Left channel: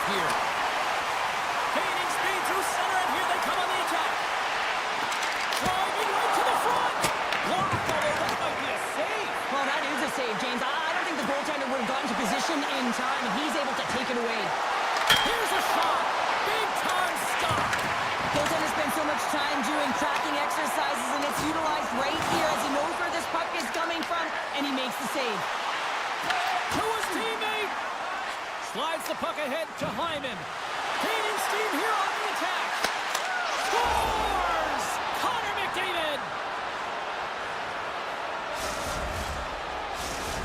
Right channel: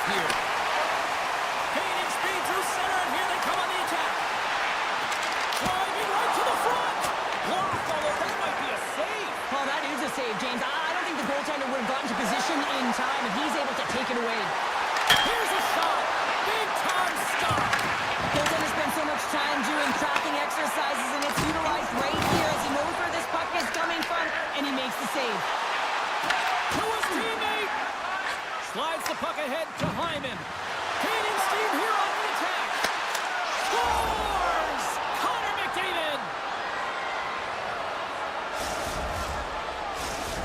off here. Gaining speed through center, and here they come on the attack. Driving right to the front. Blocked, although that might be a save. Well, that is a save, James. I don't think the goaltender would have gotten to position in time, and he's able to take it away. Here's a shot. Big time stop. Goaltender spends so much time doing tracking exercises, and it's utilized right here as he knows where this puck is coming from, and he makes the save. To his teammate. Slides the puck ahead to Hyman. Gaining steam here on the attack. Scores! Connor McDavid.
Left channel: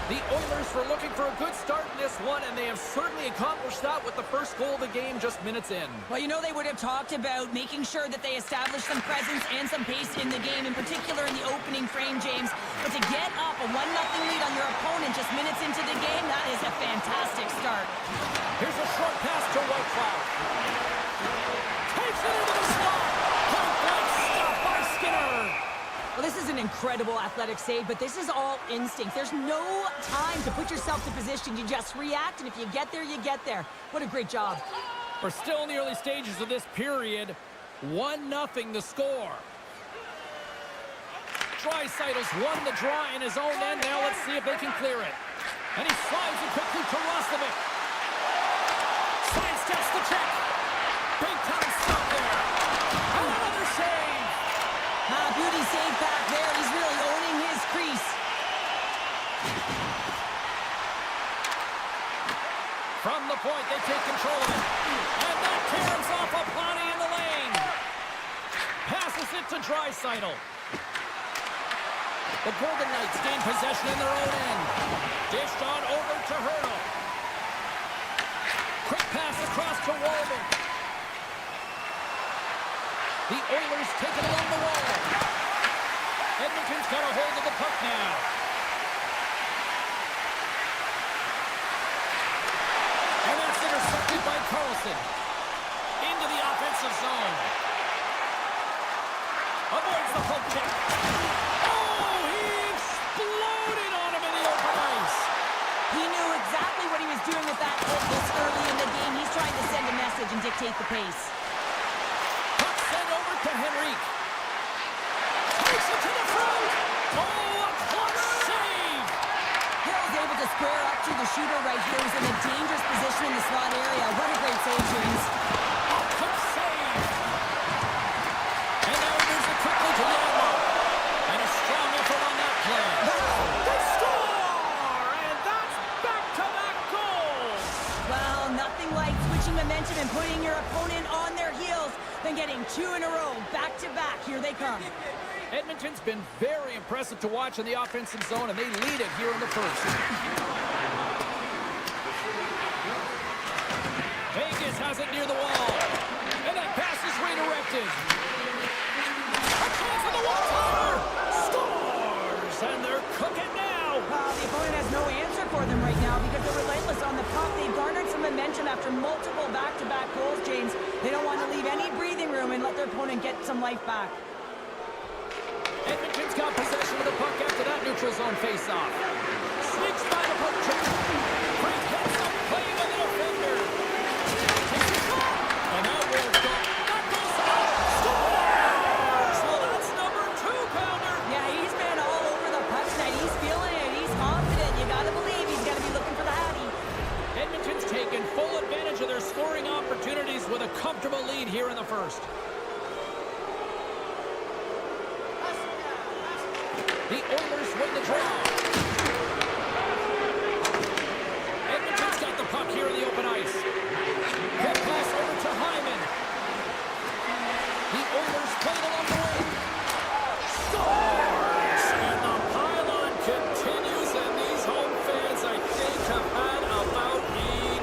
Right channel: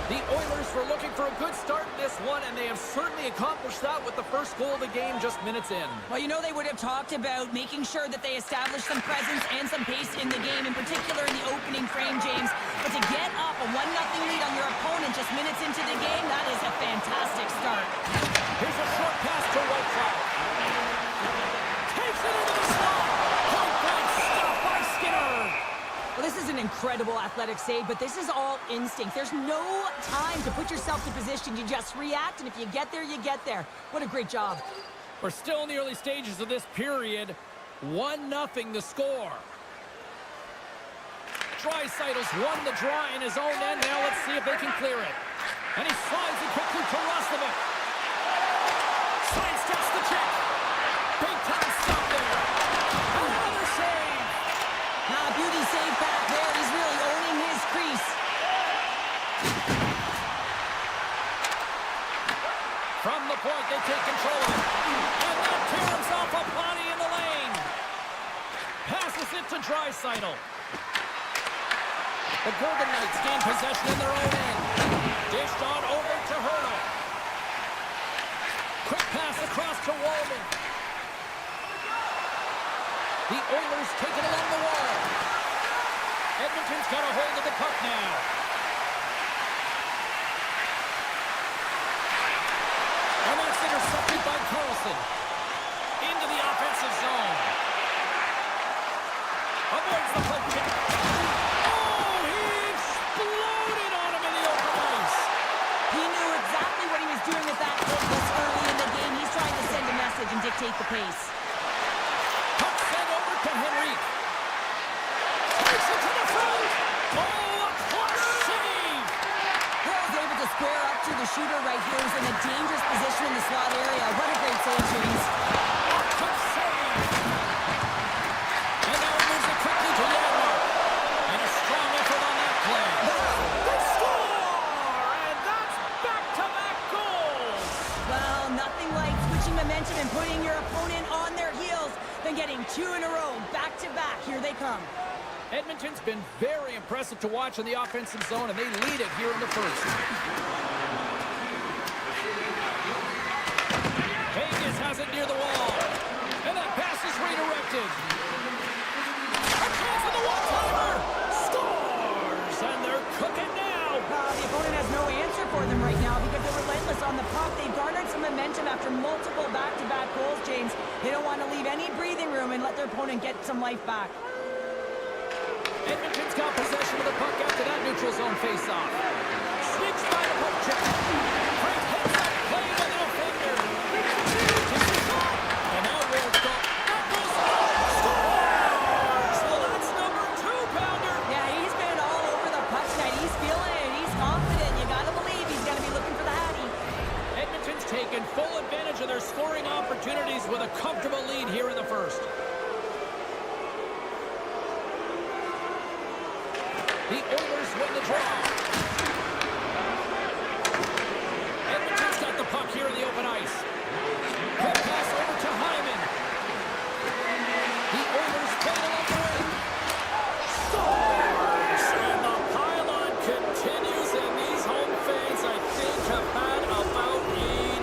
The Oilers were looking for a good start in this one, and they have certainly accomplished that with the first goal of the game just minutes in. Well, you know they would have talked about making sure that they establish some presence and some pace in the game, in particular in the opening frame, James. But to get up a 1-0 lead on your opponent just minutes into the game, that is a fantastic start. Here's a short pass to Whitecloud. Takes it into the slot. Point blank stop by Skinner. Well, this is an incredible athletic save, but this is all instinct. There's no time to put yourself to position. You just react, and if you get there, you get there. What a great job. We're still in the early stages of this period. 1-0 the score. Draisaitl's won the draw in his own end. Now let's see if they can clear it. And he slides it quickly to Roslovic. Sidesteps the check. Big time stop there. And another save. Beauty save back there. He's really owning his crease. From the point, they take control of it. And that tears off a body in the lane. Passes it to Draisaitl. The Golden Knights gain possession in their own end. Dished on over to Hurdle. Quick pass across to Walden. The Oilers take it along the wall. Edmonton's got a hold of the puck now. And that's intercepted by Carlson. Into the offensive zone. Avoids the poke check. Oh, he exploded on him in the open ice. He knew exactly what he was doing with that hit this early in the game. He's trying to send a message and dictate the pace. Puck sent over to Henrique. Takes it to the front. Oh, a clutch save. Hill's able to square up to the shooter right here. He's in a dangerous position in the slot area. What a great save, James. A quick save. And now he moves it quickly to Janmark. And a strong effort on that play. They score! And that's back-to-back goals. Well, nothing like switching momentum and putting your opponent on their heels than getting two in a row, back-to-back. Here they come. Edmonton's been very impressive to watch in the offensive zone, and they lead it here in the first. Vegas has it near the wall. And that pass is redirected. A chance for the one-timer. Scores! And they're cooking now. The opponent has no answer for them right now because they're relentless on the puck. They've garnered some momentum after multiple back-to-back goals, James. They don't want to leave any breathing room and let their opponent get some life back. Edmonton's got possession of the puck after that neutral zone face-off. Sneaks by the poke check. Frank heads up, play by the defender. Takes a shot. And now rolls up. That goes out. Scores! Well, that's number 2-pounder. Yeah, he's been all over the puck tonight. He's feeling it. He's confident. You got to believe he's going to be looking for the Hattie. Edmonton's taken full advantage of their scoring opportunities with a comfortable lead here in the first. The Oilers win the draw. Edmonton's got the puck here in the open ice. Quick pass over to Hyman. The Oilers played along the wing. Scores! And the pylon continues, and these home fans, I think, have had about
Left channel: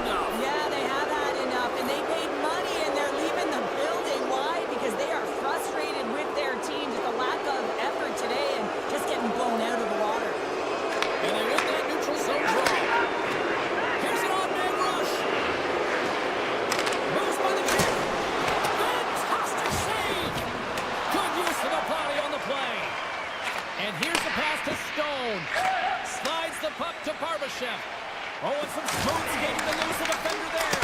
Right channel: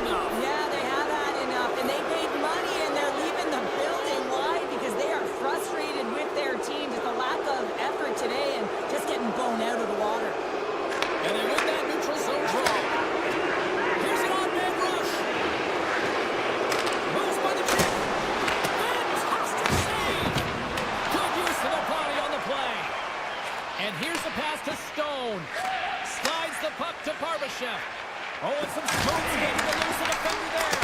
enough. Yeah, they have had enough, and they paid money, and they're leaving the building. Why? Because they are frustrated with their team. Just a lack of effort today and just getting blown out of the water. And they win that neutral zone draw. Here's an odd-man rush. Moves by the check. Fantastic save. Good use of the body on the play. And here's the pass to Stone. Slides the puck to Barbashev. Oh, and some smooth skating to lose the defender there.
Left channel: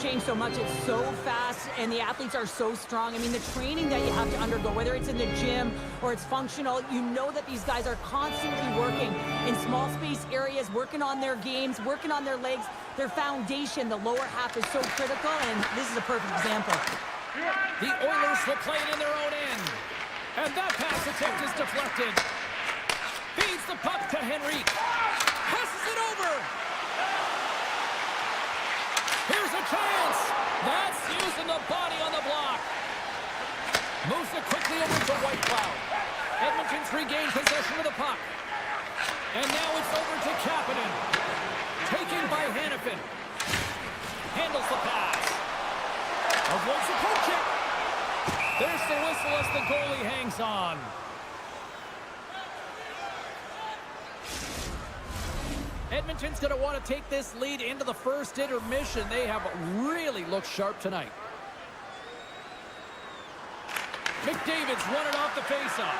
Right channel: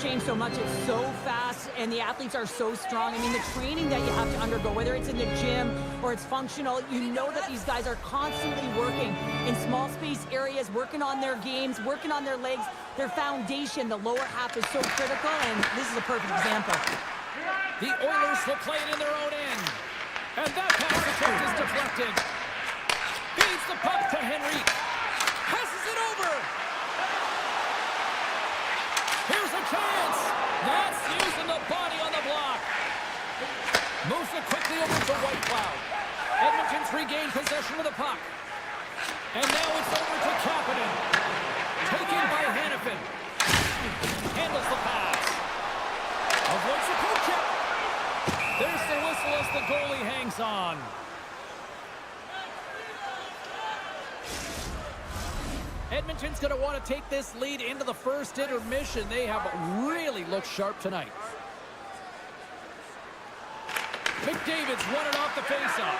has changed so much. It's so fast, and the athletes are so strong. I mean, the training that you have to undergo, whether it's in the gym or it's functional, you know that these guys are constantly working in small space areas, working on their games, working on their legs, their foundation. The lower half is so critical, and this is a perfect example. The Oilers will play it in their own end. And that pass attempt is deflected. Feeds the puck to Henry. Passes it over. Here's a chance. That's using the body on the block. Moves it quickly over to White Cloud. Edmonton's regained possession of the puck. And now it's over to Kapanen. Taken by Hanifin. Handles the pass. Avoids the poke check. There's the whistle as the goalie hangs on. Edmonton's going to want to take this lead into the first intermission. They have really looked sharp tonight. McDavid's won it off the faceoff.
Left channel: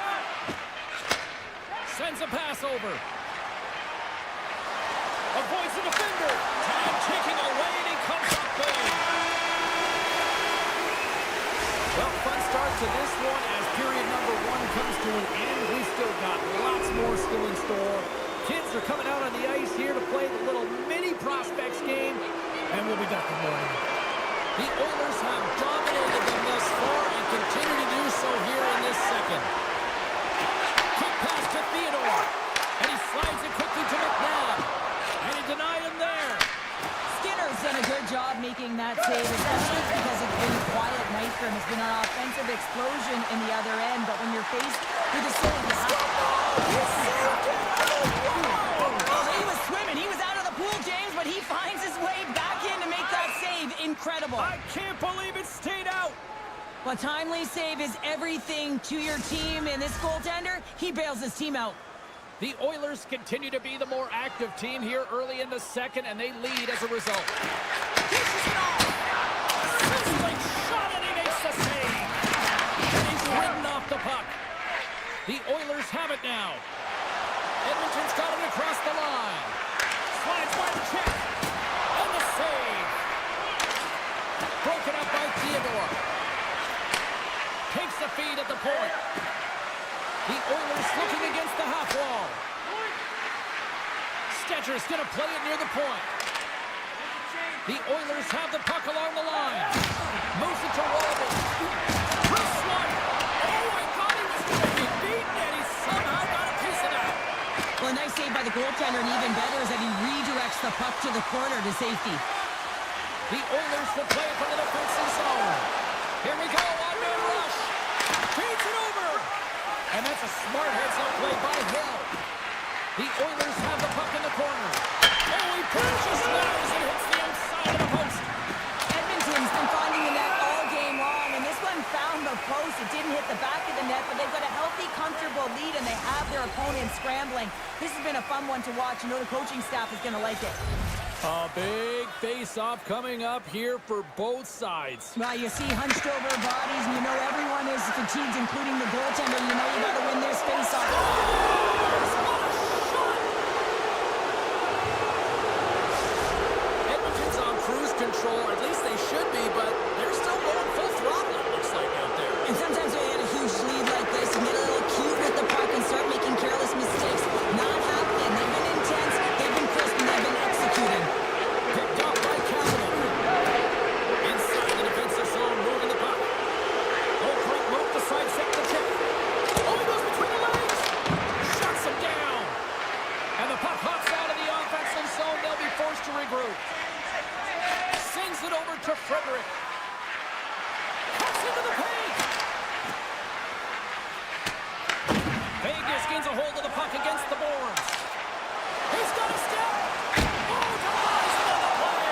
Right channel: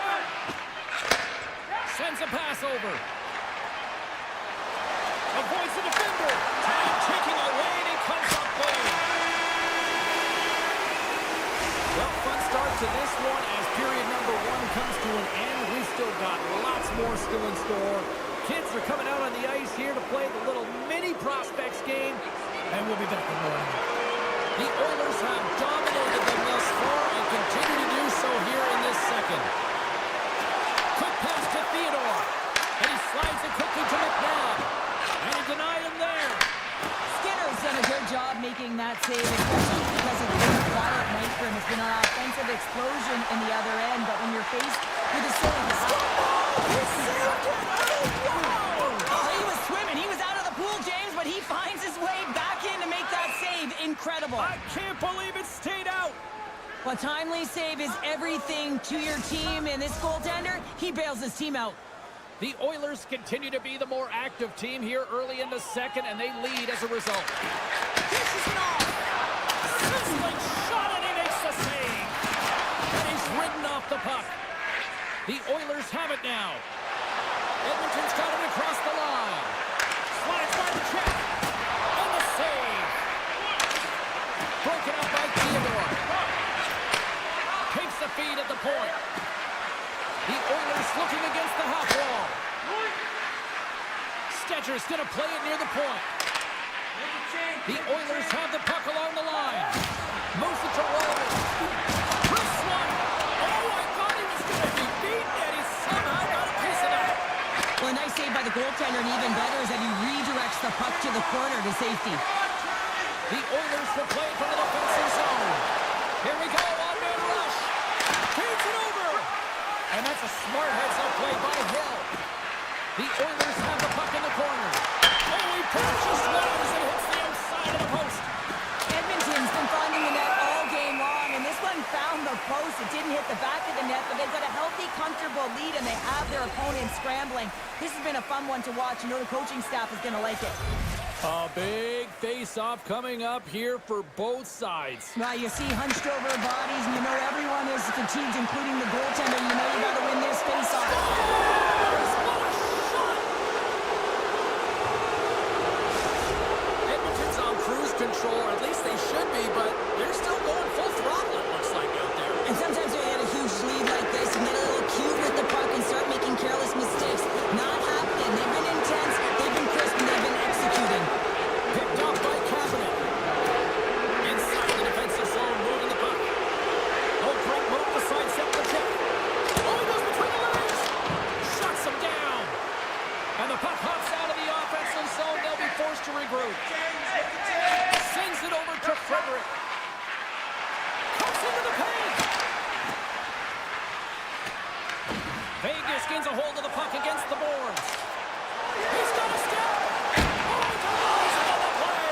Sends a pass over. Avoids the defender. Time ticking away, and he comes up big. Well, fun start to this one as period number 1 comes to an end. We've still got lots more still in store. Kids are coming out on the ice here to play the little mini prospects game, and we'll be back in the morning. The Oilers have dominated them thus far and continue to do so here in this second. Quick pass to Theodore, and he slides it quickly to McNabb, and he denied him there. Skinner's done a good job making that save, especially because it's been a quiet night for him. It's been an offensive explosion in the other end, but when you're faced with a save, you have He saved it! Oh, he was swimming. He was out of the pool, James, but he finds his way back in to make that save. Incredible. I can't believe it stayed out. A timely save is everything to your team, and this goaltender, he bails his team out. The Oilers continue to be the more active team here early in the second, and they lead as a result. Dishes it off. Sizzling shot, and he makes the save. And he's ridden off the puck. The Oilers have it now. Edmonton's got it across the line. Slides by the check. And the save. Broken up by Theodore. Takes the feed at the point. The Oilers looking against the half wall. Stetcher's going to play it near the point. The Oilers have the puck along the line. Moves it to Rollman. Chris one. Oh, I thought he was going to be beaten, and he somehow got a piece of that. Well, a nice save by the goaltender, and even better is that he redirects the puck to the corner to safety. The Oilers will play it from the defensive zone. Here we go, one-man rush. Feeds it over. And that's a smart heads-up play by Hill. The Oilers have the puck in the corner. Oh, he pushes wise and hits the outside of the post. Edmonton's been finding the net all game long, and this one found the post. It didn't hit the back of the net, but they've got a healthy, comfortable lead, and they have their opponent scrambling. This has been a fun one to watch. You know the coaching staff is going to like it. A big face-off coming up here for both sides. Well, you see hunched over bodies, and you know everyone is fatigued, including the goaltender. You know you got to win this face-off. What a shot! Edmonton's on cruise control, or at least they should be, but they're still going full throttle, it looks like, out there. And sometimes when you get a huge lead like this, you get a little cute with the puck and start making careless mistakes. Not happening. They've been intense, they've been crisp, and they've been executing. Picked up by Kapanen. Inside the defensive zone, moving the puck. Oh, great move to sidestep the check. Oh, he goes between the legs. Shuts him down. And the puck hops out of the offensive zone. They'll be forced to regroup. Sends it over to Frederick. Cuts into the paint. Vegas gains a hold of the puck against the boards. He's got a step. Oh, denies another play.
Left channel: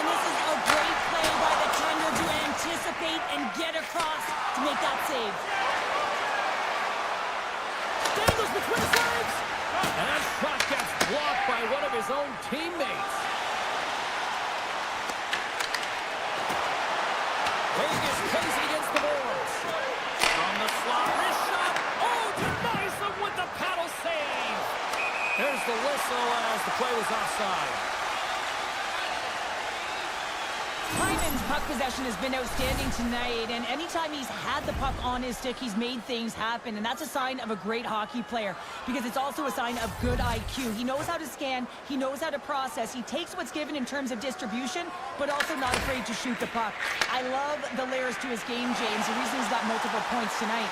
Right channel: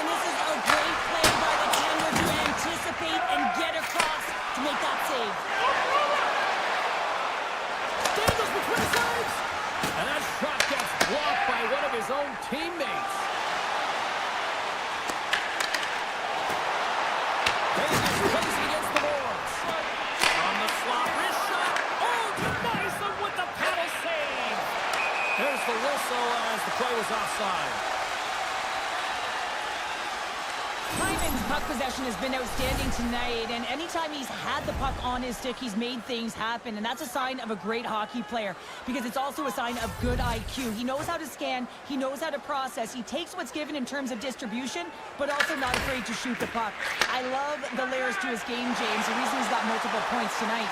And this is a great play by the tender to anticipate and get across to make that save. Dangles between his legs. And that shot gets blocked by one of his own teammates. Vegas plays it against the boards. From the slot, wrist shot. Oh, denies him with the paddle save. There's the whistle as the play was offside. Hyman's puck possession has been outstanding tonight, and anytime he's had the puck on his stick, he's made things happen, and that's a sign of a great hockey player because it's also a sign of good IQ. He knows how to scan, he knows how to process, he takes what's given in terms of distribution, but also not afraid to shoot the puck. I love the layers to his game, James, the reason he's got multiple points tonight.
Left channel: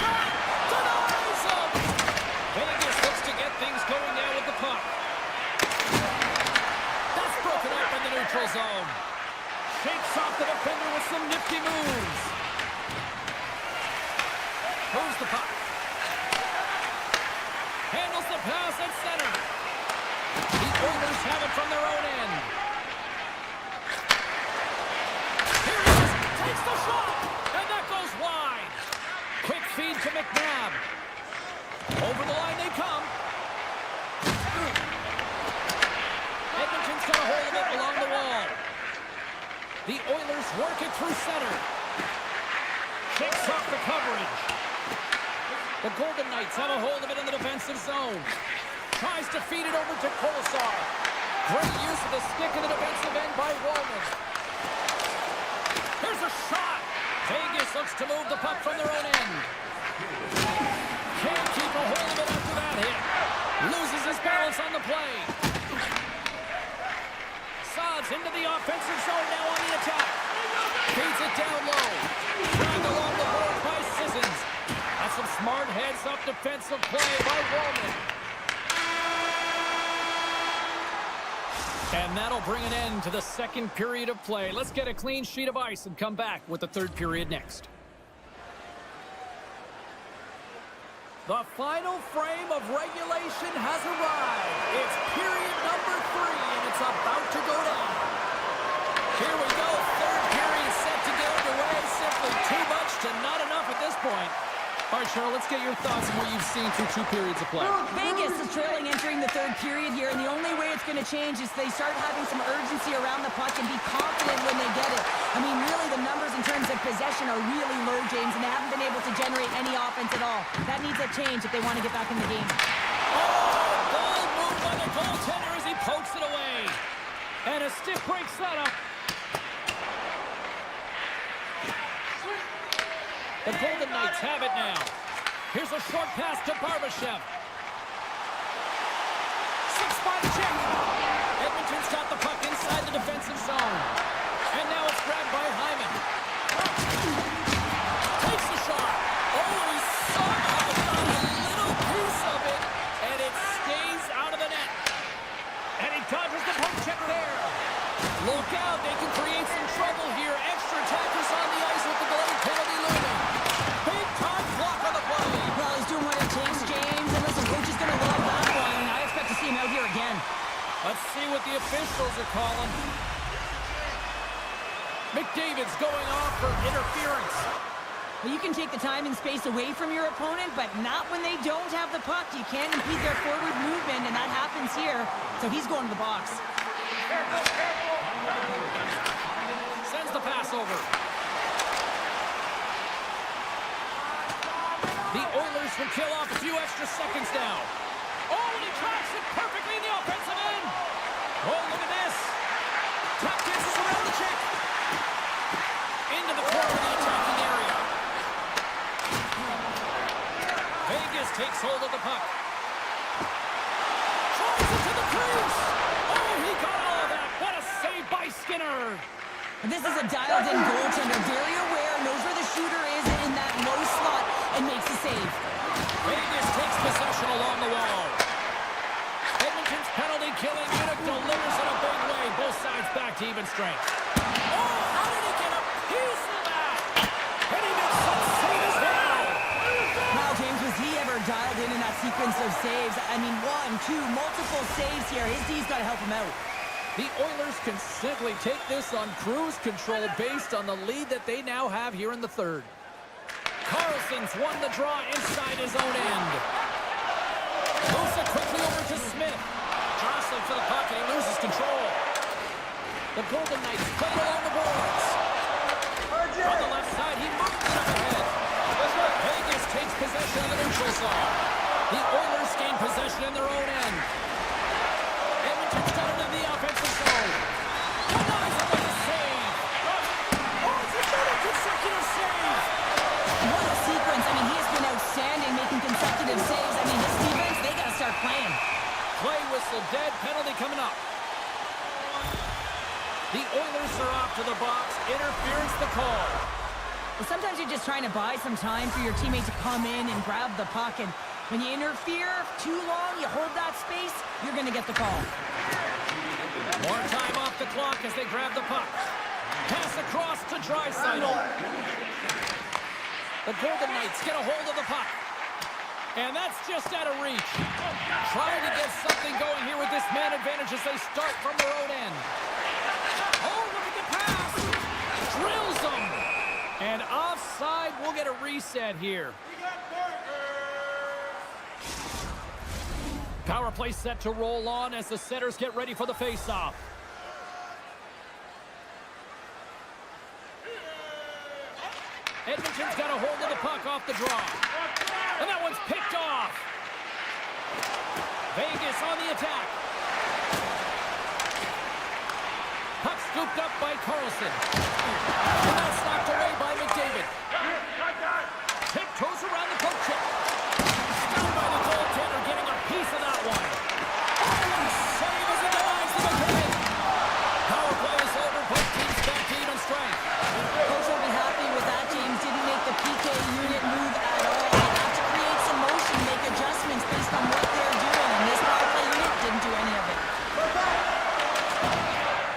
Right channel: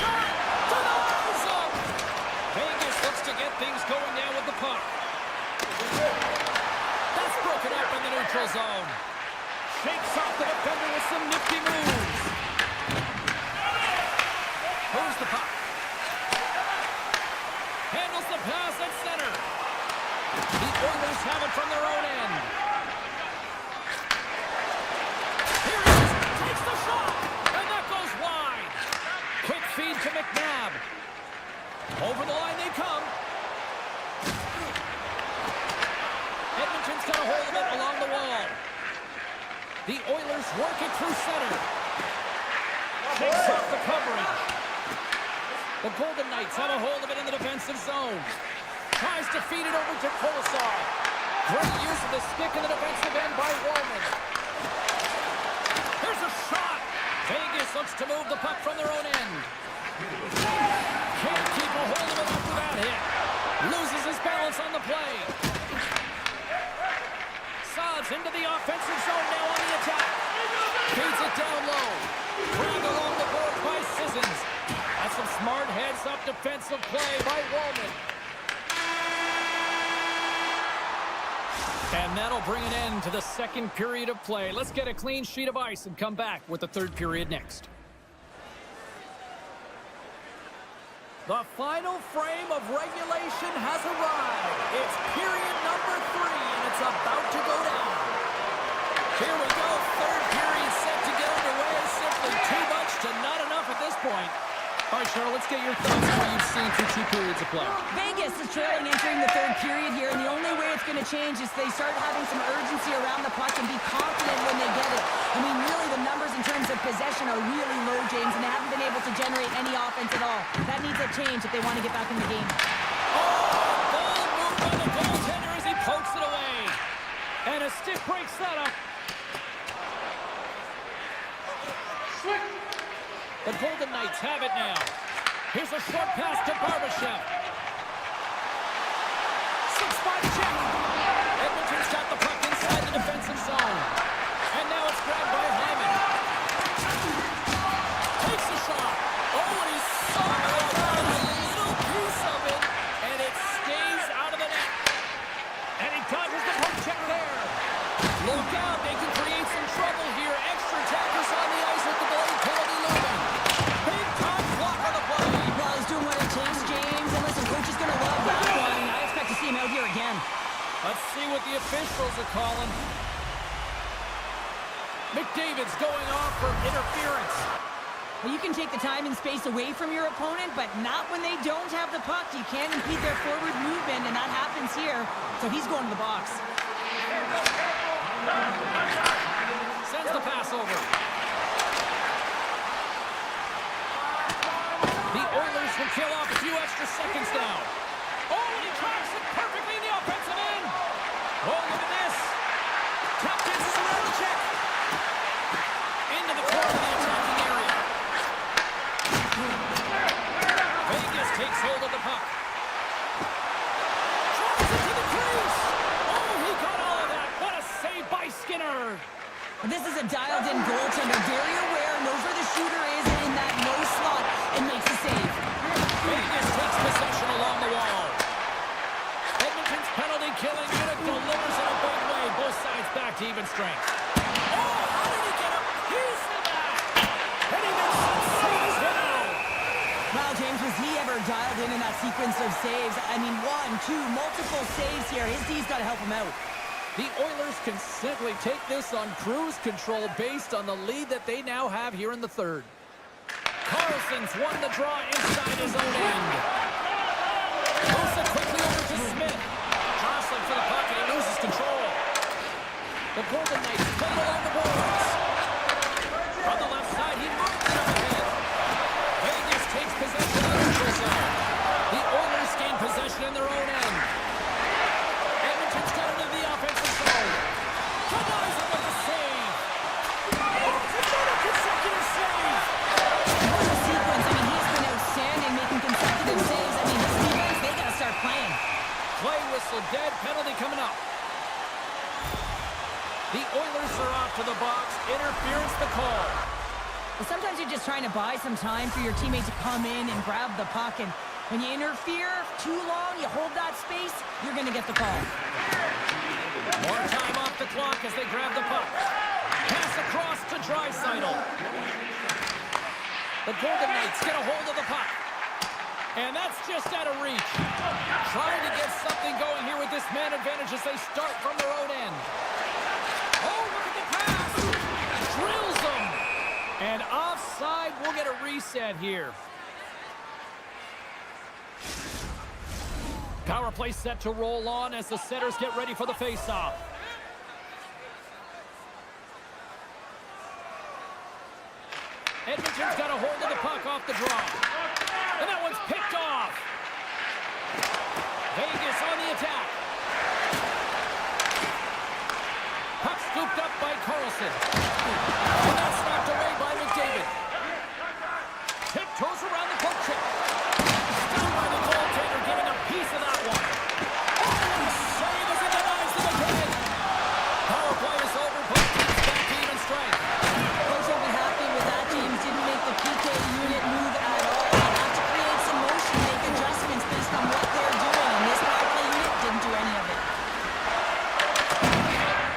Shot! Denies him! Vegas looks to get things going now with the puck. That's broken up in the neutral zone. Shakes off the defender with some nifty moves. Moves the puck. Handles the pass at center. The Oilers have it from their own end. Here he is. Takes the shot. And that goes wide. Quick feed to McNabb. Over the line they come. Edmonton's got a hold of it along the wall. The Oilers work it through center. Shakes off the coverage. The Golden Knights have a hold of it in the defensive zone. Tries to feed it over to Kolesar. Great use of the stick in the defensive end by Wallman. Here's a shot. Vegas looks to move the puck from their own end. Can't keep a hold of it after that hit. Loses his balance on the play. Sods into the offensive zone now on the attack. Feeds it down low. Grabbed along the boards by Sissons. That's some smart heads-up defensive play by Wallman. And that'll bring an end to the second period of play. Let's get a clean sheet of ice and come back with the third period next. The final frame of regulation has arrived. It's period number 3, and it's about to go down. Here we go. Third period set to get underway. Simply too much to not enough at this point. All right, Cheryl, let's get your thoughts on what you've seen through 2 periods of play. Vegas is trailing entering the third period here, and the only way it's going to change is they start having some urgency around the puck and be confident when they get it. I mean, really, the numbers in terms of possession are really low, James, and they haven't been able to generate any offense at all. That needs a change if they want to get back in the game. Oh, bold move by the goaltender as he pokes it away. And a stick break setup. The Golden Knights have it now. Here's a short pass to Barbashev. 6-5 check. Edmonton's got the puck inside the defensive zone. And now it's grabbed by Hyman. Takes the shot. Oh, and he somehow got a little piece of it. And it stays out of the net. And he dodges the poke check there. Look out, they can create some trouble here. Extra attackers on the ice with the delayed penalty looming. Big time block on the play. Well, he's doing what it takes, James. And listen, coach is going to love that one. I expect to see him out here again. Let's see what the officials are calling. McDavid's going off for interference. Well, you can take the time and space away from your opponent, but not when they don't have the puck. You can't impede their forward movement, and that happens here. So he's going to the box. Sends the pass over. The Oilers will kill off a few extra seconds now. Oh, and he tracks it perfectly in the offensive end. Oh, look at this. Tap dances around the check. Into the corner of the attacking area. Vegas takes hold of the puck. Drives it to the crease. Oh, he got all of that. What a save by Skinner. This is a dialed-in goaltender, very aware, knows where the shooter is in that low slot, and makes the save. Vegas takes possession along the wall. Edmonton's penalty-killing unit delivers in a big way. Both sides back to even strength. Oh, how did he get a piece of that? And he makes such save as well. Wow, James, was he ever dialed in that sequence of saves? I mean, 1, 2, multiple saves here. His D's got to help him out. The Oilers can simply take this on cruise control based on the lead that they now have here in the third. Carlson's won the draw inside his own end. Moves it quickly over to Smith. Jostling for the puck and he loses control. The Golden Knights play along the boards. From the left side, he moves it up ahead. Vegas takes possession of the neutral zone. The Oilers gain possession in their own end. Edmonton's got it into the offensive zone. whistle dead. Penalty coming up. The Oilers are off to the box. Interference the call. Well, sometimes you're just trying to buy some time for your teammate to come in and grab the puck. And when you interfere too long, you hold that space, you're going to get the call. More time off the clock as they grab the puck. Pass across to Draisaitl. The Golden Knights get a hold of the puck. And that's just out of reach. Trying to get something going here with this man advantage as they start from their own end. Oh, look at the pass. Drills them. And offside, we'll get a reset here. Power play set to roll on as the setters get ready for the faceoff. Edmonton's got a hold of the puck off the draw. And that one's picked off. Vegas on the attack. Puck scooped up by Carlson. And that's knocked away by McDavid. Tiptoes around the poke check. Stunned by the goaltender, getting a piece of that one. Oh, what a save as it denies them again. Power play is over. Both teams back to even strength. Coach will be happy with that. James didn't make the PK unit move at all. They have to create some motion, make adjustments based on what they're doing. And this power play unit didn't do any of it.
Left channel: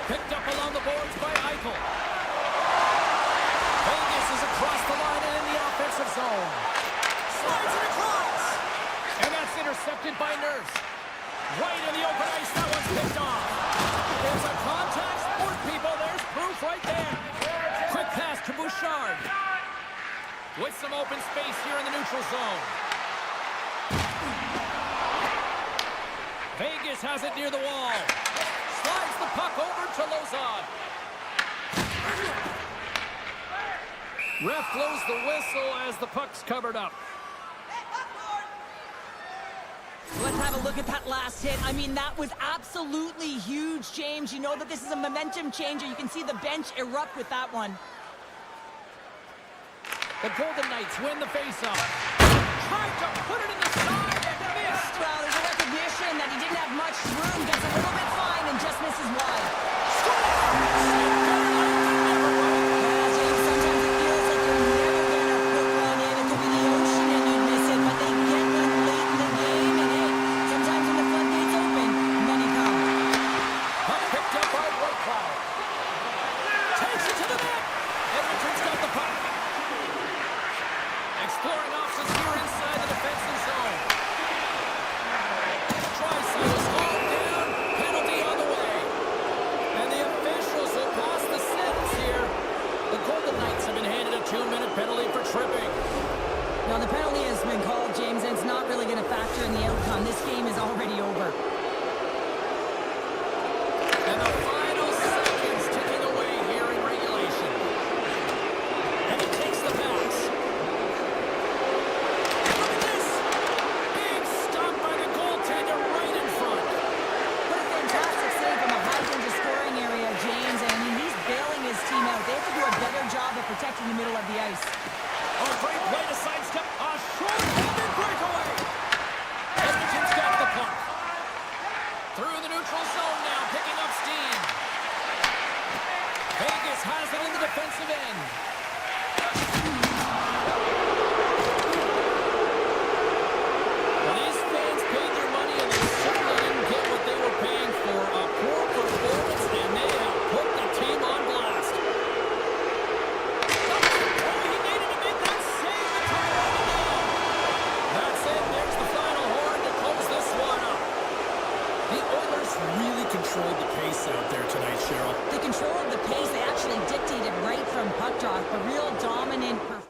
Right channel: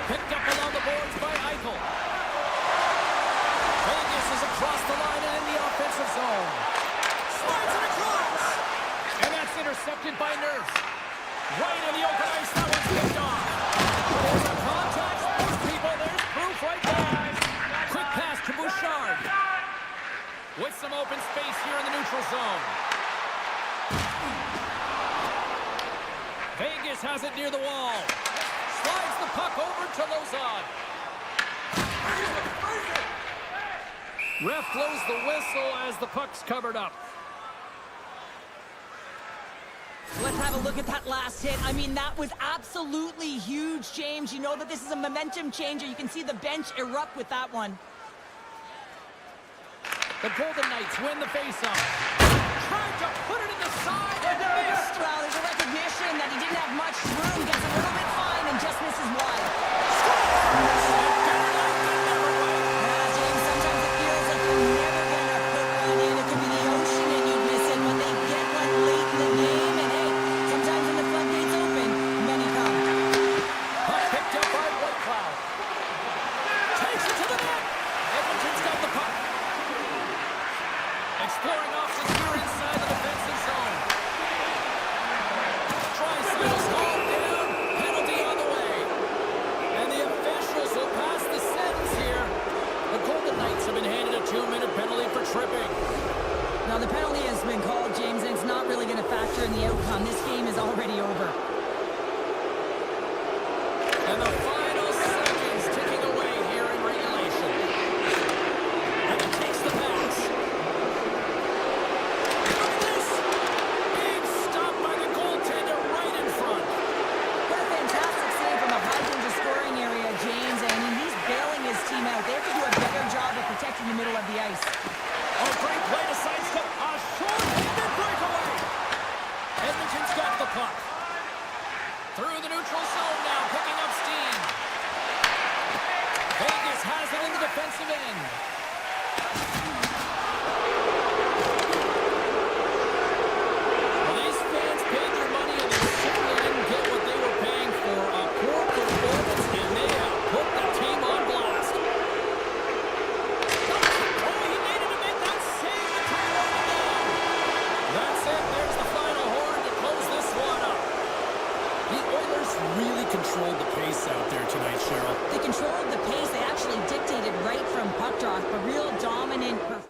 Picked up along the boards by Eichel. Vegas is across the line and in the offensive zone. Slides it across. And that's intercepted by Nurse. Right in the open ice, that one's picked off. There's a contact, sports people. There's proof right there. Quick pass to Bouchard. With some open space here in the neutral zone. Vegas has it near the wall. Slides the puck over to Lozad. Ref blows the whistle as the puck's covered up. Let's have a look at that last hit. I mean, that was absolutely huge, James. You know that this is a momentum changer. You can see the bench erupt with that one. The Golden Knights win the faceoff. Tried to put it in the side and missed. Well, there's a recognition that he didn't have much room. Gets a little bit fine and just misses wide. Better late than never, Wayne. Yeah, James, sometimes it feels like you're never going to put one in. It could be the ocean and you'd miss it, but they get one late in the game. And hey, sometimes when the floodgates open, many come. Puck picked up by Whitecloud. Takes it to the net. Edmonton's got the puck. Exploring options here inside the defensive zone. Draisaitl hauled down. Penalty on the way. And the officials will pass the sentence here. The Golden Knights have been handed a 2-minute penalty for tripping. Now, the penalty has been called, James, and it's not really going to factor in the outcome. This game is already over. And the final seconds ticking away here in regulation. And he takes the pass. Look at this! Big stop by the goaltender right in front. What a fantastic save from a high-danger scoring area, James. And I mean, he's bailing his team out. They have to do a better job of protecting the middle of the ice. Oh, great play to sidestep. A short-handed breakaway. Edmonton's got the puck. Through the neutral zone now, picking up steam. Vegas has it in the defensive end. Well, these fans paid their money and they certainly didn't get what they were paying for. A poor performance, and they have put the team on blast. Oh, he needed to make that save to tie it down. That's it. There's the final horn to close this one up. The Oilers really controlled the pace out there tonight, Cheryl. They controlled the pace. They actually dictated right from puck drop. A real dominant performance.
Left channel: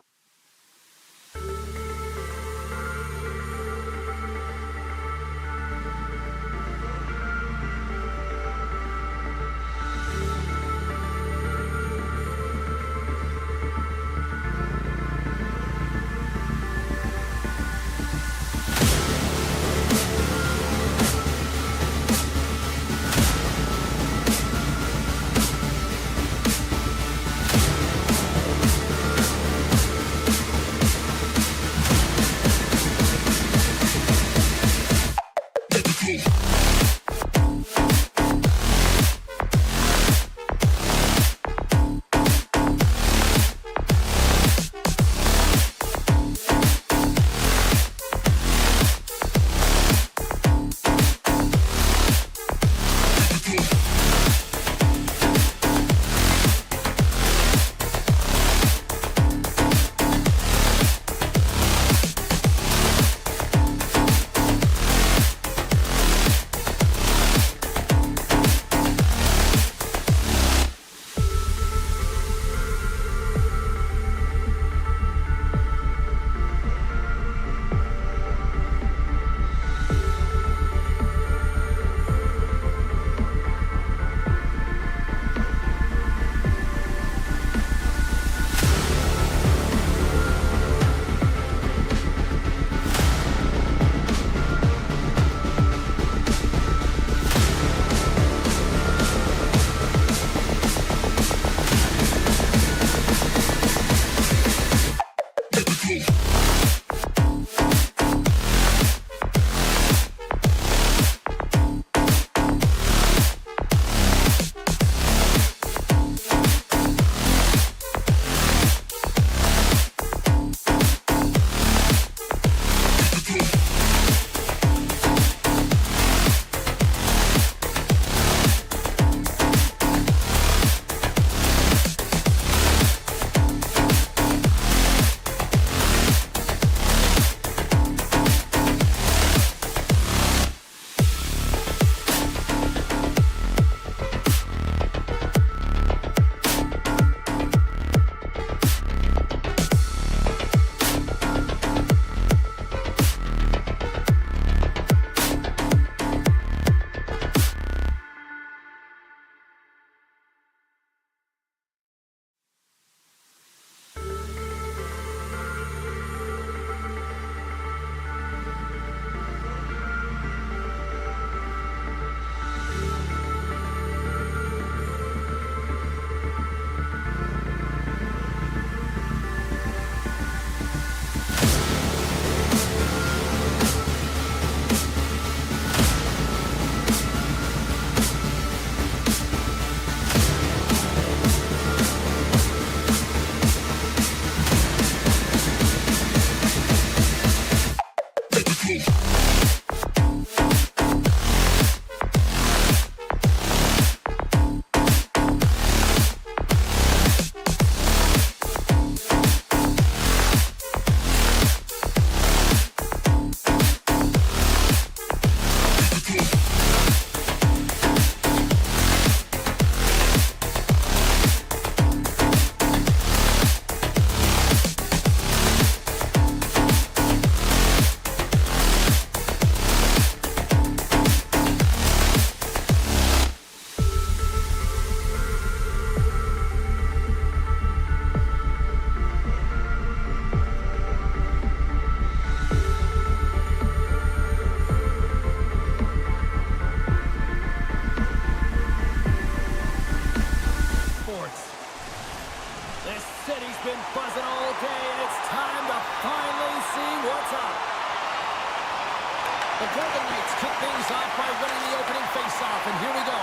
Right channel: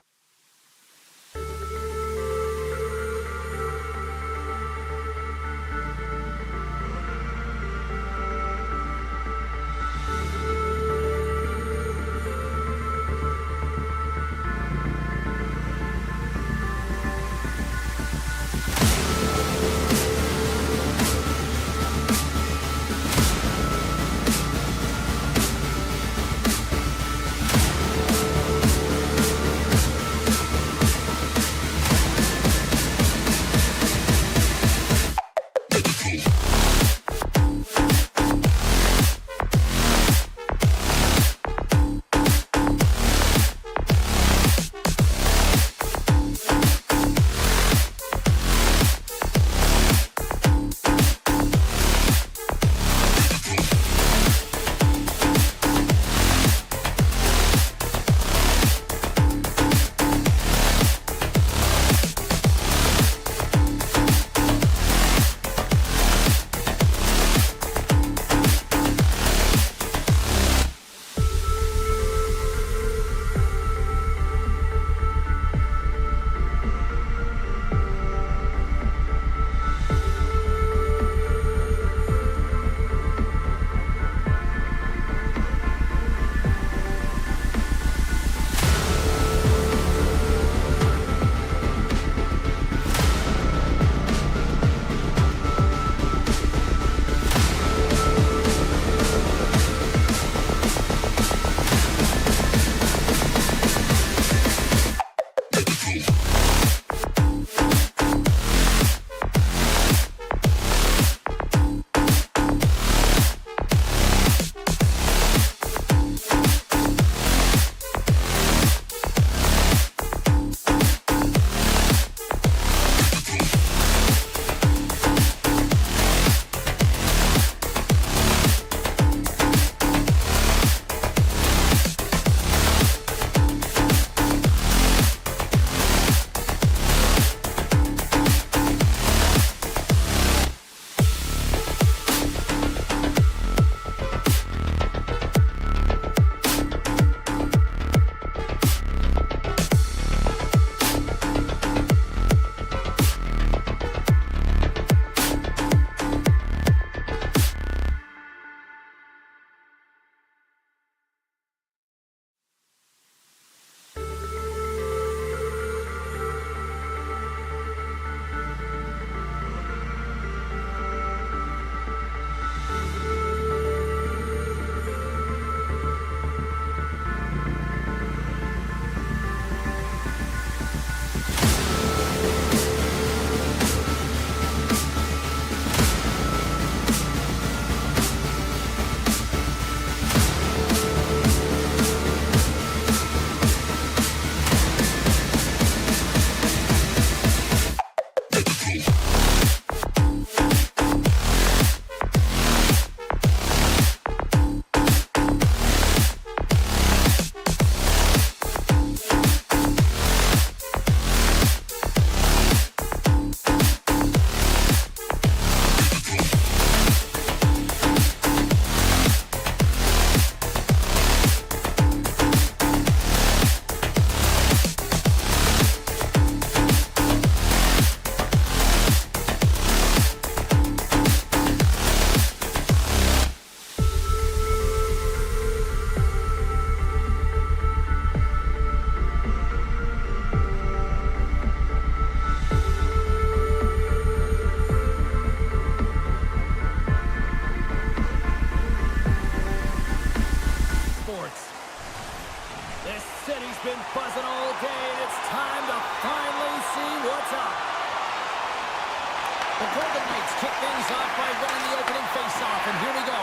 off, and here we go.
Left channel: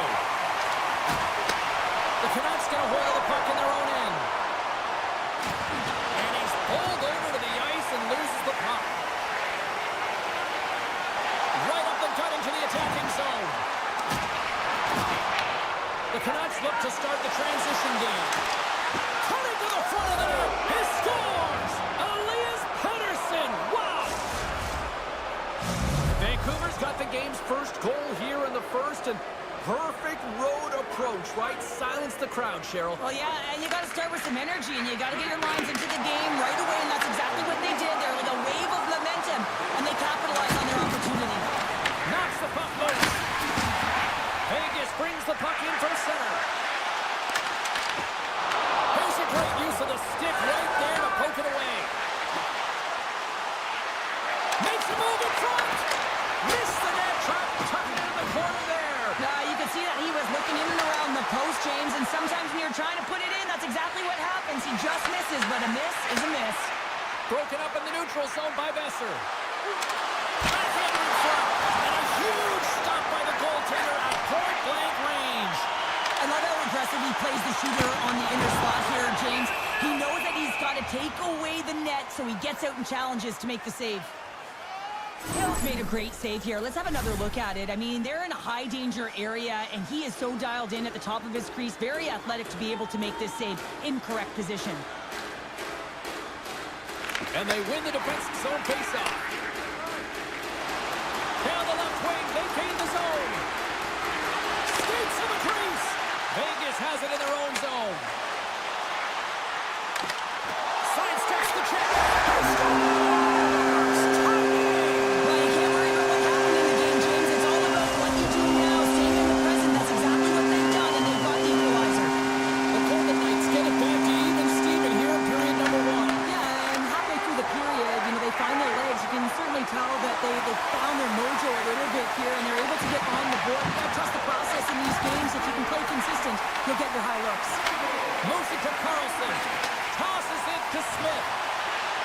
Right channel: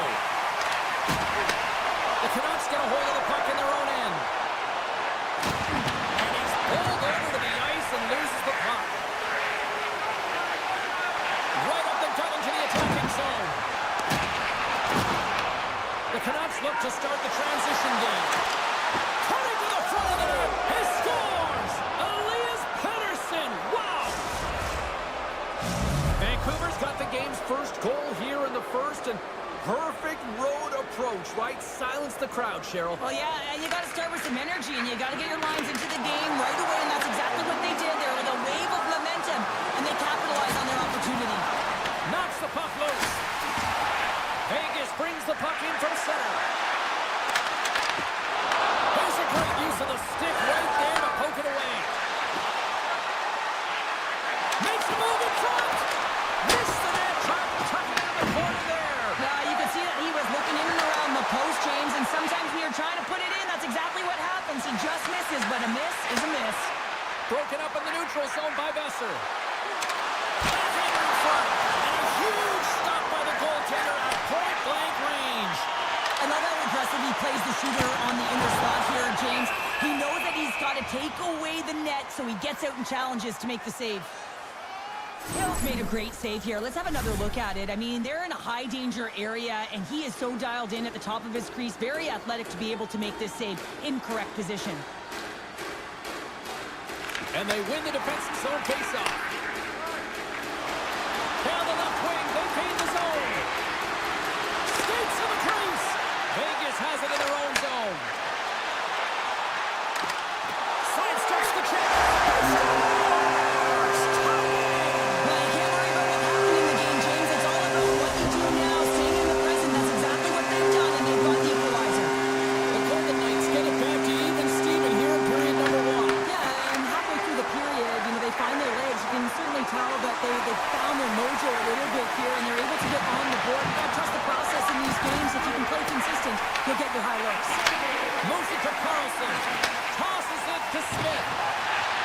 The Canucks get a hold of the puck in their own end. And he's pulled over to the ice and loses the puck. Right up the gut into the attacking zone. The Canucks look to start the transition game. Cutting to the front of the net. He scores! Elias Pettersson! Wow! Vancouver's got the game's first goal here in the first, and perfect road approach, right? Silence the crowd, Cheryl. Well, yeah, and you got to start with some energy, and you got to get your lines into the game right away, and that's exactly what they did. They're like a wave of momentum, and they capitalized on their opportunity. Knocks the puck loose. Vegas brings the puck in from center. Here's a great use of the stick right there to poke it away. Makes a move in front. Missed the net, trying to tuck it into the corner there. You could see that he was looking in and around the post, James, and sometimes when you're trying to put it in, that's exactly what happens. He just misses, but a miss is a miss. Broken up in the neutral zone by Besser. Backhander in front, and a huge stop by the goaltender at point-blank range. I love how aggressive he plays the shooter on the inner slot here, James. He knows that he's got to take away the net, so he gets out and challenges to make the save. Hill's made a great save here. Let's have another look at it. I mean, they're in a high-danger area, and he is so dialed in at the top of his crease. Very athletic to be able to make this save in correct position. And they win the defensive zone faceoff. Down the left wing, they gain the zone. Skates to the crease. Vegas has it in their own zone. Sidesteps the check. He scores! Well, you can't worry about what happened in the game, James. It's all about what you do now, staying in the present. That's exactly what they've done, and they've got the equalizer. The Golden Knights get it back to even Steven here in period number 1. Yeah, and halfway through the period, they find their legs. You can certainly tell that they found their mojo a little bit here, and they're able to get on the board. You got to trust the process in these games. If you can play consistent, you'll get your high looks. Moves it to Carlson. Tosses it to Smith.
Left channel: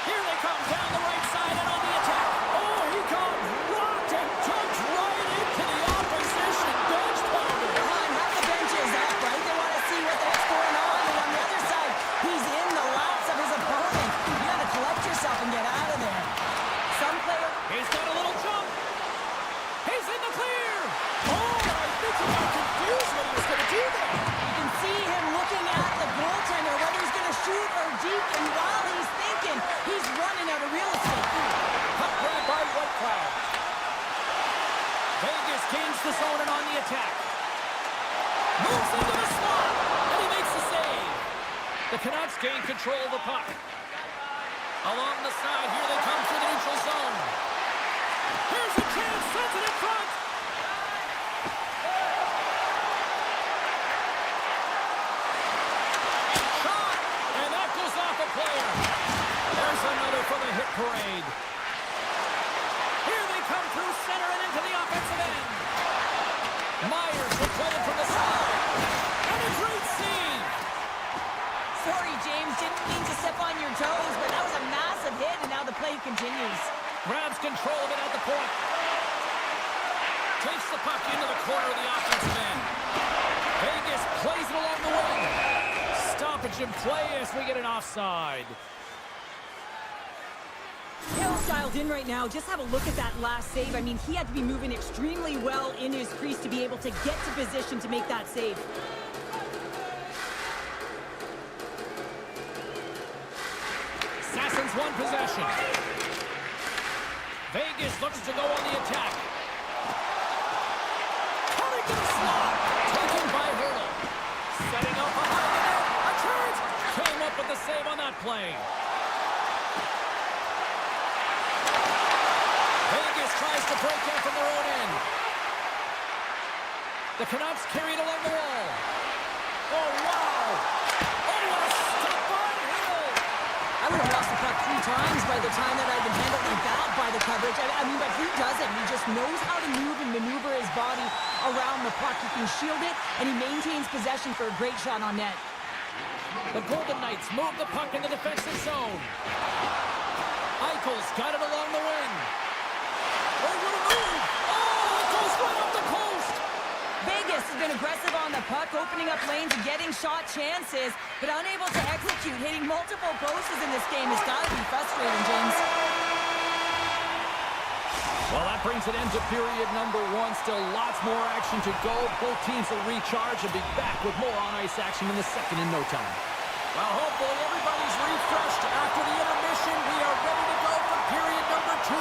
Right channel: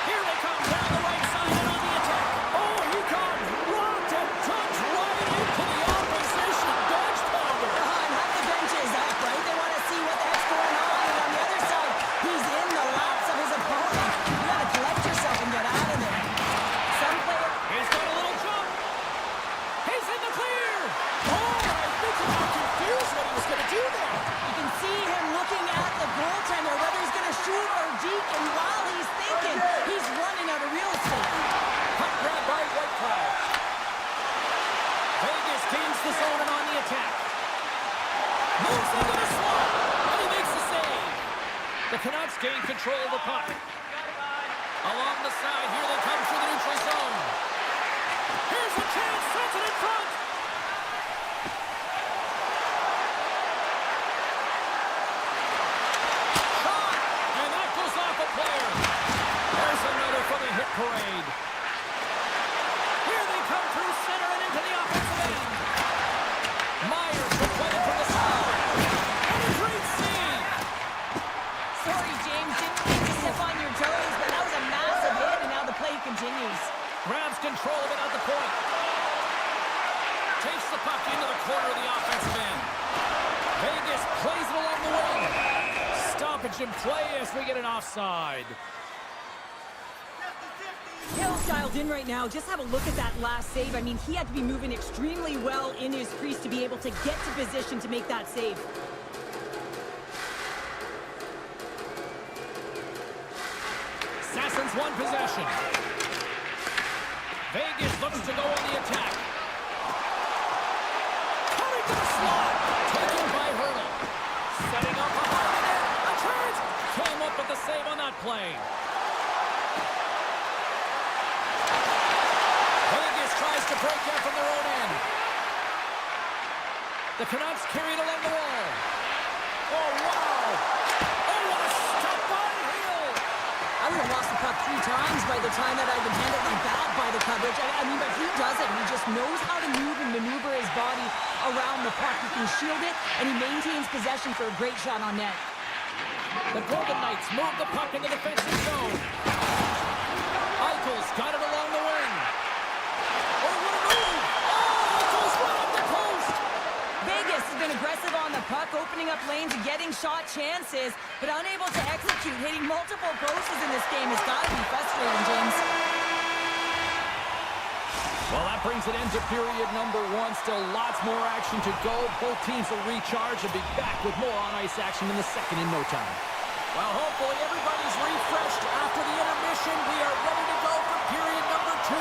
Here they come down the right side and on the attack. Oh, he got rocked and dumped right into the opposition bench pounder. And half the bench is up, right? They want to see what the heck's going on. And on the other side, he's in the laps of his opponent. You got to collect yourself and get out of there. Some player... He's got a little jump. He's in the clear. Oh, I think he got confused what he was going to do there. You can see him looking at the goaltender, whether he's going to shoot or deke, and while he's thinking, he's running out of real estate. Puck grab by Whitecloud. Vegas gains the zone and on the attack. Moves into the slot, and he makes the save. The Canucks gain control of the puck. Along the side, here they come through the neutral zone. Here's a chance, sends it in front. Shot, and that goes off a player. There's another for the hit parade. Here they come through center and into the offensive end. Myers will play it from the side. And a great save. Sorry, James, didn't mean to step on your toes, but that was a massive hit, and now the play continues. Grabs control of it at the point. Takes the puck into the corner of the offensive end. Vegas plays it along the wing. Stoppage in play as we get an offside. Hill's dialed in right now. Just have a look at that last save. I mean, he had to be moving extremely well in his crease to be able to get to position to make that save. Sasson's won possession. Vegas looks to go on the attack. Coming to the slot. Taken by Hurdle. Setting up behind the net. A charge. Came up with the save on that play. Vegas tries to break out from their own end. The Canucks carry it along the wall. Oh, wow. Oh, what a stop by Hill. I would have lost the puck 3 times by the time that I'd been handled like that by the coverage. I mean, but he doesn't. He just knows how to move and maneuver his body around the puck. He can shield it, and he maintains possession for a great shot on net. The Golden Knights move the puck in the defensive zone. Eichel's got it along the wing. Oh, what a move! Oh, it goes right up the post! Vegas being aggressive on the puck, opening up lanes and getting shot chances, but unable to execute. Hitting multiple posts in this game has got to be frustrating, James. Well, that brings it into period number 1. Still lots more action to go. Both teams will recharge and be back with more on-ice action in the second in no time. Well, hopefully everybody's refreshed after the intermission. We are ready to go for period number 2.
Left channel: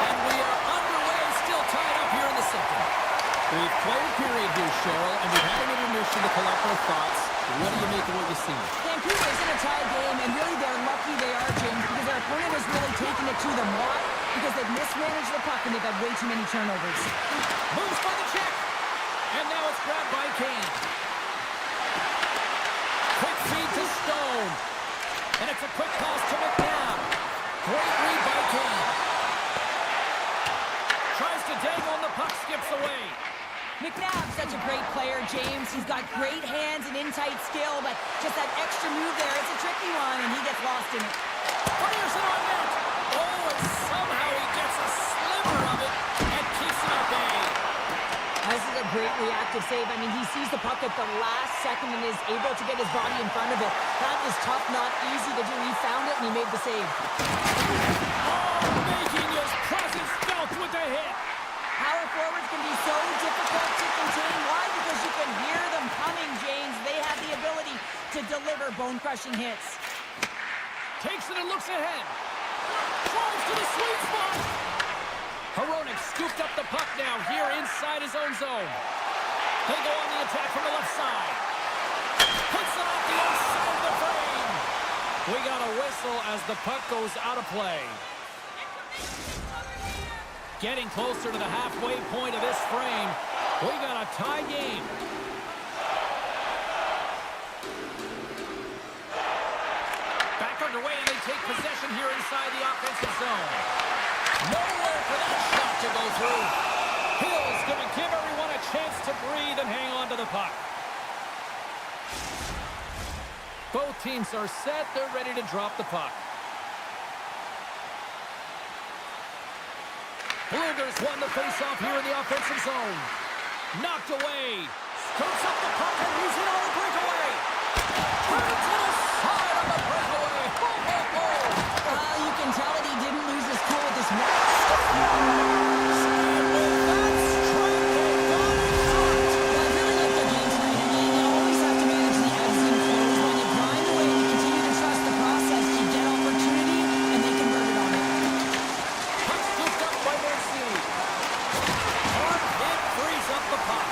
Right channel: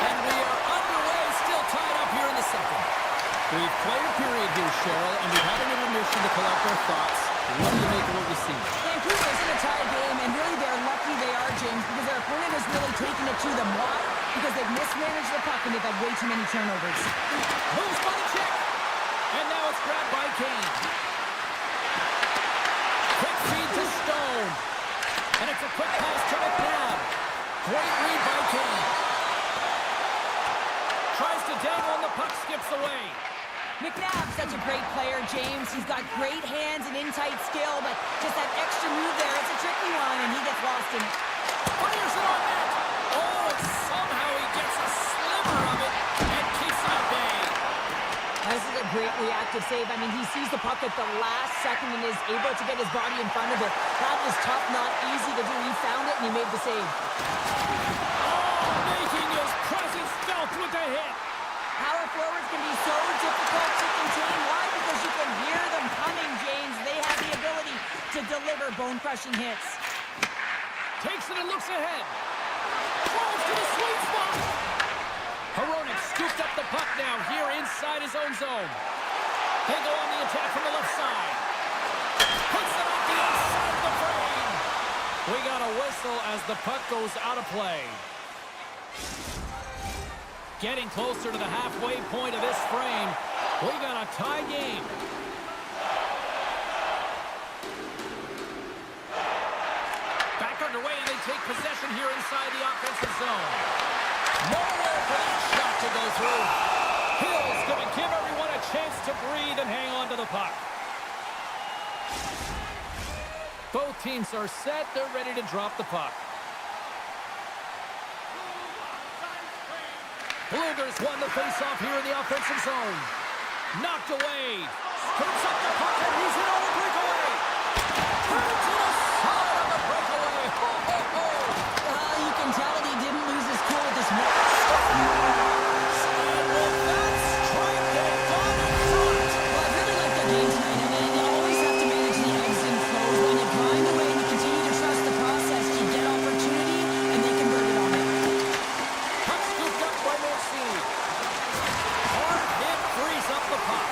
And we are underway, still tied up here in the second. We've played a period here, Cheryl, and we've had an intermission to collect our thoughts. What do you make of what you see? Vancouver is in a tie game, and really they're lucky they are, James, because their opponent has really taken it to them. Why? Because they've mismanaged the puck and they've had way too many turnovers. Moves by the check. And now it's grabbed by Kane. Quick feed to Stone. And it's a quick pass to McNabb. Great read by Kane. Tries to dangle and the puck skips away. McNabb's such a great player, James. He's got great hands and in-tight skill, but just that extra move there, it's a tricky one, and he gets lost in it. Fires it on net. Oh, and somehow he gets a sliver of it and keeps it at bay. This is a great reactive save. I mean, he sees the puck at the last second and is able to get his body in front of it. That is tough, not easy to do. He found it, and he made the save. Oh, making his presence felt with the hit. Power forwards can be so difficult to contain. Why? Because you can hear them coming, James. They have the ability to deliver bone-crushing hits. Takes it and looks ahead. Drives to the sweet spot. Hronek scooped up the puck now here inside his own zone. They go on the attack from the left side. Puts it off the outside of the frame. We got a whistle as the puck goes out of play. Getting closer to the halfway point of this frame. We got a tie game. Back underway, and they take possession here inside the offensive zone. Nowhere for that shot to go through. Hill's going to give everyone a chance to breathe and hang on to the puck. Both teams are set. They're ready to drop the puck. Bluegers won the face-off here in the offensive zone. Knocked away. Scoops up the puck, and he's in on the breakaway. Turns it aside on the breakaway. Ho, ho, ho. You can tell that he didn't lose his cool with this one. And with that strike, they got in front. Well, I really like their game tonight. I mean, you always have to manage the ebbs and flows. When you grind away and you continue to trust the process, you get opportunity, and they converted on it. Puck scooped up by Mancini. Hard hit frees up the puck.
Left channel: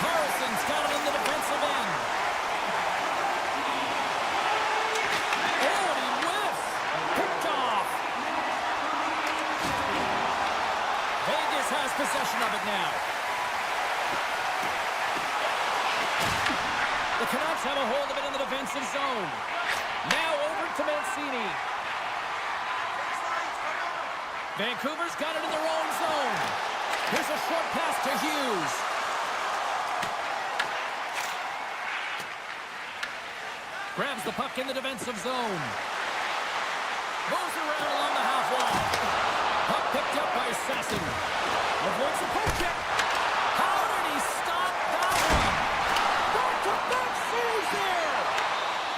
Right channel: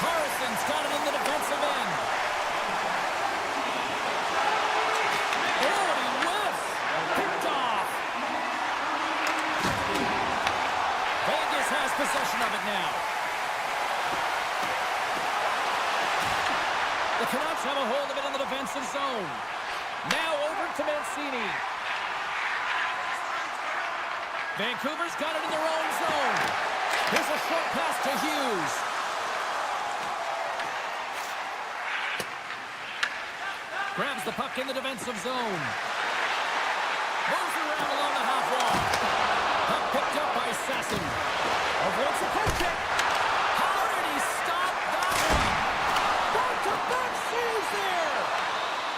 Carson's got it in the defensive end. Oh, and he whiffs. Picked off. Vegas has possession of it now. The Canucks have a hold of it in the defensive zone. Now over to Mancini. Vancouver's got it in their own zone. Here's a short pass to Hughes. Grabs the puck in the defensive zone. Moves around along the half wall. Puck picked up by Sasson. Avoids the poke check. How did he stop that one? Back-to-back saves there.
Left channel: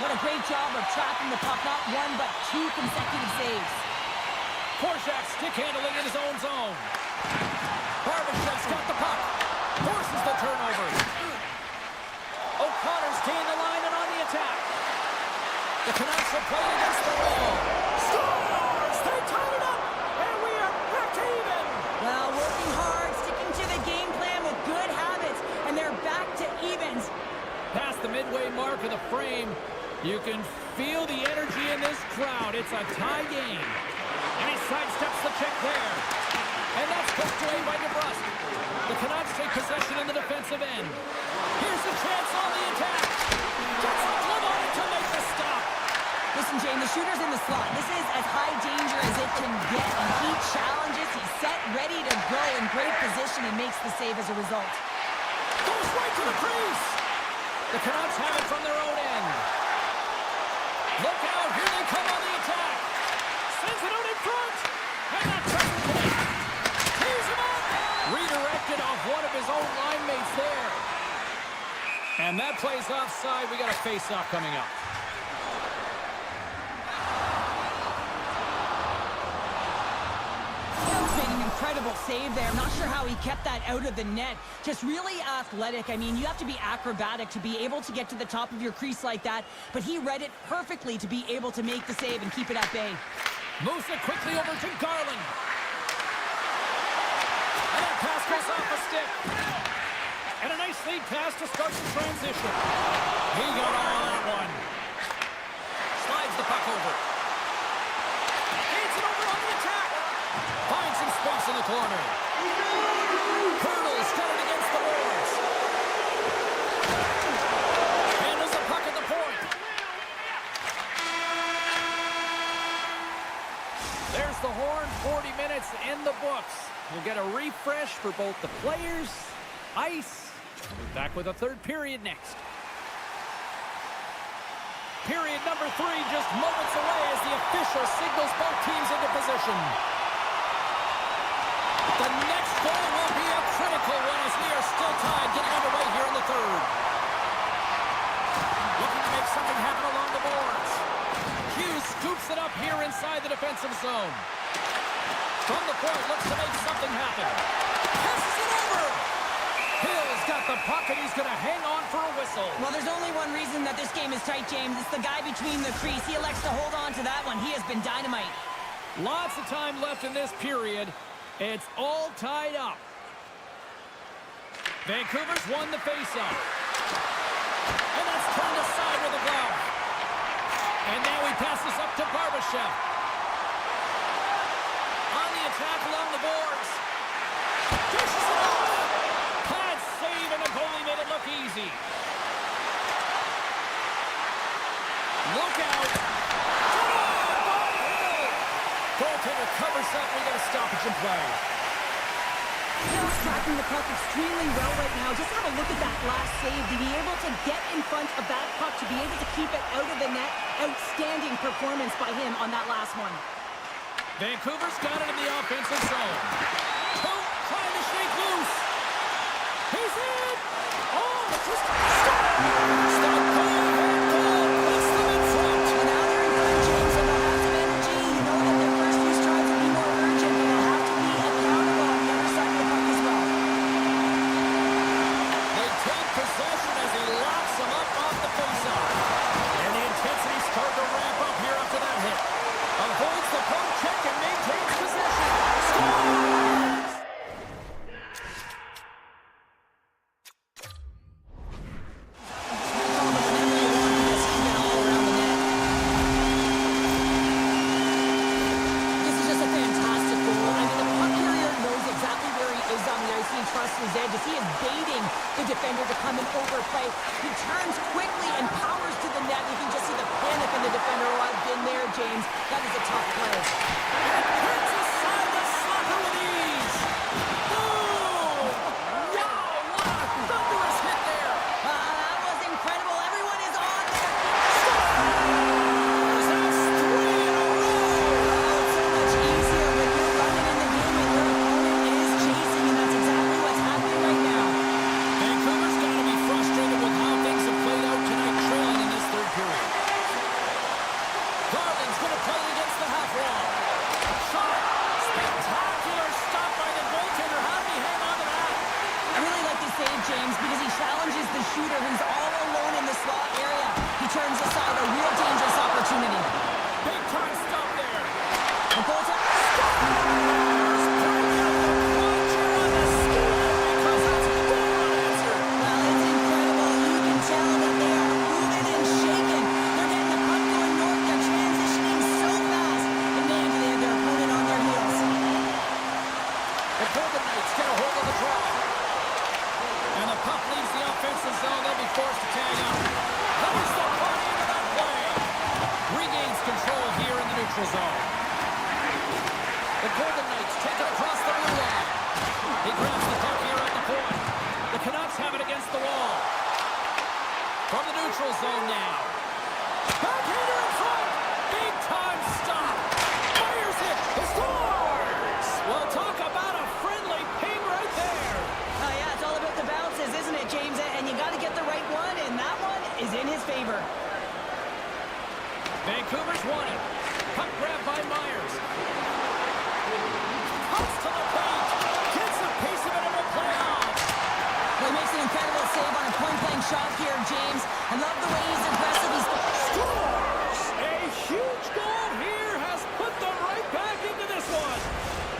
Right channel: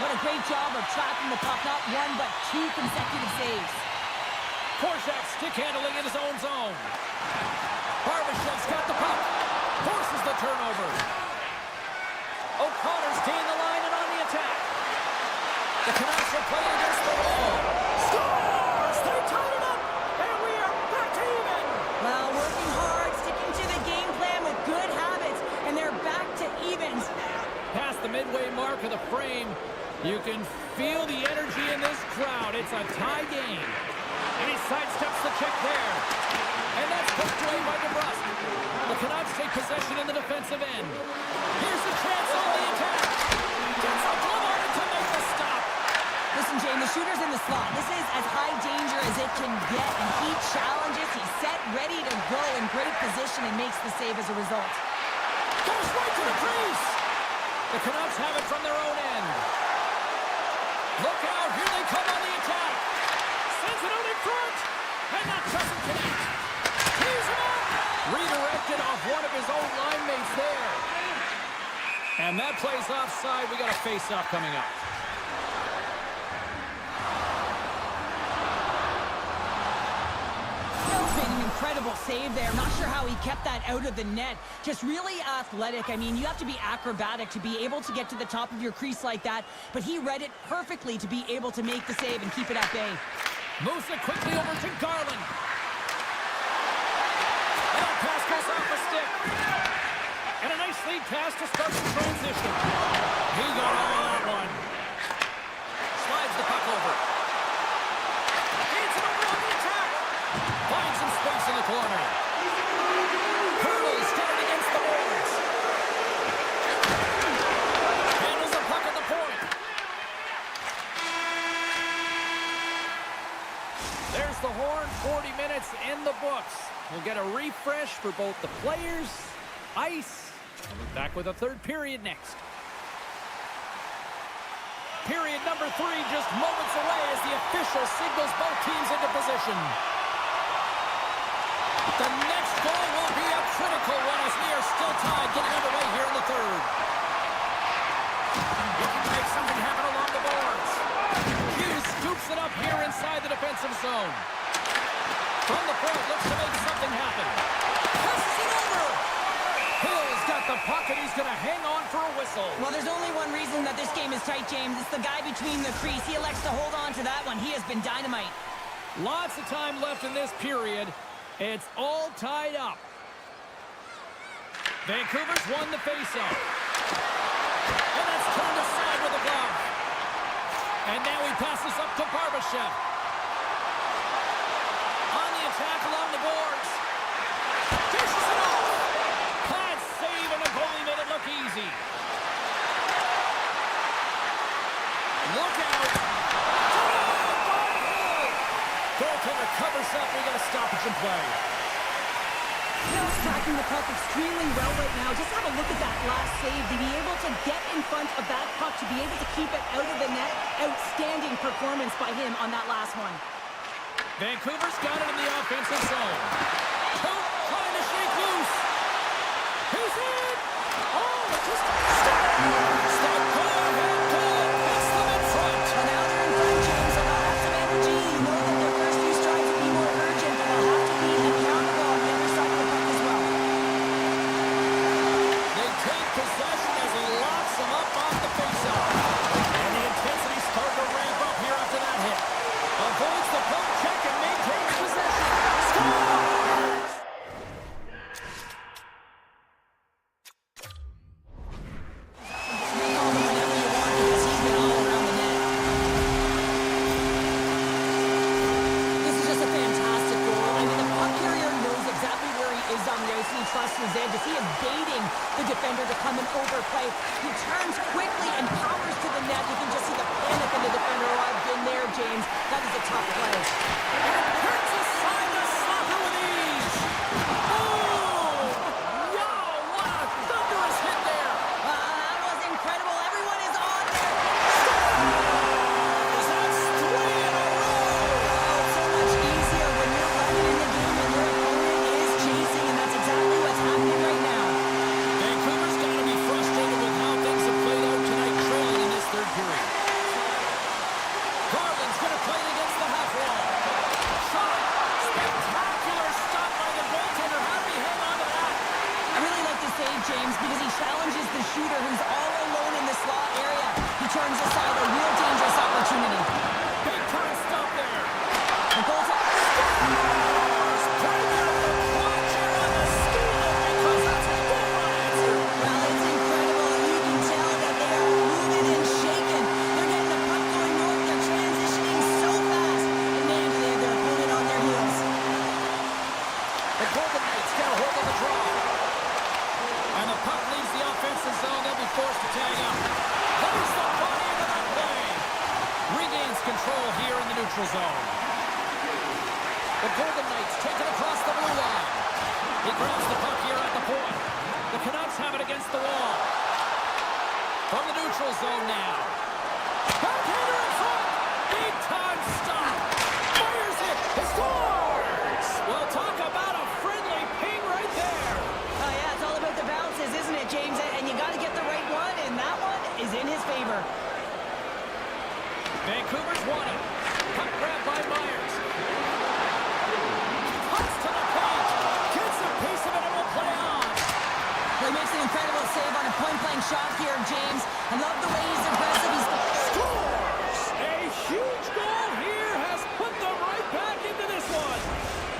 What a great job of tracking the puck. Not one, but two consecutive saves. Korczak stick handling in his own zone. Barbashev's got the puck. Forces the turnover. O'Connor's gained the line and on the attack. The Canucks are playing against the wall. Scores! They tied it up, and we are back to even. Well, working hard, sticking to the game plan with good habits, and they're back to evens. Past the midway mark of the frame, you can feel the energy in this crowd. It's a tie game. And he sidesteps the check there. And that's poked away by DeBrusque. The Canucks take possession in the defensive end. Here's the chance on the attack. Gets a glove on it to make the stop. Listen, Jane, the shooter's in the slot. This is as high danger as it can get, and he challenges. He's set, ready to go, in great position, and makes the save as a result. Goes right to the crease. The Canucks have it from their own end. Look out, here they come on the attack. Sends it out in front, and that doesn't connect. Tees him up. it off one of his own line mates there. And that play's offside. We got a face-off coming up. Made an incredible save there. I'm not sure how he kept that out of the net. Just really athletic. I mean, you have to be acrobatic to be able to get to the top of your crease like that, but he read it perfectly to be able to make the save and keep it at bay. Moves it quickly over to Garland. And that pass goes off a stick. And a nice lead pass to start the transition. He got all of that one. Slides the puck over. Feeds it over on the attack. Finds some space in the corner. Hurdles, got it against the boards. Handles the puck at the point. There's the horn, 40 minutes in the books. We'll get a refresh for both the players, ice. We'll be back with a third period next. Period number 3 just moments away as the official signals both teams into position. The next goal will be a critical one as we are still tied, getting underway here in the third. Looking to make something happen along the boards. Hughes scoops it up here inside the defensive zone. From the point, looks to make something happen. Passes it over. Hill's got the puck and he's going to hang on for a whistle. Well, there's only one reason that this game is tight, James. It's the guy between the crease. He elects to hold on to that one. He has been dynamite. Lots of time left in this period. It's all tied up. Vancouver's won the faceoff. And that's turned aside with a glove. And now he passes up to Barbashev. On the attack along the boards. Dishes it off. Pad save, and the goalie made it look easy. Look out. Denied by Hill. Goaltender covers up. We got a stoppage in play. Hill's tracking the puck extremely well right now. Just have a look at that last save. To be able to get in front of that puck, to be able to keep it out of the net. Outstanding performance by him on that last one. Vancouver's got it in the offensive zone. Coop trying to shake loose. He's in. Oh, just scores. The go-ahead goal puts them in front. Well, now they're in front, James, and they'll have some energy. You know that their first few strides will be more urgent, but they'll have to be accountable on the other side of the puck as well. They take possession as he locks them up off the faceoff. And the intensity started to ramp up here after that hit. Avoids the poke check and maintains possession. Scores! Just recall them whenever you want because he's been all around the net. This is just a fantastic goal. I mean, the puck carrier knows exactly where he is on the ice. He trusts his edges. He is baiting the defender to come and overplay. He turns quickly and powers to the net. You can just see the panic in the defender. Oh, I've been there, James. That is a tough play. And turns aside the slapper with ease. Boom! Wow, what a thunderous hit there. That was incredible. Everyone is on there. Scores! That's 3 in a row. Oh, it's so much easier when you're running in the game and your opponent is chasing, and that's exactly what's happening right now. Vancouver's got to be frustrated with how things have played out tonight, trailing in this third period. Garland's going to play it against the half wall. Shot! Spectacular stop by the goaltender. How did he hang on to that? I really like this save, James, because he challenges the shooter who's all alone in the slot area. He turns aside a real dangerous opportunity. Big time stop there. The goaltender Scores! Bring out the clutch here on the steal because that's 4 unanswered. Well, it's incredible. You can tell that they are moving and shaking. They're getting the puck going north. They're transitioning so fast. And man, do they have their opponent on their heels. The Golden Knights get a hold of the draw. And the puck leaves the offensive zone. They'll be forced to tag up. Lays the body into that play. Regains control here in the neutral zone. The Golden Knights take it across the blue line. He grabs the puck here at the point. The Canucks have it against the wall. From the neutral zone now. Backhander in front. Big time stop. Fires it. He scores. Well, talk about a friendly ping right there. it, James, and you got to get the right one, and that one is in his favor. Vancouver's won it. Puck grab by Myers. Cuts to the paint. Gets a piece of it and will play on. Well, he makes an incredible save on a point-blank shot here, James. I love the way he's aggressive. He's scores! A huge goal here has put them right back into this one.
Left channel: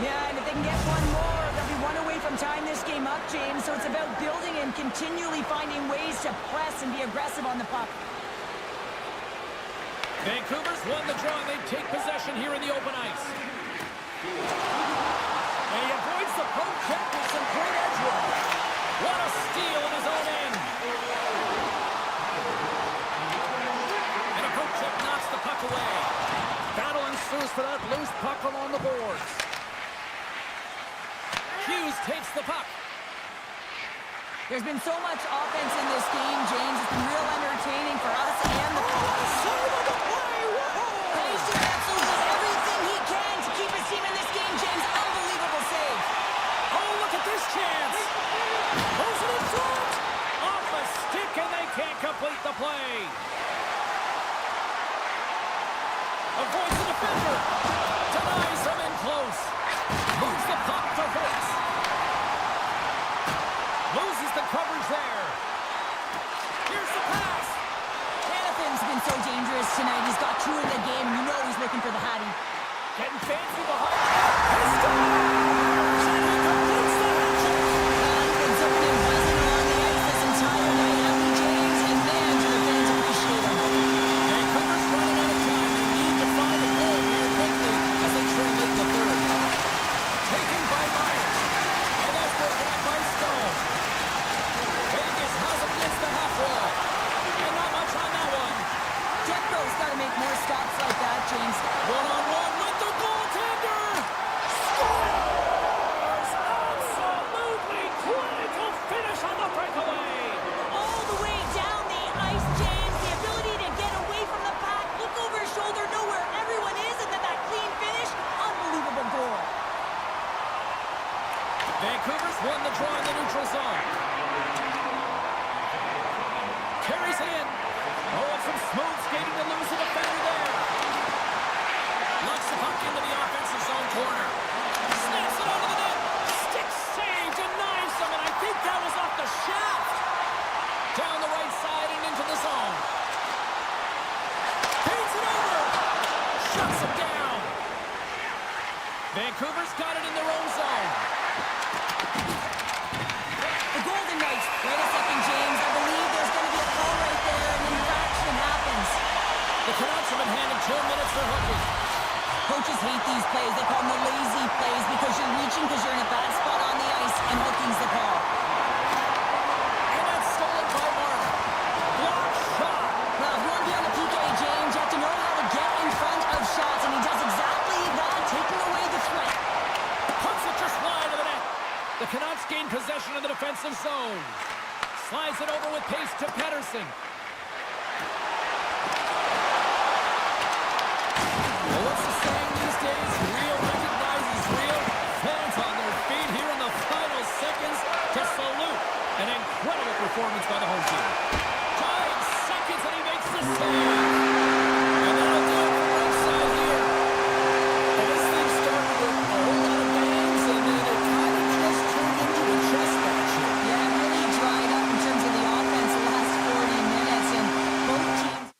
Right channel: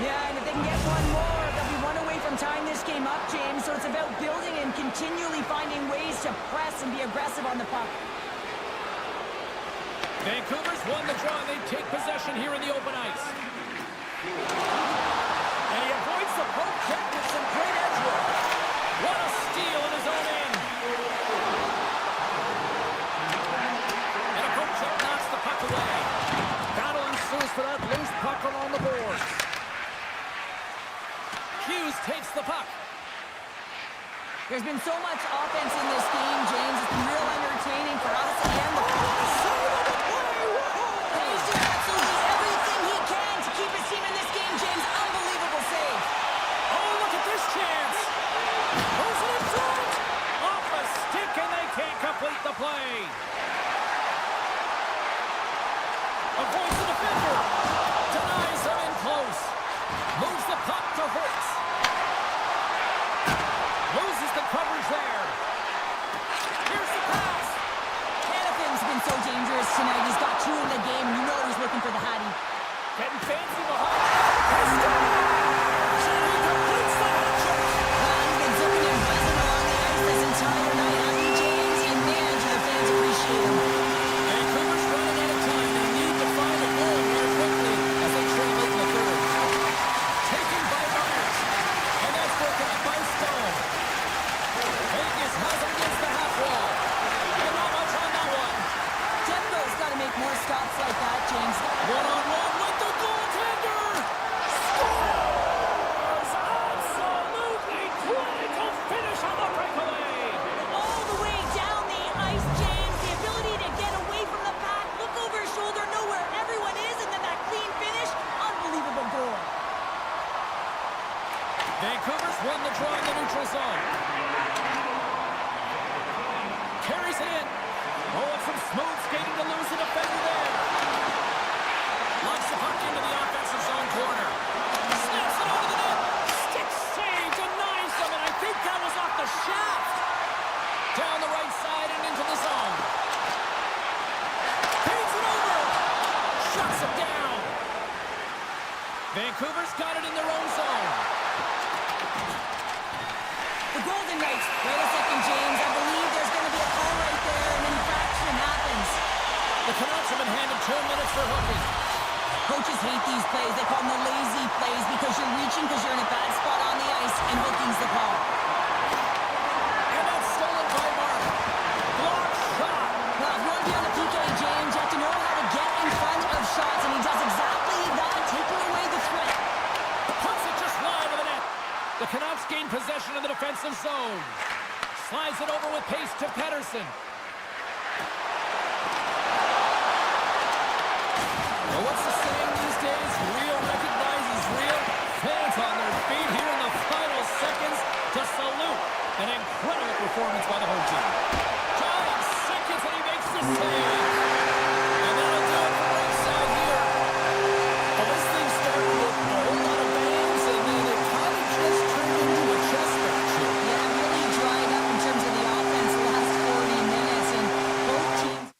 Yeah, and if they can get one more, they'll be one away from tying this game up, James. So it's about building and continually finding ways to press and be aggressive on the puck. Vancouver's won the draw, and they take possession here in the open ice. And he avoids the poke check with some great edge work. What a steal in his own end. And a poke check knocks the puck away. Battle ensues for that loose puck along the boards. Hughes takes the puck. There's been so much offense in this game, James. It's been real entertaining for us and the save of the play! And he's doing absolutely everything he can to keep his team in this game, James. Unbelievable save. Oh, look at this chance. Goes it in front. Off a stick, and they can't complete the play. Avoids the defender. Denies him in close. Moves the puck to Holtz. Loses the coverage there. Here's the pass. Hanafin's been so dangerous tonight. He's got two in the game, and you know he's looking for the Hattie. Getting fancy behind the net. He scores! And he completes the hat trick. He's been zipping and buzzing along the ice this entire night, hasn't he, James? And man, do the fans appreciate him. Vancouver's running out of time. They need to find a goal here quickly as they trail late in the third. Taken by Myers. And that's broken up by Stone. Vegas has him against the half wall. And not much on that one. Demko's got to make more stops like that, James. One-on-one with the goaltender. Scores! Absolutely clinical finish on the breakaway. All the way down the ice, James. The ability to get away from the pack, look over his shoulder, know where everyone is, and then that clean finish. Unbelievable goal. Vancouver's won the draw in the neutral zone. Carries it in. Oh, and some smooth skating to lose the defender there. Lugs the puck into the offensive zone corner. Snaps it onto the net. Stick save, denies them, and I think that was off the shaft. Down the right side and into the zone. Paints it over. Shuts him down. Vancouver's got it in their own zone. The Golden Knights. Wait a second, James. I believe there's going to be a call right there. An infraction happens. The Canucks have been handed 2 minutes for hooking. Coaches hate these plays. They call them the lazy plays because you're reaching because you're in a bad spot on the ice, and hooking's the call. And that's stolen by Martin. Block shot. Well, if you want to be on the PK, James, you have to know how to get in front of shots, and he does exactly that, taking away the threat. Puts it just wide of the net. The Canucks gain possession of the defensive zone. Slides it over with pace to Pettersson. Well, what's the saying these days? Real recognizes real. Fans on their feet here in the final seconds to salute an incredible performance by the home team. 5 seconds and he makes the save. And that'll do it for ringside here. Well, this thing started with a whole lot of bangs, and then it kind of just turned into a chess match here. Yeah, it really dried up in terms of the offense the last 40 minutes, and both teams...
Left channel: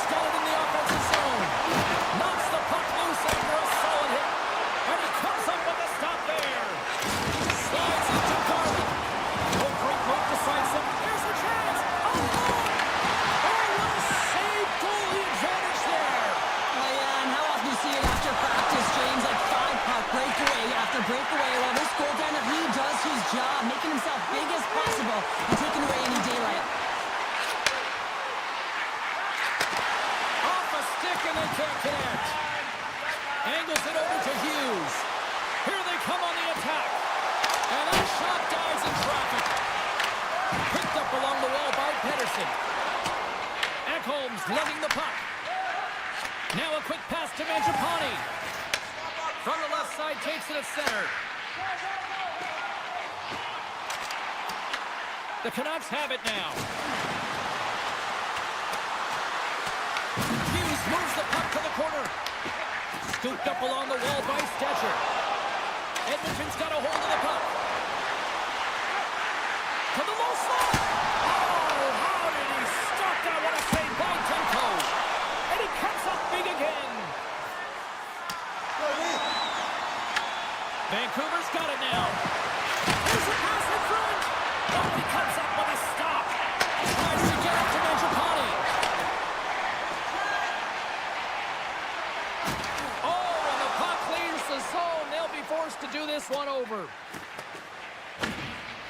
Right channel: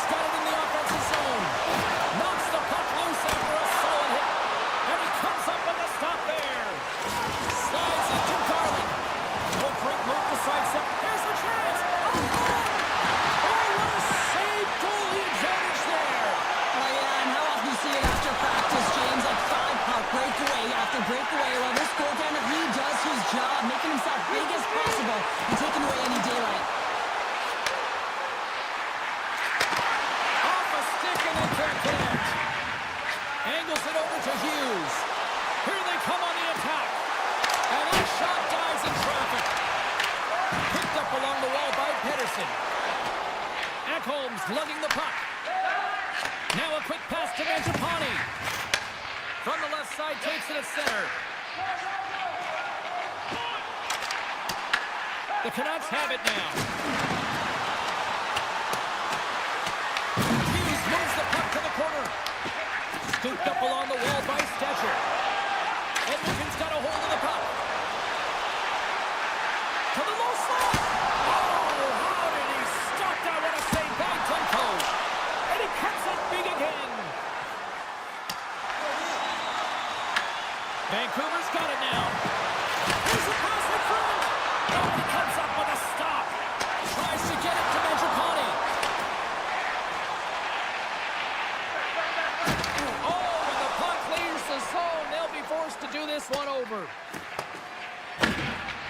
Canucks got it in the offensive zone. Knocks the puck loose after a solid hit. And he comes up with a stop there. Slides into Garland. Oh, great move to sidestep. Here's a chance. Oh, what a save. Goalie advantage there. Oh, yeah, and how often do you see it after practice, James? Like 5-puck breakaway after breakaway. Well, this goaltender, he does his job, making himself big as possible and taking away any daylight. Off a stick and they can't connect. Angles it over to Hughes. Here they come on the attack. And that shot dies in traffic. Picked up along the wall by Pedersen. Ekholm's lugging the puck. Now a quick pass to Mangiapane. From the left side, takes it at center. The Canucks have it now. Hughes moves the puck to the corner. Scooped up along the wall by Stetcher. Edmonton's got a hold of the puck. To the low slot. Oh, how did he stop that? What a save by Demko. And he comes up big again. Vancouver's got it now. Here's a pass in front. Oh, he comes up with a stop. Tries to get it to Mangiapane. Oh, and the puck leaves the zone. They'll be forced to do this one over.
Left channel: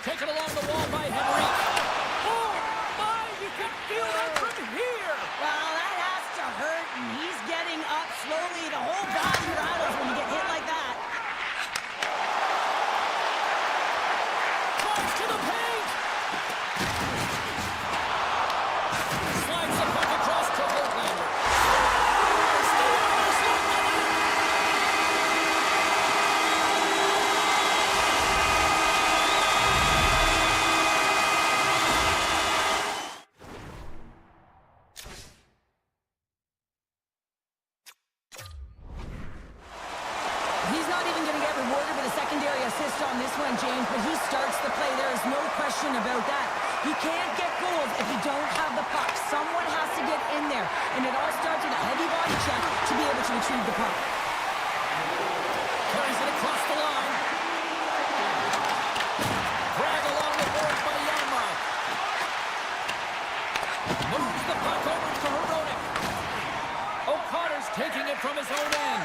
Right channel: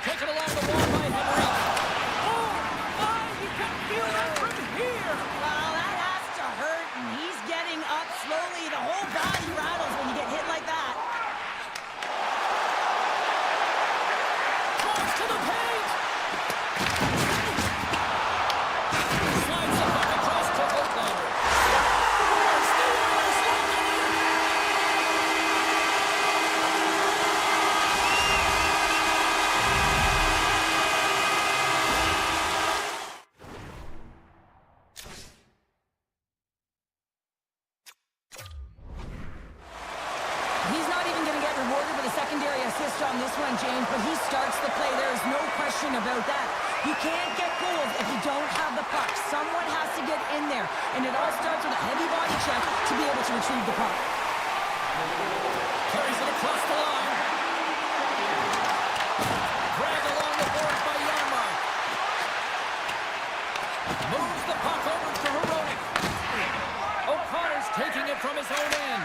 Taken along the wall by Henry. Oh, my, you can feel that from here. Well, that has to hurt, and he's getting up slowly. The whole body rattles when you get hit like that. Drives to the paint. Slides the puck across to Hoaglander. Scores! The Oilers win the lead. He's not even going to get rewarded with a secondary assist on this one, James, but he starts the play. There is no question about that. You can't get goals if you don't have the puck. Someone has to get in there, and it all starts with a heavy body check to be able to retrieve the puck. Carries it across the line. Dragged along the boards by Janmark. Moves the puck over to Hronek. O'Connor's taking it from his own end.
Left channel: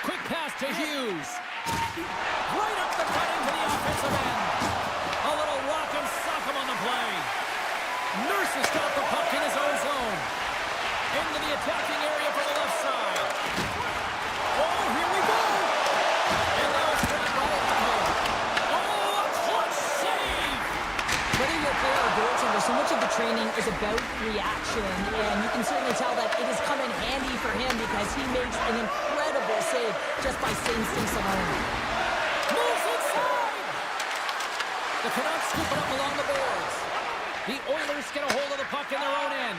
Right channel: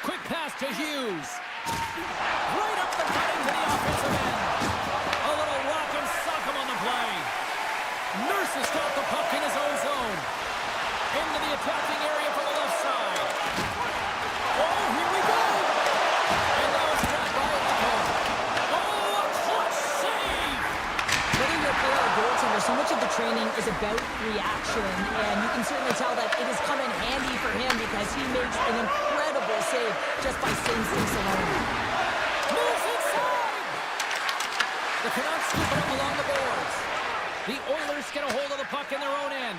Quick pass to Hughes. Right up the gut into the offensive end. A little rock and sock him on the play. Nurse has got the puck in his own zone. Into the attacking area from the left side. Oh, here we go. And now it's grabbed by Ekholm. Oh, a clutch save. Whether you're a player or goaltender, so much of the training is about reaction, and you can certainly tell that it has come in handy for him because he makes an incredible save just by instincts alone. Moves inside. The Canucks scoop it up along the boards. The Oilers get a hold of the puck in their own end.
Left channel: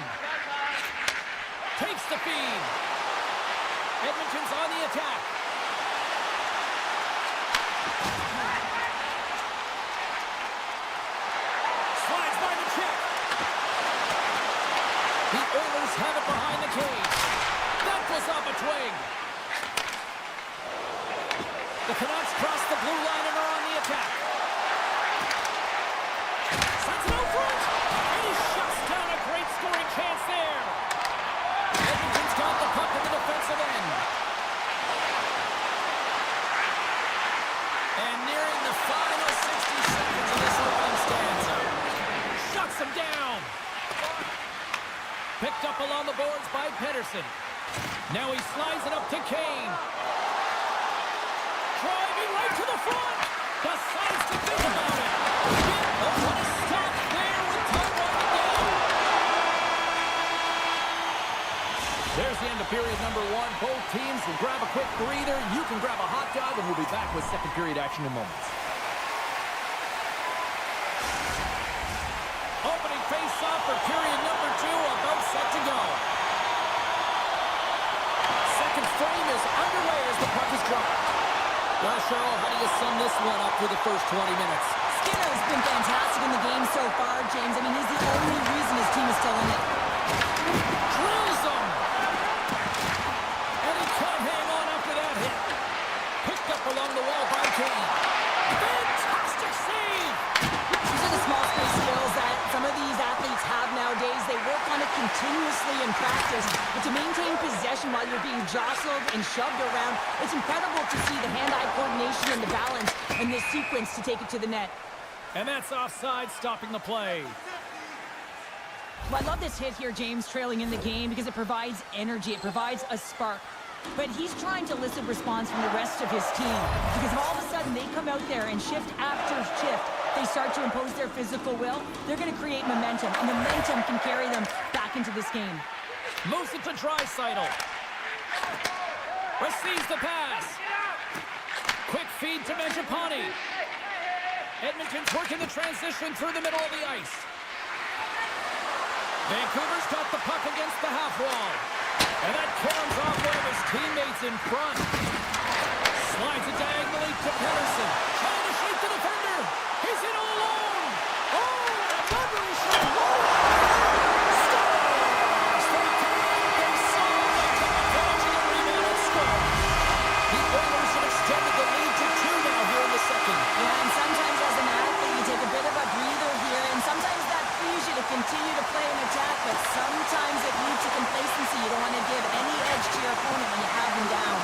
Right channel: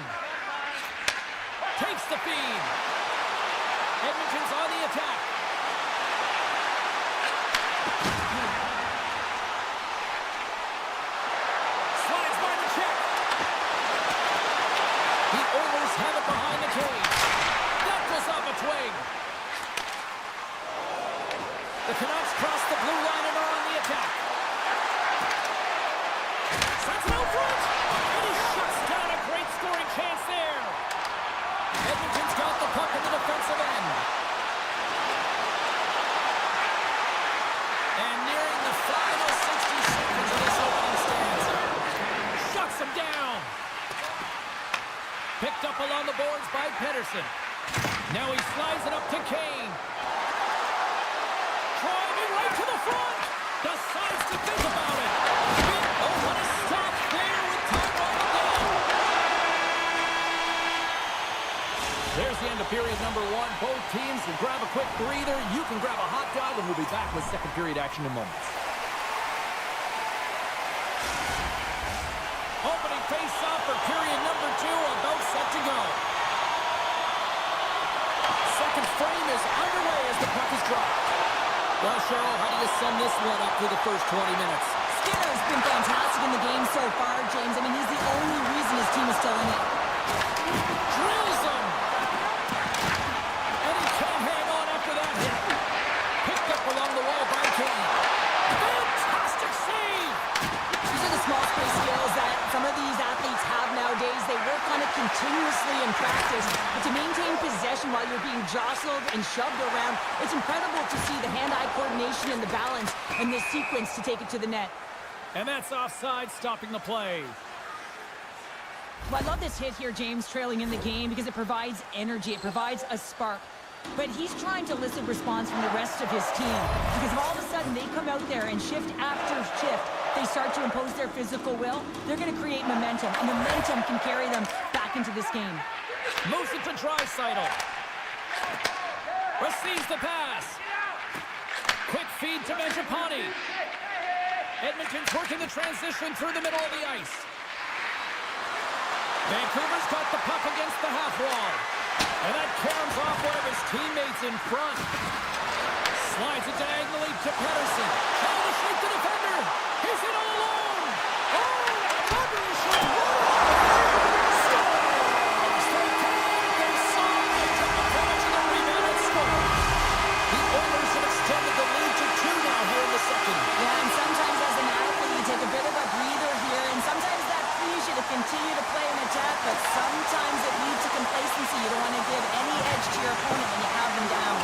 Takes the feed. Edmonton's on the attack. Slides by the check. The Oilers have it behind the cage. That goes off a twig. The Canucks cross the blue line and are on the attack. Sets it out front. And he shuts down a great scoring chance there. Edmonton's got the puck in the defensive end. And nearing the final 60 seconds of this opening stanza. Shuts him down. Picked up along the boards by Pedersen. Now he slides it up to Kane. Driving right to the front. Decides to think about it. Oh, what a stop there with time running down. There's the end of period number one. Both teams will grab a quick breather. You can grab a hot dog, and we'll be back with second period action in moments. Opening face-off for period number two, about set to go. Second frame is underway as the puck is dropped. Well, Cheryl, how do you sum this one up through the first 20 minutes? Skinner's been fantastic in the game so far, James. I mean, he's the only reason his team is still in it. work on it continuously in practice, but to maintain possession while you're being jostled and shoved around, it's incredible to see the hand-eye coordination and the balance in this sequence to take it to the net. And that's offside, stopping the play. Well, I love this hit here, James, trailing in the game, because it provides energy. It provides a spark. But he's trying to elicit response from the rest of his team, because if all of a sudden they come out there and shift after shift, they start to impose their physical will, they're going to create momentum, and momentum can carry them back into this game. Moves it to Draisaitl. Receives the pass. Quick feed to Mangiapane. Edmonton's working the transition through the middle of the ice. Vancouver's got the puck against the half wall. And that caroms off one of his teammates in front. Slides it diagonally to Pettersson. Trying to shake the defender. He's in all alone. Oh, and a rubbery shot. Scores! They came, they saw, they took advantage of the rebound and scored. The Oilers have extended the lead to 2 now here in the second. Yeah, and sometimes as an athlete, you take a bit of a breather here, and sometimes that frees you to continue to play an attack, but sometimes it leads to complacency. You don't want to give any edge to your opponent when you have them down.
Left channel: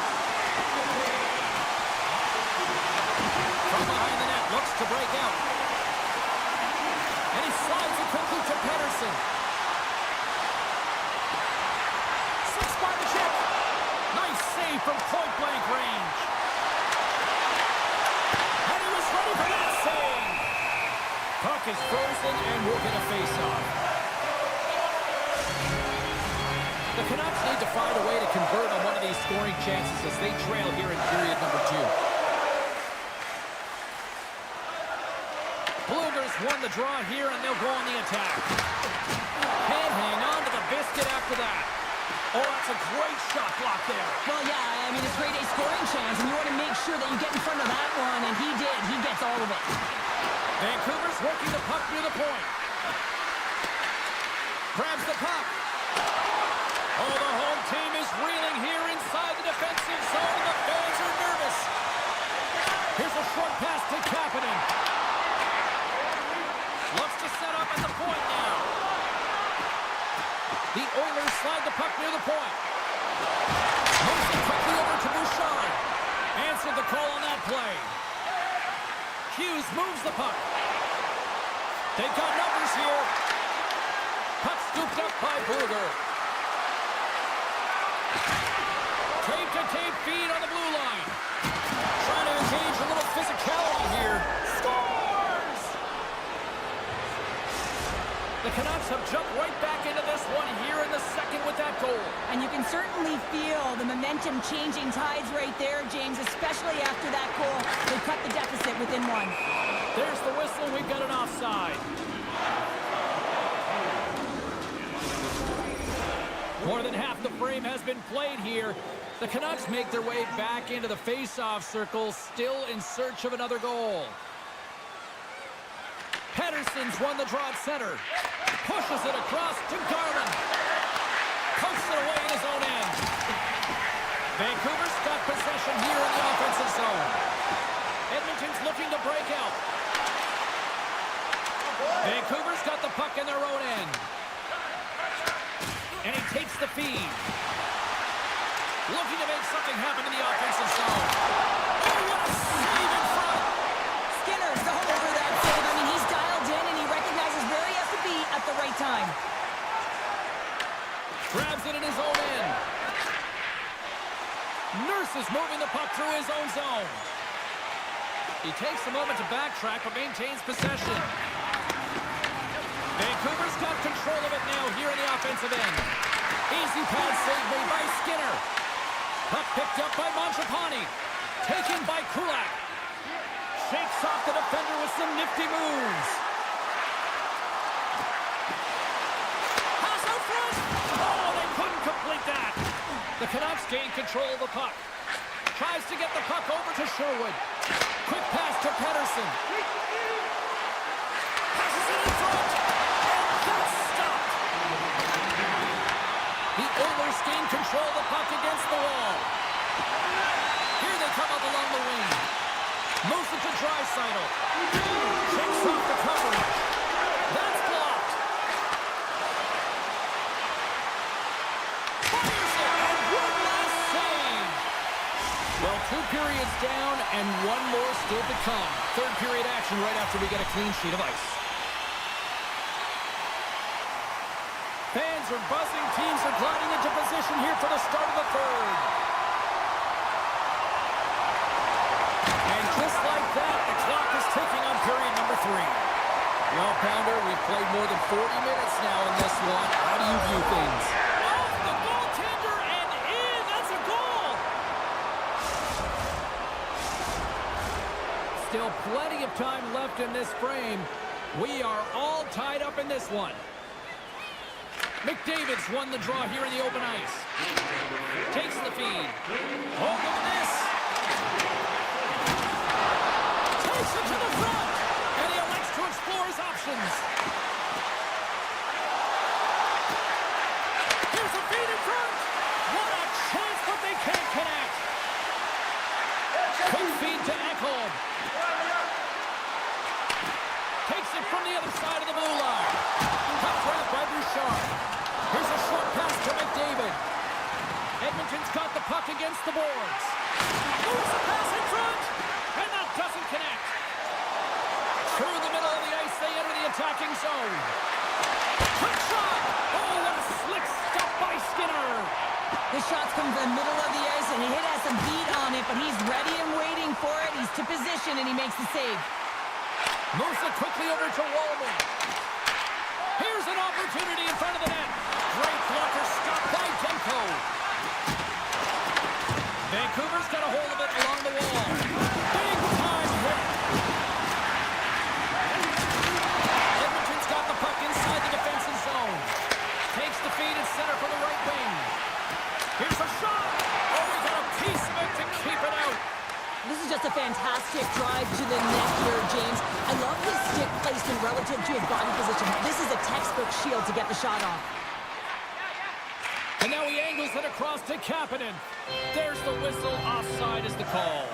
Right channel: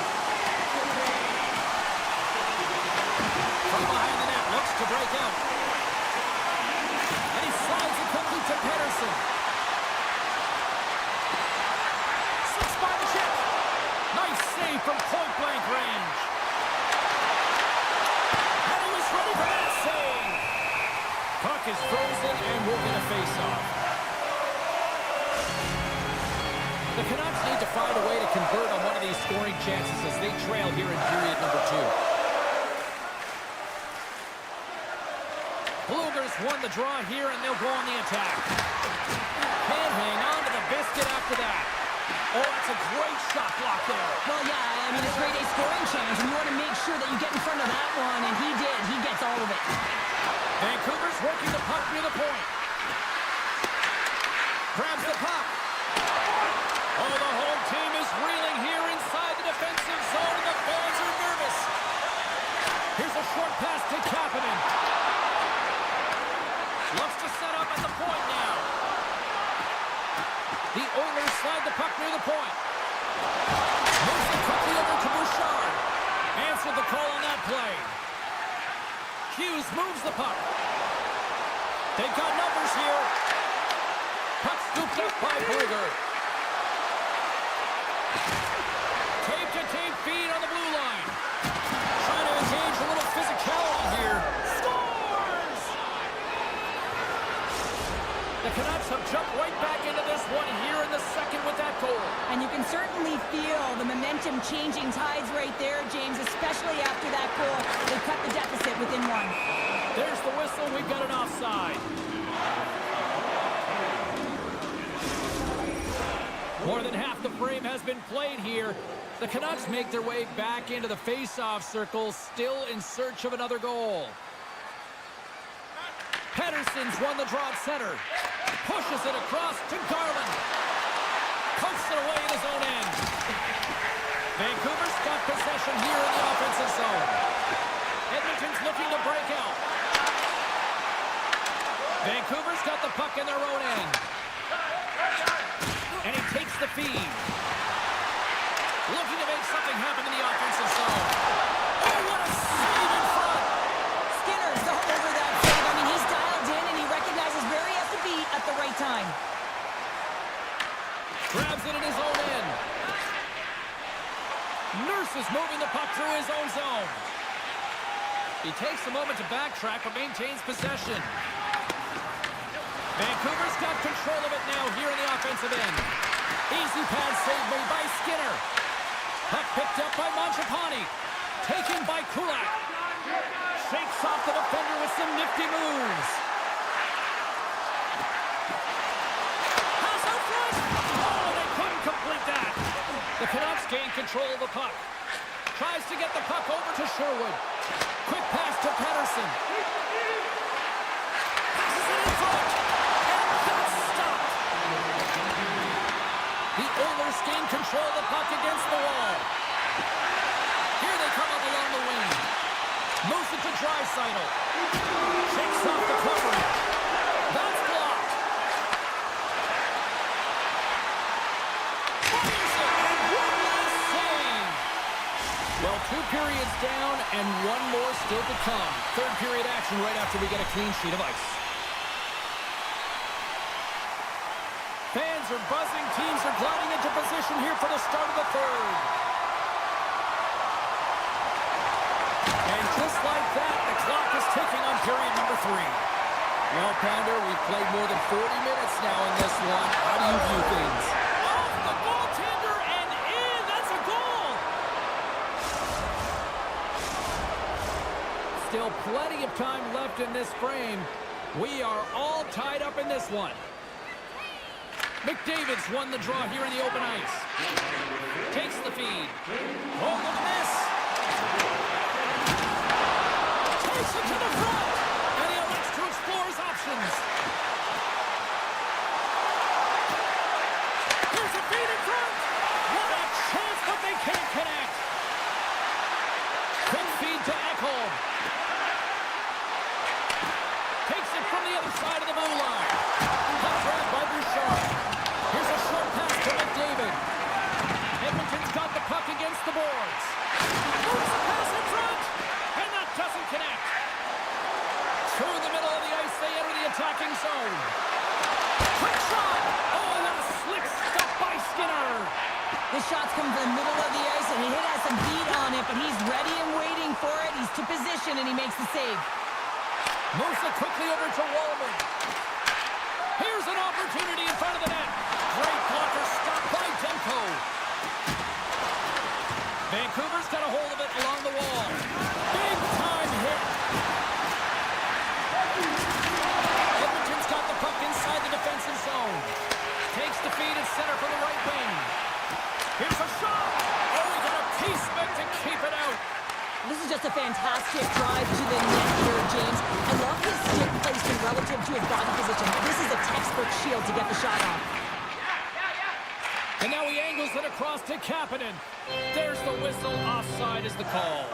From behind the net, looks to break out. And he slides it quickly to Pettersson. Slips by the chip. Nice save from point-blank range. And he was ready for that save. Puck is frozen, and we'll get a face-off. The Canucks need to find a way to convert on one of these scoring chances as they trail here in period number 2. Bluegers won the draw here, and they'll go on the attack. Can't hang on to the biscuit after that. Oh, that's a great shot block there. Well, yeah, I mean, it's a grade A scoring chance, and you want to make sure that you get in front of that one, and he did. He gets all of it. Vancouver's working the puck near the point. Grabs the puck. Oh, the home team is reeling here inside the defensive zone. The fans are nervous. Here's a short pass to Kapanen. Looks to set up at the point now. The Oilers slide the puck near the point. Moves it quickly over to Bouchard. Answered the call on that play. Hughes moves the puck. They've got numbers here. Puck scooped up by Blueger. Tape-to-tape feed on the blue line. Trying to engage a little physicality here. Scores! The Canucks have jumped right back into this one here in the second with that goal. And you can certainly feel the momentum changing tides right there, James, especially after that goal. They cut the deficit within 1. There's the whistle. We've got an offside. More than half the frame has been played here. The Canucks make their way back into the face-off circle, still in search of another goal. Pettersson's won the draw at center. Pushes it across to Garland. Coasts it away in his own end. Vancouver's got possession here in the offensive zone. Edmonton's looking to break out. Vancouver's got the puck in their own end. And he takes the feed. Looking to make something happen in the offensive zone. Oh, what a save in front! Skinner's all over that save. I mean, he's dialed in, and he recognizes where he has to be at the right time. Grabs it in his own end. Nurse is moving the puck through his own zone. He takes a moment to backtrack, but maintains possession. Vancouver's got control of it now here in the offensive end. Easy pad save made by Skinner. Puck picked up by Mangiapane. Taken by Kulak. Shakes off the defender with some nifty moves. Pass out front. Oh, they couldn't complete that. The Canucks gain control of the puck. Tries to get the puck over to Sherwood. Quick pass to Pettersson. Passes it in front. And that's stopped. The Oilers gain control of the puck against the wall. Here they come up along the wing. Moves it to Draisaitl. Shakes off the coverage. That's blocked. 2 periods down and 1 more still to come. Third period action right after we get a clean sheet of ice. Fans are buzzing. Teams are gliding into position here for the start of the third. And just like that, the clock is ticking on period number 3. Well, Pounder, we've played more than 40 minutes now in this one. How do you view things? Off the goaltender and in. That's a goal. Still plenty of time left in this frame. We are all tied up in this one. McDavid's won the draw here in the open ice. Takes the feed. Oh, look at this. Takes it to the front. And he elects to explore his options. Here's a feed in front. What a chance, but they can't connect. Quick feed to Ekholm. Takes it from the other side of the blue line. Puck grab by Bouchard. Here's a short pass to McDavid. Edmonton's got the puck against the boards. Moves the pass in front. And that doesn't connect. Through the middle of the ice, they enter the attacking zone. Quick shot! Oh, what a slick stop by Skinner! The shots come from the middle of the ice, and he has some beat on it, but he's ready and waiting for it. He's to position, and he makes the save. Moves it quickly over to Wallman. Here's an opportunity in front of the net. Great blocker stop by Demko. Vancouver's got a hold of it along the wall. Big time hit. Edmonton's got the puck inside the defensive zone. Takes the feed at center for the right wing. Here's a shot. Oh, he got a piece of it to keep it out. This is just a fantastic drive to the net here, James. I love his stick placement relative to his body position. This is a textbook shield to get the shot off. And now he angles it across to Kapanen. There's the whistle. Offside is the call.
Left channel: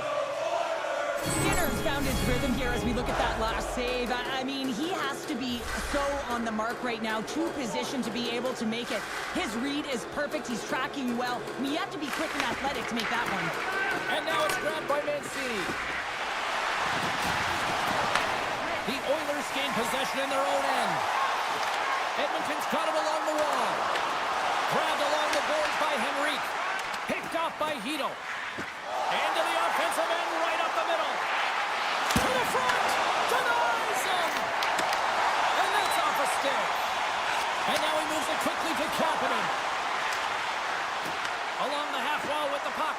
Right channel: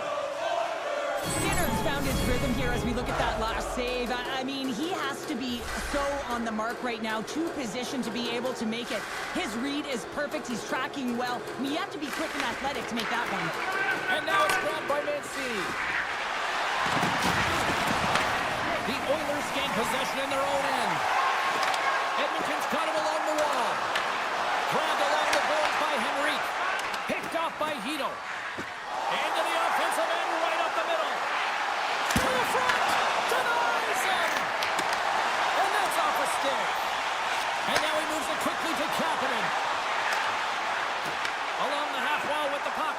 Skinner's found his rhythm here as we look at that last save. I mean, he has to be so on the mark right now to position to be able to make it. His read is perfect. He's tracking well. I mean, you have to be quick and athletic to make that one. And now it's grabbed by Mancini. The Oilers gain possession in their own end. Edmonton's got it along the wall. Grabbed along the boards by Henrique. Picked off by Hito. Into the offensive end, right up the middle. To the front. Denies him. And that's off a stick. And now he moves it quickly to Kapanen. Along the half wall with the puck.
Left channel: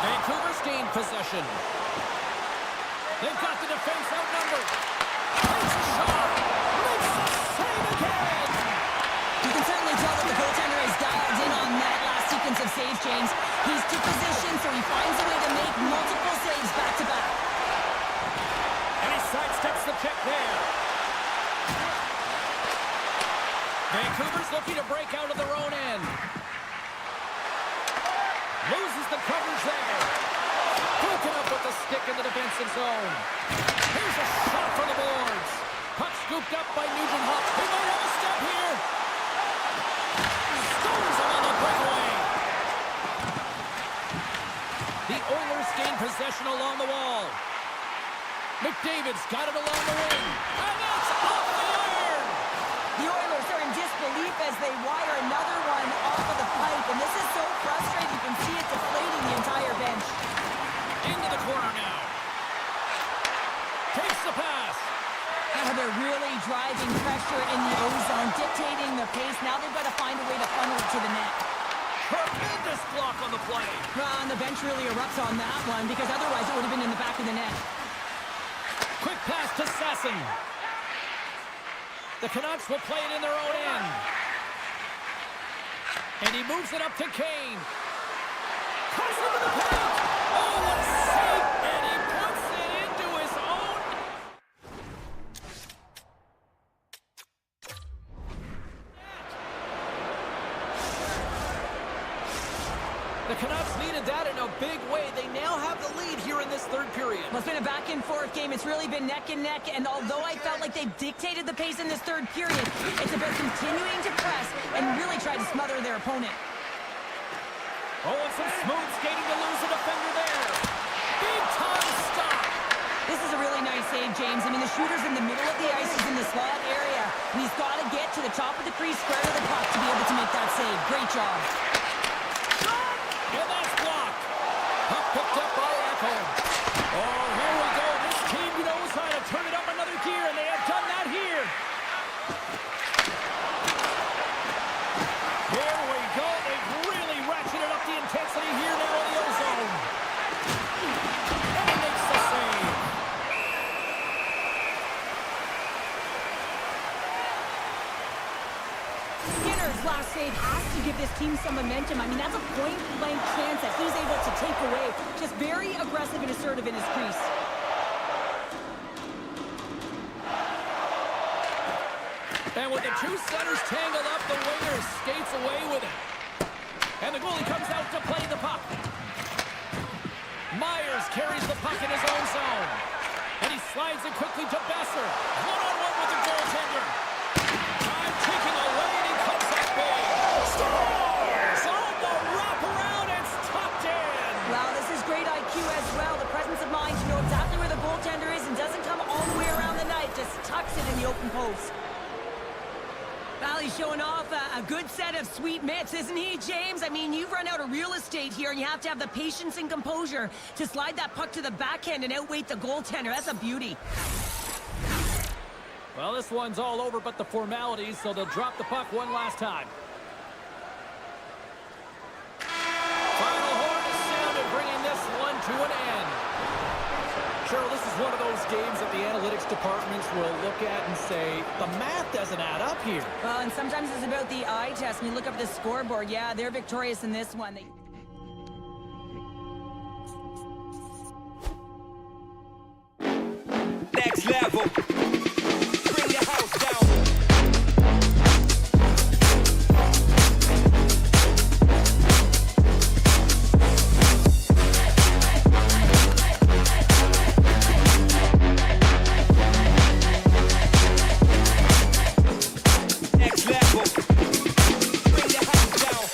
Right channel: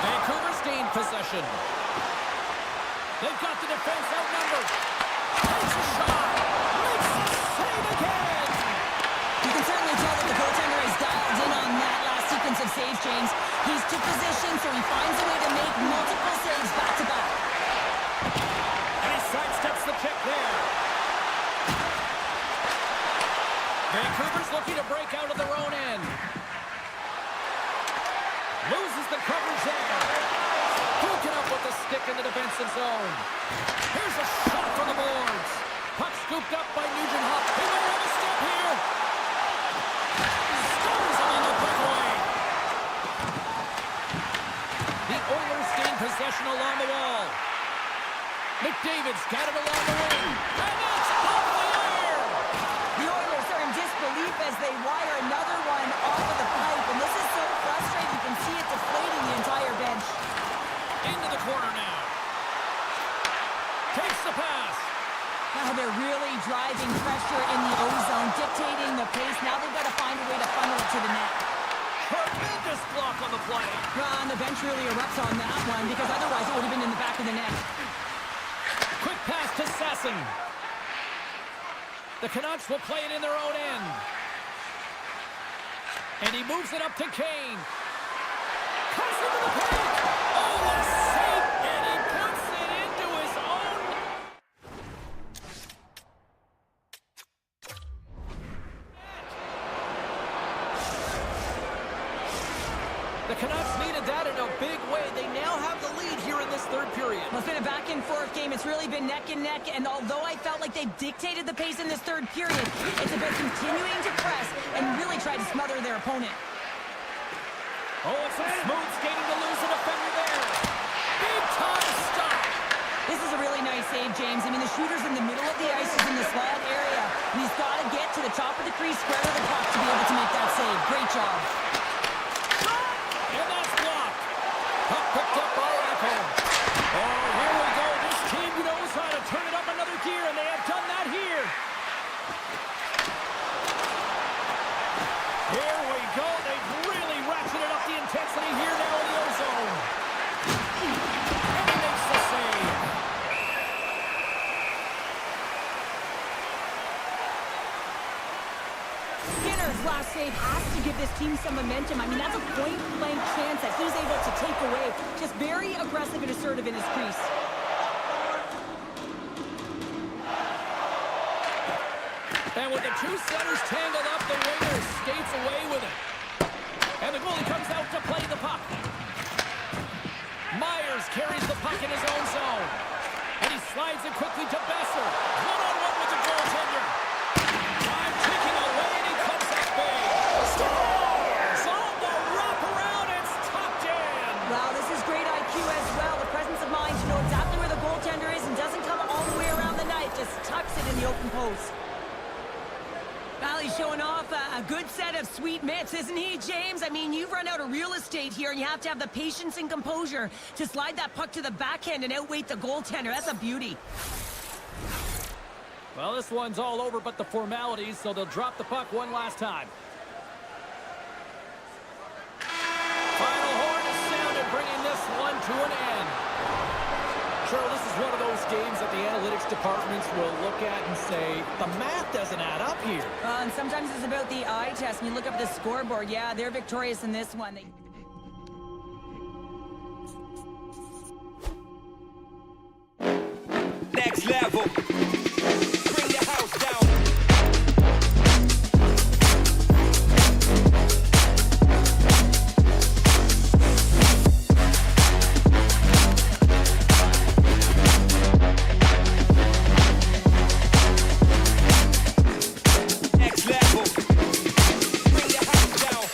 Vancouver's gained possession. They've got the defense outnumbered. Takes a shot. Makes the save again. You can certainly tell that the goaltender is dialed in on that last sequence of saves, James. He's to position, so he finds a way to make multiple saves back-to-back. And he sidesteps the check there. Vancouver's looking to break out of their own end. Loses the coverage there. Broken up with the stick in the defensive zone. Here's a shot from the boards. Puck scooped up by Nugent-Hopkins. He might have a step here. Stones him on the breakaway. The Oilers gain possession along the wall. McDavid's got it along the wing. And it's off the iron. The Oilers are in disbelief as they wire another one off of the pipe, and this is so frustrating. You can see it deflating the entire bench. Into the corner now. Takes the pass. Now they're really driving pressure in the O-zone, dictating the pace. Now they've got to find a way to funnel it to the net. Tremendous block on the play. Well, and the bench really erupts on that one, because otherwise it would have been in the back of the net. Quick pass to Sasson. The Canucks will play it in their own end. And he moves it up to Kane. Cuts into the paint. Oh, what a save. And he puts it into his own. The Canucks needed that in a big way. They now have the lead here in this third period. Well, it's been a back-and-forth game. It's really been neck and neck, and although I felt like they dictated the pace in this third period, it's about continuing to press and really try to smother their opponent. Oh, it's some smooth skating to lose a defender there. Big-time stop. This is a really nice save, James. I mean, the shooter's in the middle of the ice. He's in the slot area, and he's got to get to the top of the crease, square to the puck to be able to make that save. Great job. And that's blocked. Puck picked up by Ekholm. Oh, here we go. This team knows how to turn it up another gear, and they have done that here. Here we go. They've really ratcheted up the intensity here now in the ozone. And he makes the save. Skinner's last save has to give this team some momentum. I mean, that's a point-blank chance that he's able to take away. Just very aggressive and assertive in his crease. And with the two centers tangled up, the winger skates away with it. And the goalie comes out to play the puck. Myers carries the puck in his own zone. And he slides it quickly to Besser. One-on-one with the goaltender. Time ticking away, and he comes up big. Scores! On the wraparound, it's tucked in. Wow, this is great IQ as well. The presence of mind to know exactly where the goaltender is and doesn't come all the way around the net. Just tucks it in the open post. Valley's showing off a good set of sweet mitts, isn't he, James? I mean, you've run out of real estate here, and you have to have the patience and composure to slide that puck to the backhand and outweight the goaltender. That's a beauty. Well, this one's all over but the formalities, so they'll drop the puck one last time. Final horn is sounded, bringing this one to an end. Cheryl, this is one of those games that the analytics departments will look at and say, the math doesn't add up here. Well, and sometimes it's about the eye test. When you look up at the scoreboard, yeah, they're victorious in this one. Next level. Bring the house down. Next level. Bring the house down.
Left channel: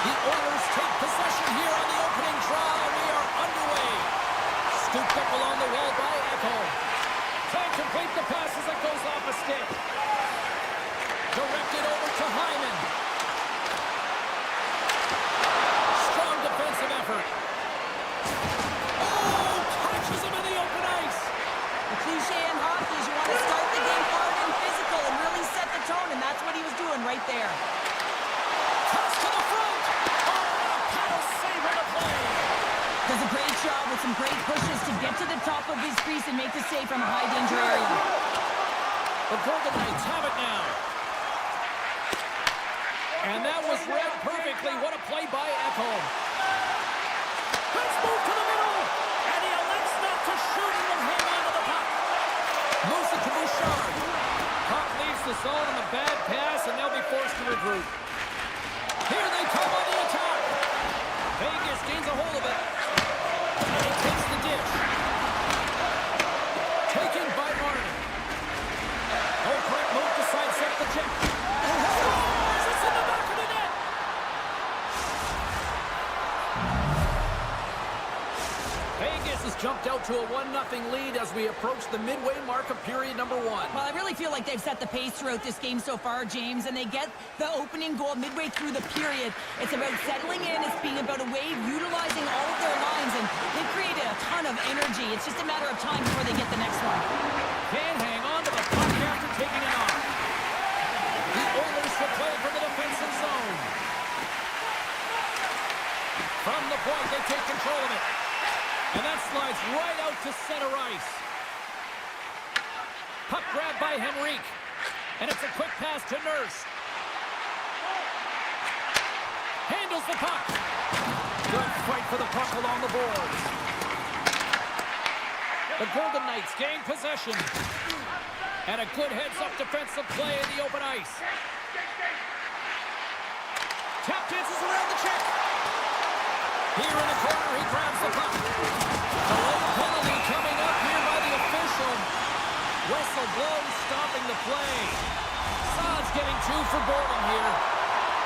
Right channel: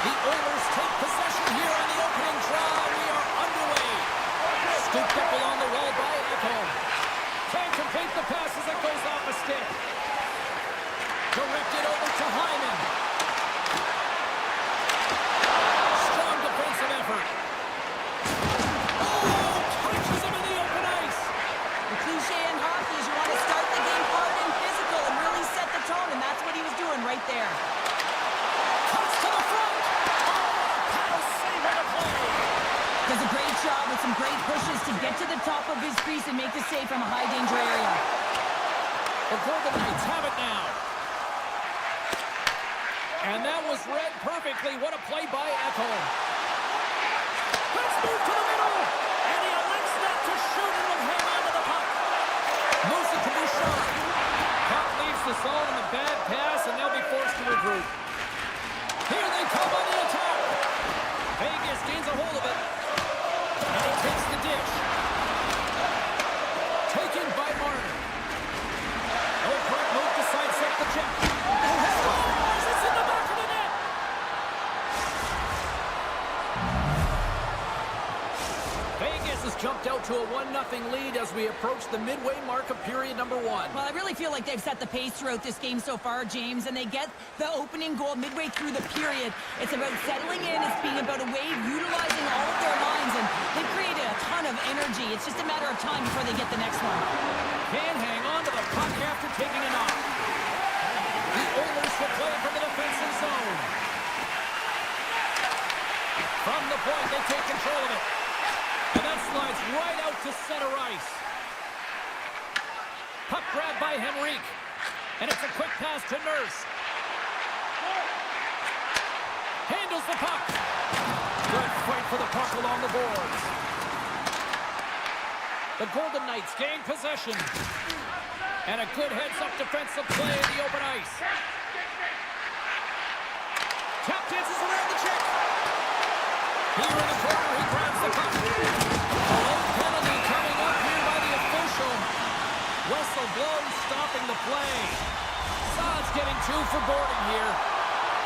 The Oilers take possession here on the opening draw. We are underway. Scooped up along the wall by Echo. Can't complete the pass as it goes off a stick. Directed over to Hyman. Strong defensive effort. Oh, catches him in the open ice. The cliche in hockey is you want to start the game hard and physical and really set the tone, and that's what he was doing right there. Cuts to the front. Oh, what a paddle save on the play. Does a great job with some great pushes to get to the top of his crease and make the save from a high-danger area. The Golden Knights have it now. And that was read perfectly. What a play by Ekholm. Let's move to the middle. And he elects not to shoot and will hang on to the puck. Moves it to Bouchard. Puck leaves the zone on a bad pass, and they'll be forced to regroup. Here they come on the attack. Vegas gains a hold of it. And he takes the dish. Taken by Marner. No correct move to sidestep the check. Scores! It's in the back of the net! Vegas has jumped out to a 1-0 lead as we approach the midway mark of period number 1. Well, I really feel like they've set the pace throughout this game so far, James, and they get the opening goal midway through the period. It's about settling in. It's being about a wave, utilizing all of their lines, and they've created a ton of energy. It's just a matter of time before they get the next one. Can't hang on to the puck after taking it off. The Oilers will play from the defensive zone. From the point, they take control of it. And that slides right out to center ice. Puck grabbed by Henrique. And it's a quick pass to Nurse. Handles the puck. Good fight for the puck along the boards. The Golden Knights gain possession. And a good heads-up defensive play in the open ice. Tap dances around the check. Here in the corner, he grabs the puck. Delayed penalty coming up here by the official. Whistle blown, stopping the play. Saad's getting 2 for boarding here.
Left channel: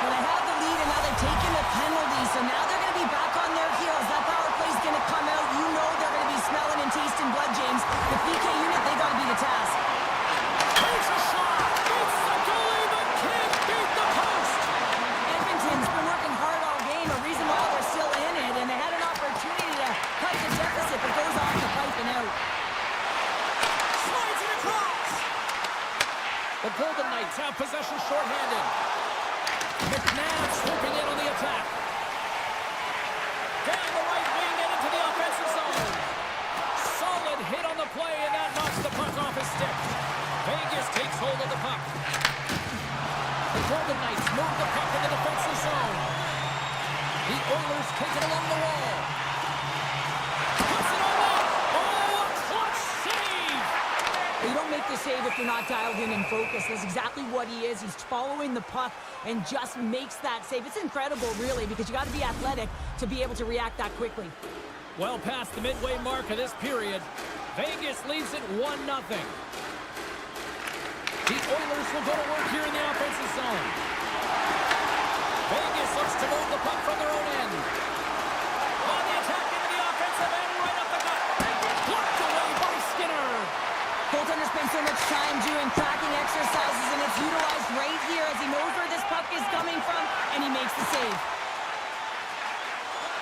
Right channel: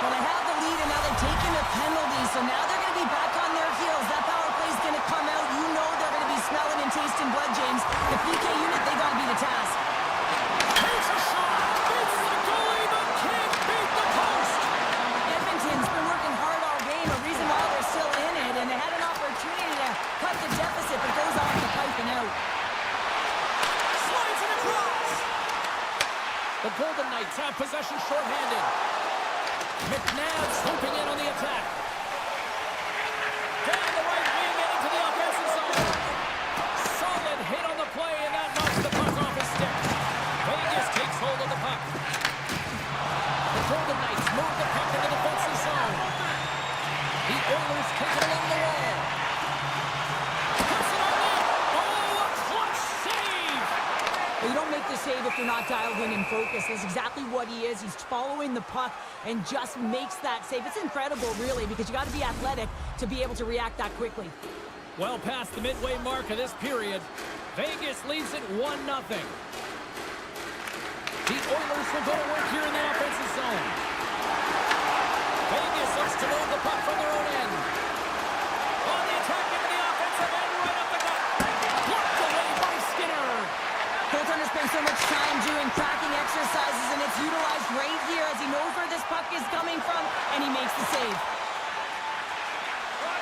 Well, they have the lead, and now they've taken a penalty, so now they're going to be back on their heels. That power play's going to come out. You know they're going to be smelling and tasting blood, James. The PK unit, they got to be the task. Takes a shot. Beats the goalie, but can't beat the post. Edmonton's been working hard all game, a reason why they're still in it, and they had an opportunity to cut the deficit, but goes off the pipe and out. Slides it across. The Golden Knights have possession shorthanded. McNabb swooping in on the attack. Down the right wing and into the offensive zone. Solid hit on the play, and that knocks the puck off his stick. Vegas takes hold of the puck. The Golden Knights move the puck in the defensive zone. The Oilers take it along the wall. Puts it on net. Oh, a clutch save! You don't make the save if you're not dialed in and focused. That's exactly what he is. He's following the puck and just makes that save. It's incredible, really, because you got to be athletic to be able to react that quickly. Well past the midway mark of this period, Vegas leads it 1-0. The Oilers will go to work here in the offensive zone. Vegas looks to move the puck from their own end. On the attack into the offensive end, right up the gut. Blocked away by Skinner. Goaltender spends so much time doing tracking exercises, and it's utilized right here as he knows where this puck is coming from, and he makes the save.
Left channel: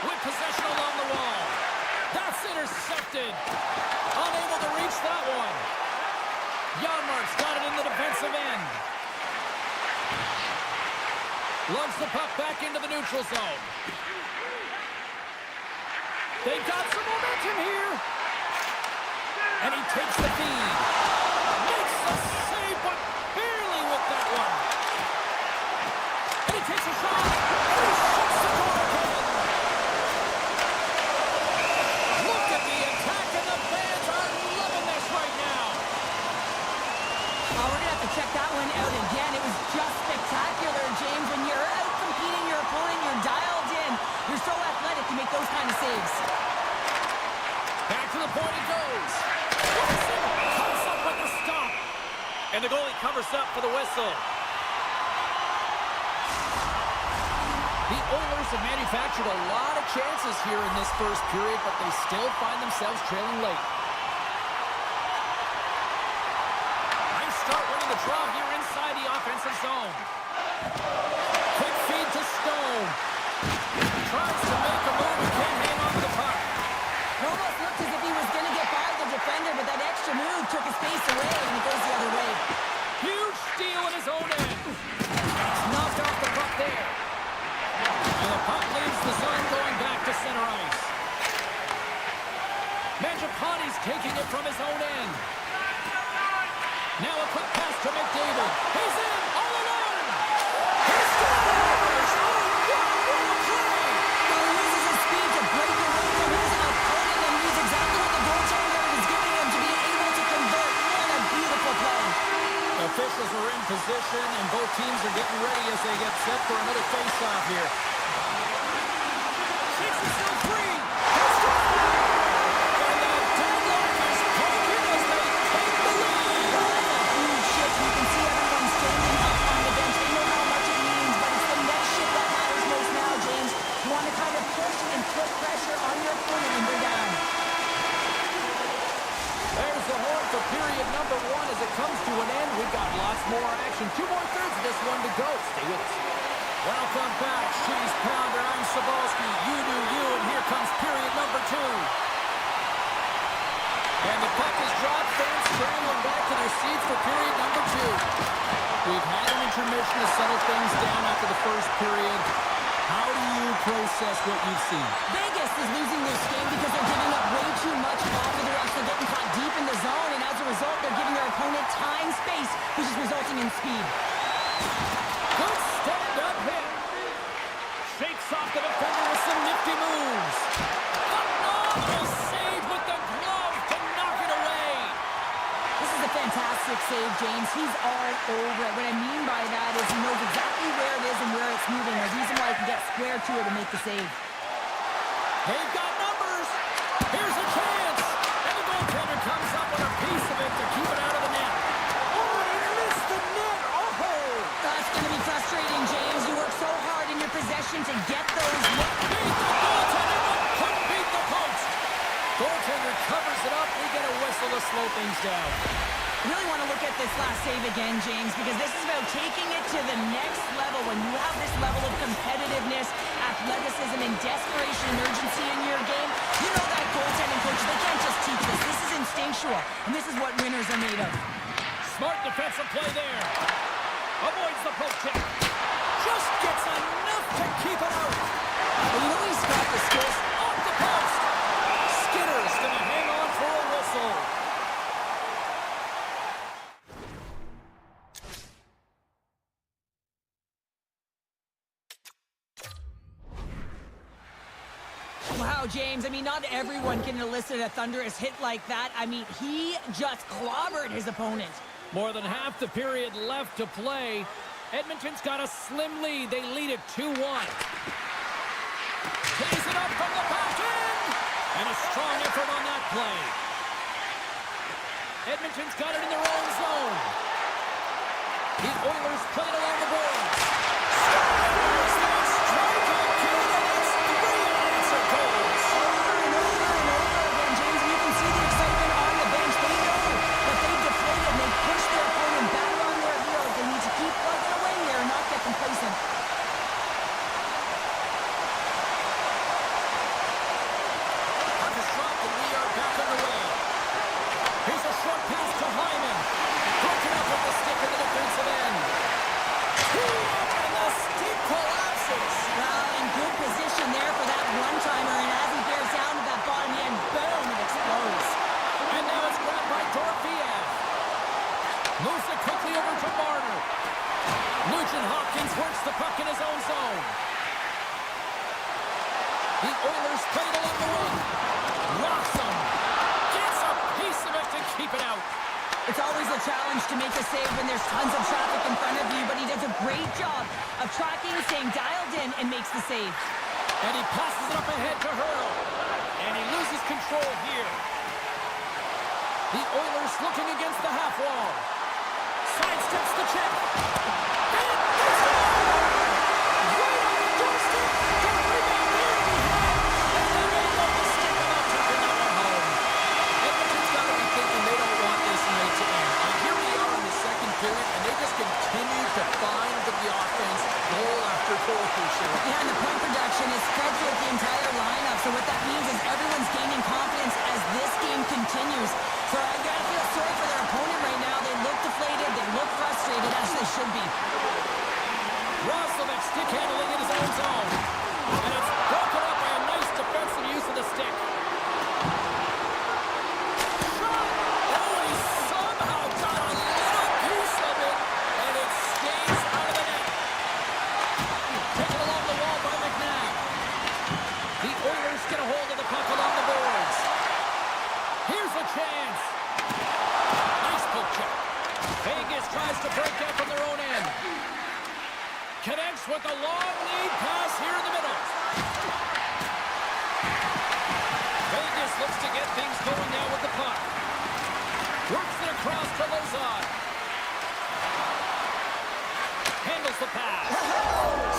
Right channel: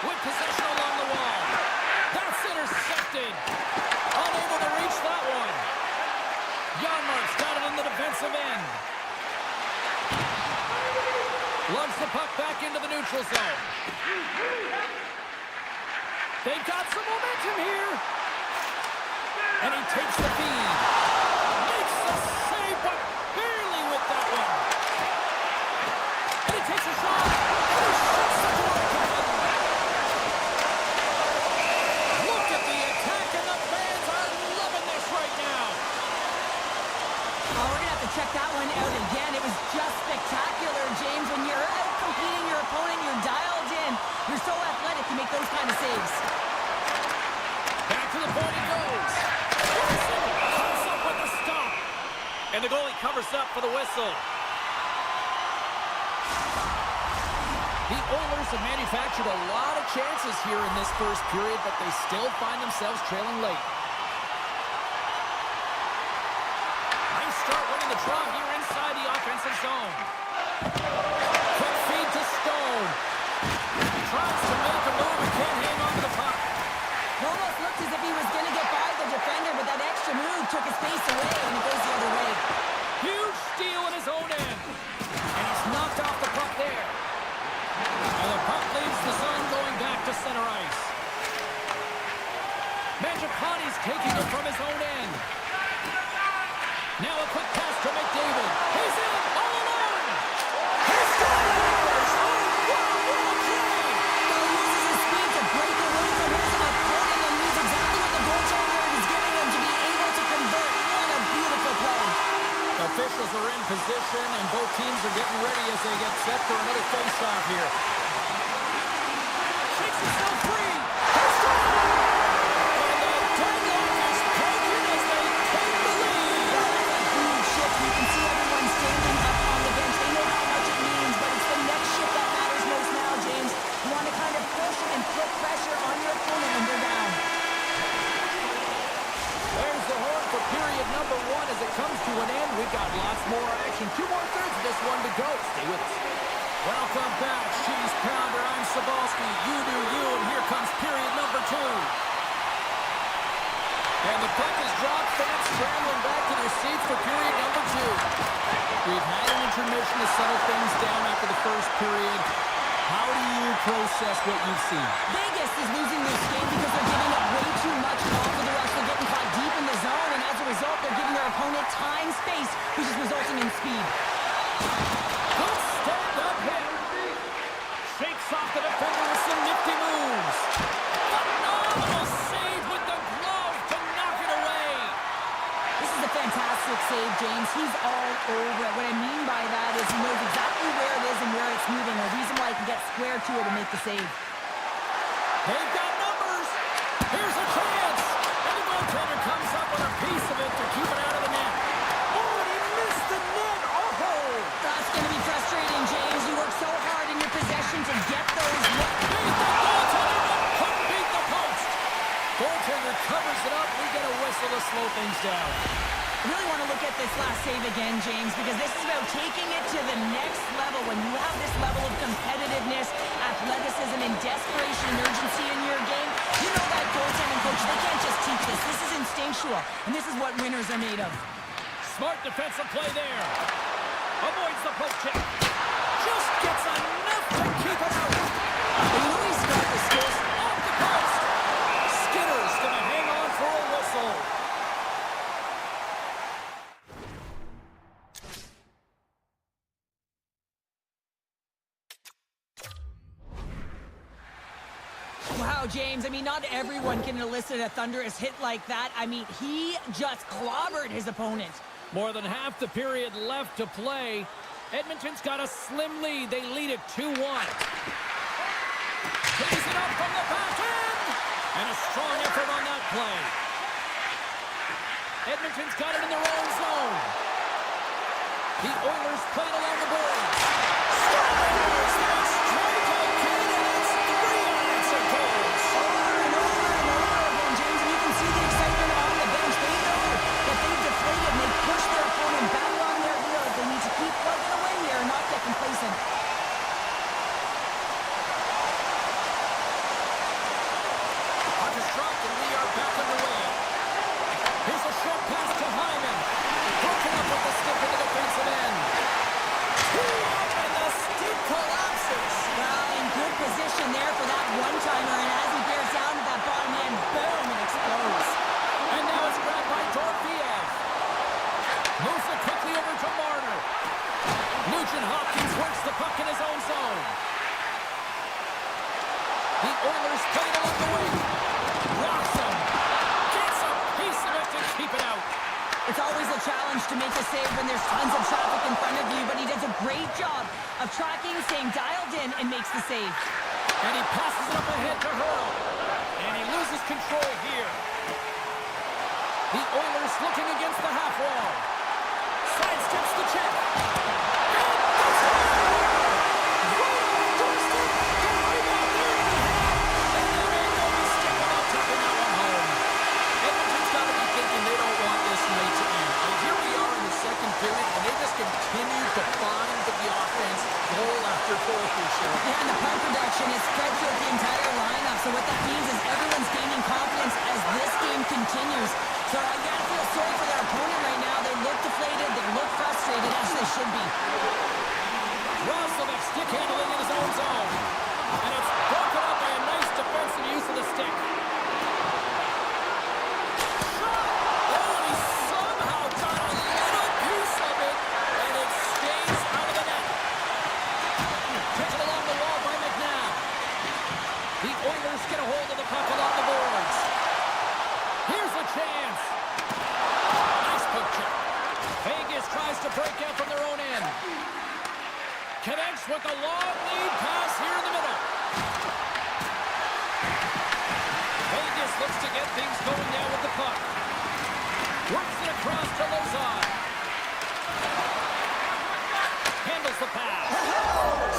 With possession along the wall. That's intercepted. Unable to reach that one. Janmark's got it in the defensive end. Lugs the puck back into the neutral zone. They've got some momentum here. And he takes the feed. Makes the save, but barely with that one. And he takes a shot. And he shuts the door again. Look at the attack, and the fans are loving this right now. Well, we're going to have to check that one out again. It was just spectacular, James. When you're out competing your opponent, you're dialed in. You're so athletic, you make those kind of saves. Back to the point it goes. Wilson comes up with the stop. And the goalie covers up for the whistle. The Oilers have manufactured a lot of chances here in this first period, but they still find themselves trailing late. Nice start winning the draw here inside the offensive zone. Quick feed to Stone. Tries to make a move and can't hang on to the puck. It almost looked as if he was going to get by the defender, but that extra move took his pace away, and it goes the other way. Huge steal in his own end. And he's knocked off the puck there. And the puck leaves the zone going back to center ice. Mangiapane's taking it from his own end. Now a quick pass to McDavid. He's in, all alone. He scores! Oh, wow, what a play! Well, he uses his speed to break away from his opponent and use exactly what the goaltender is giving him to be able to convert. What a beautiful play. Officials are in position, and both teams are getting ready as they get set for another face-off here. Shakes himself free. He scores! And the deadlock is broken as they take the lead. Well, that's a huge shift. You can see everyone standing up on the bench. They know how much it means, but it's the next shift that matters most now, James. You want to kind of push and put pressure on your opponent when they're down. There's the horn for period number 1 as it comes to an end. We've got lots more action. 2 more thirds of this one to go. Stay with us. Welcome back, Cheese Pounder. I'm Sabalski. You do you, and here comes period number 2. And the puck is dropped. Fans scrambling back to their seats for period number 2. We've had an intermission to settle things down after the first period. How do you process what you've seen? Vegas is losing this game because they're giving up way too much off of the rush. They're getting caught deep in the zone, and as a result, they're giving their opponent time, space, which is resulting in speed. Good stand-up hit. Shakes off the defender with some nifty moves. Phenomenal save with the glove to knock it away. This is a fantastic save, James. He's all over it. What I mean by that is he knows exactly where it is and where it's moving. A reason why he can get square to it and make the save. They've got numbers. Here's a chance. And the goaltender comes up with a piece of it to keep it out of the net. Oh, and he missed the net. Oh! That's going to be frustrating, James. You work so hard in your possession to get those. Beat the goaltender, but couldn't beat the post. Goaltender covers it up. We get a whistle to slow things down. I really want to look at this last save again, James, because this is about taking it to the next level. When you have this level of competitiveness, athleticism, and desperation and urgency in your game, you know that goaltending coaches, they can't just teach this. This is instinctual, and this is what winners are made of. Smart defensive play there. Avoids the poke check. Just gets enough to keep it out. But you know he's got the skills. Off the post. Skinner's going to hang on for a whistle. Wow, James, I mean, not everyone can elicit a thunderous hit like that. I mean, he just clobbered his opponent. More than half the period left to play. Edmonton's got a slim lead. They lead it 2-1. Plays it up from the back end. And a strong effort on that play. Edmonton's got it in their own zone. The Oilers play it along the boards. Scores! They strike again, and it's 3 unanswered goals. Over and over and over again, James, and you can see the excitement on the bench. They know that they've deflated and they've pushed their opponent back on their heels. They need to keep plugging away here and not get complacent. Puck is dropped, and we are back underway. Here's a short pass to Hyman. Broken up with the stick in the defensive end. Two up, and the stick collapses. Well, in good position there for that one-timer, and as he bears down to that bottom end, boom, it explodes. And now it's grabbed by Dorofeev. Moves it quickly over to Marner. Nugent Hopkins works the puck in his own zone. The Oilers play it along the wing. Rocks him. Gets a piece of it to keep it out. It's always a challenge to make a save when there's tons of traffic in front of you, but he does a great job of tracking, staying dialed in, and makes the save. And he passes it up ahead to Hurdle. And he loses control here. The Oilers looking against the half wall. Sidesteps the check. And they score! Right on the doorstep Yeah, and the point production is spread throughout the entire lineup. So what that means is everyone's gaining confidence as this game continues. So I gotta feel sorry for their opponent right now. They look deflated, they look frustrated, as they should be. Roslovic stick handling in his own zone. And it's broken up by a nice defensive use of the stick. Shot! Oh, and he somehow got a little piece of it, and it stays out of the net. Taken along the wall by McNabb. The Oilers get a hold of the puck along the boards. Here's a chance. Nice poke check. Vegas tries to break out from their own end. Connects with a long lead pass here in the middle. Vegas looks to get things going now with the puck. Works it across to Lozon. Handles the pass.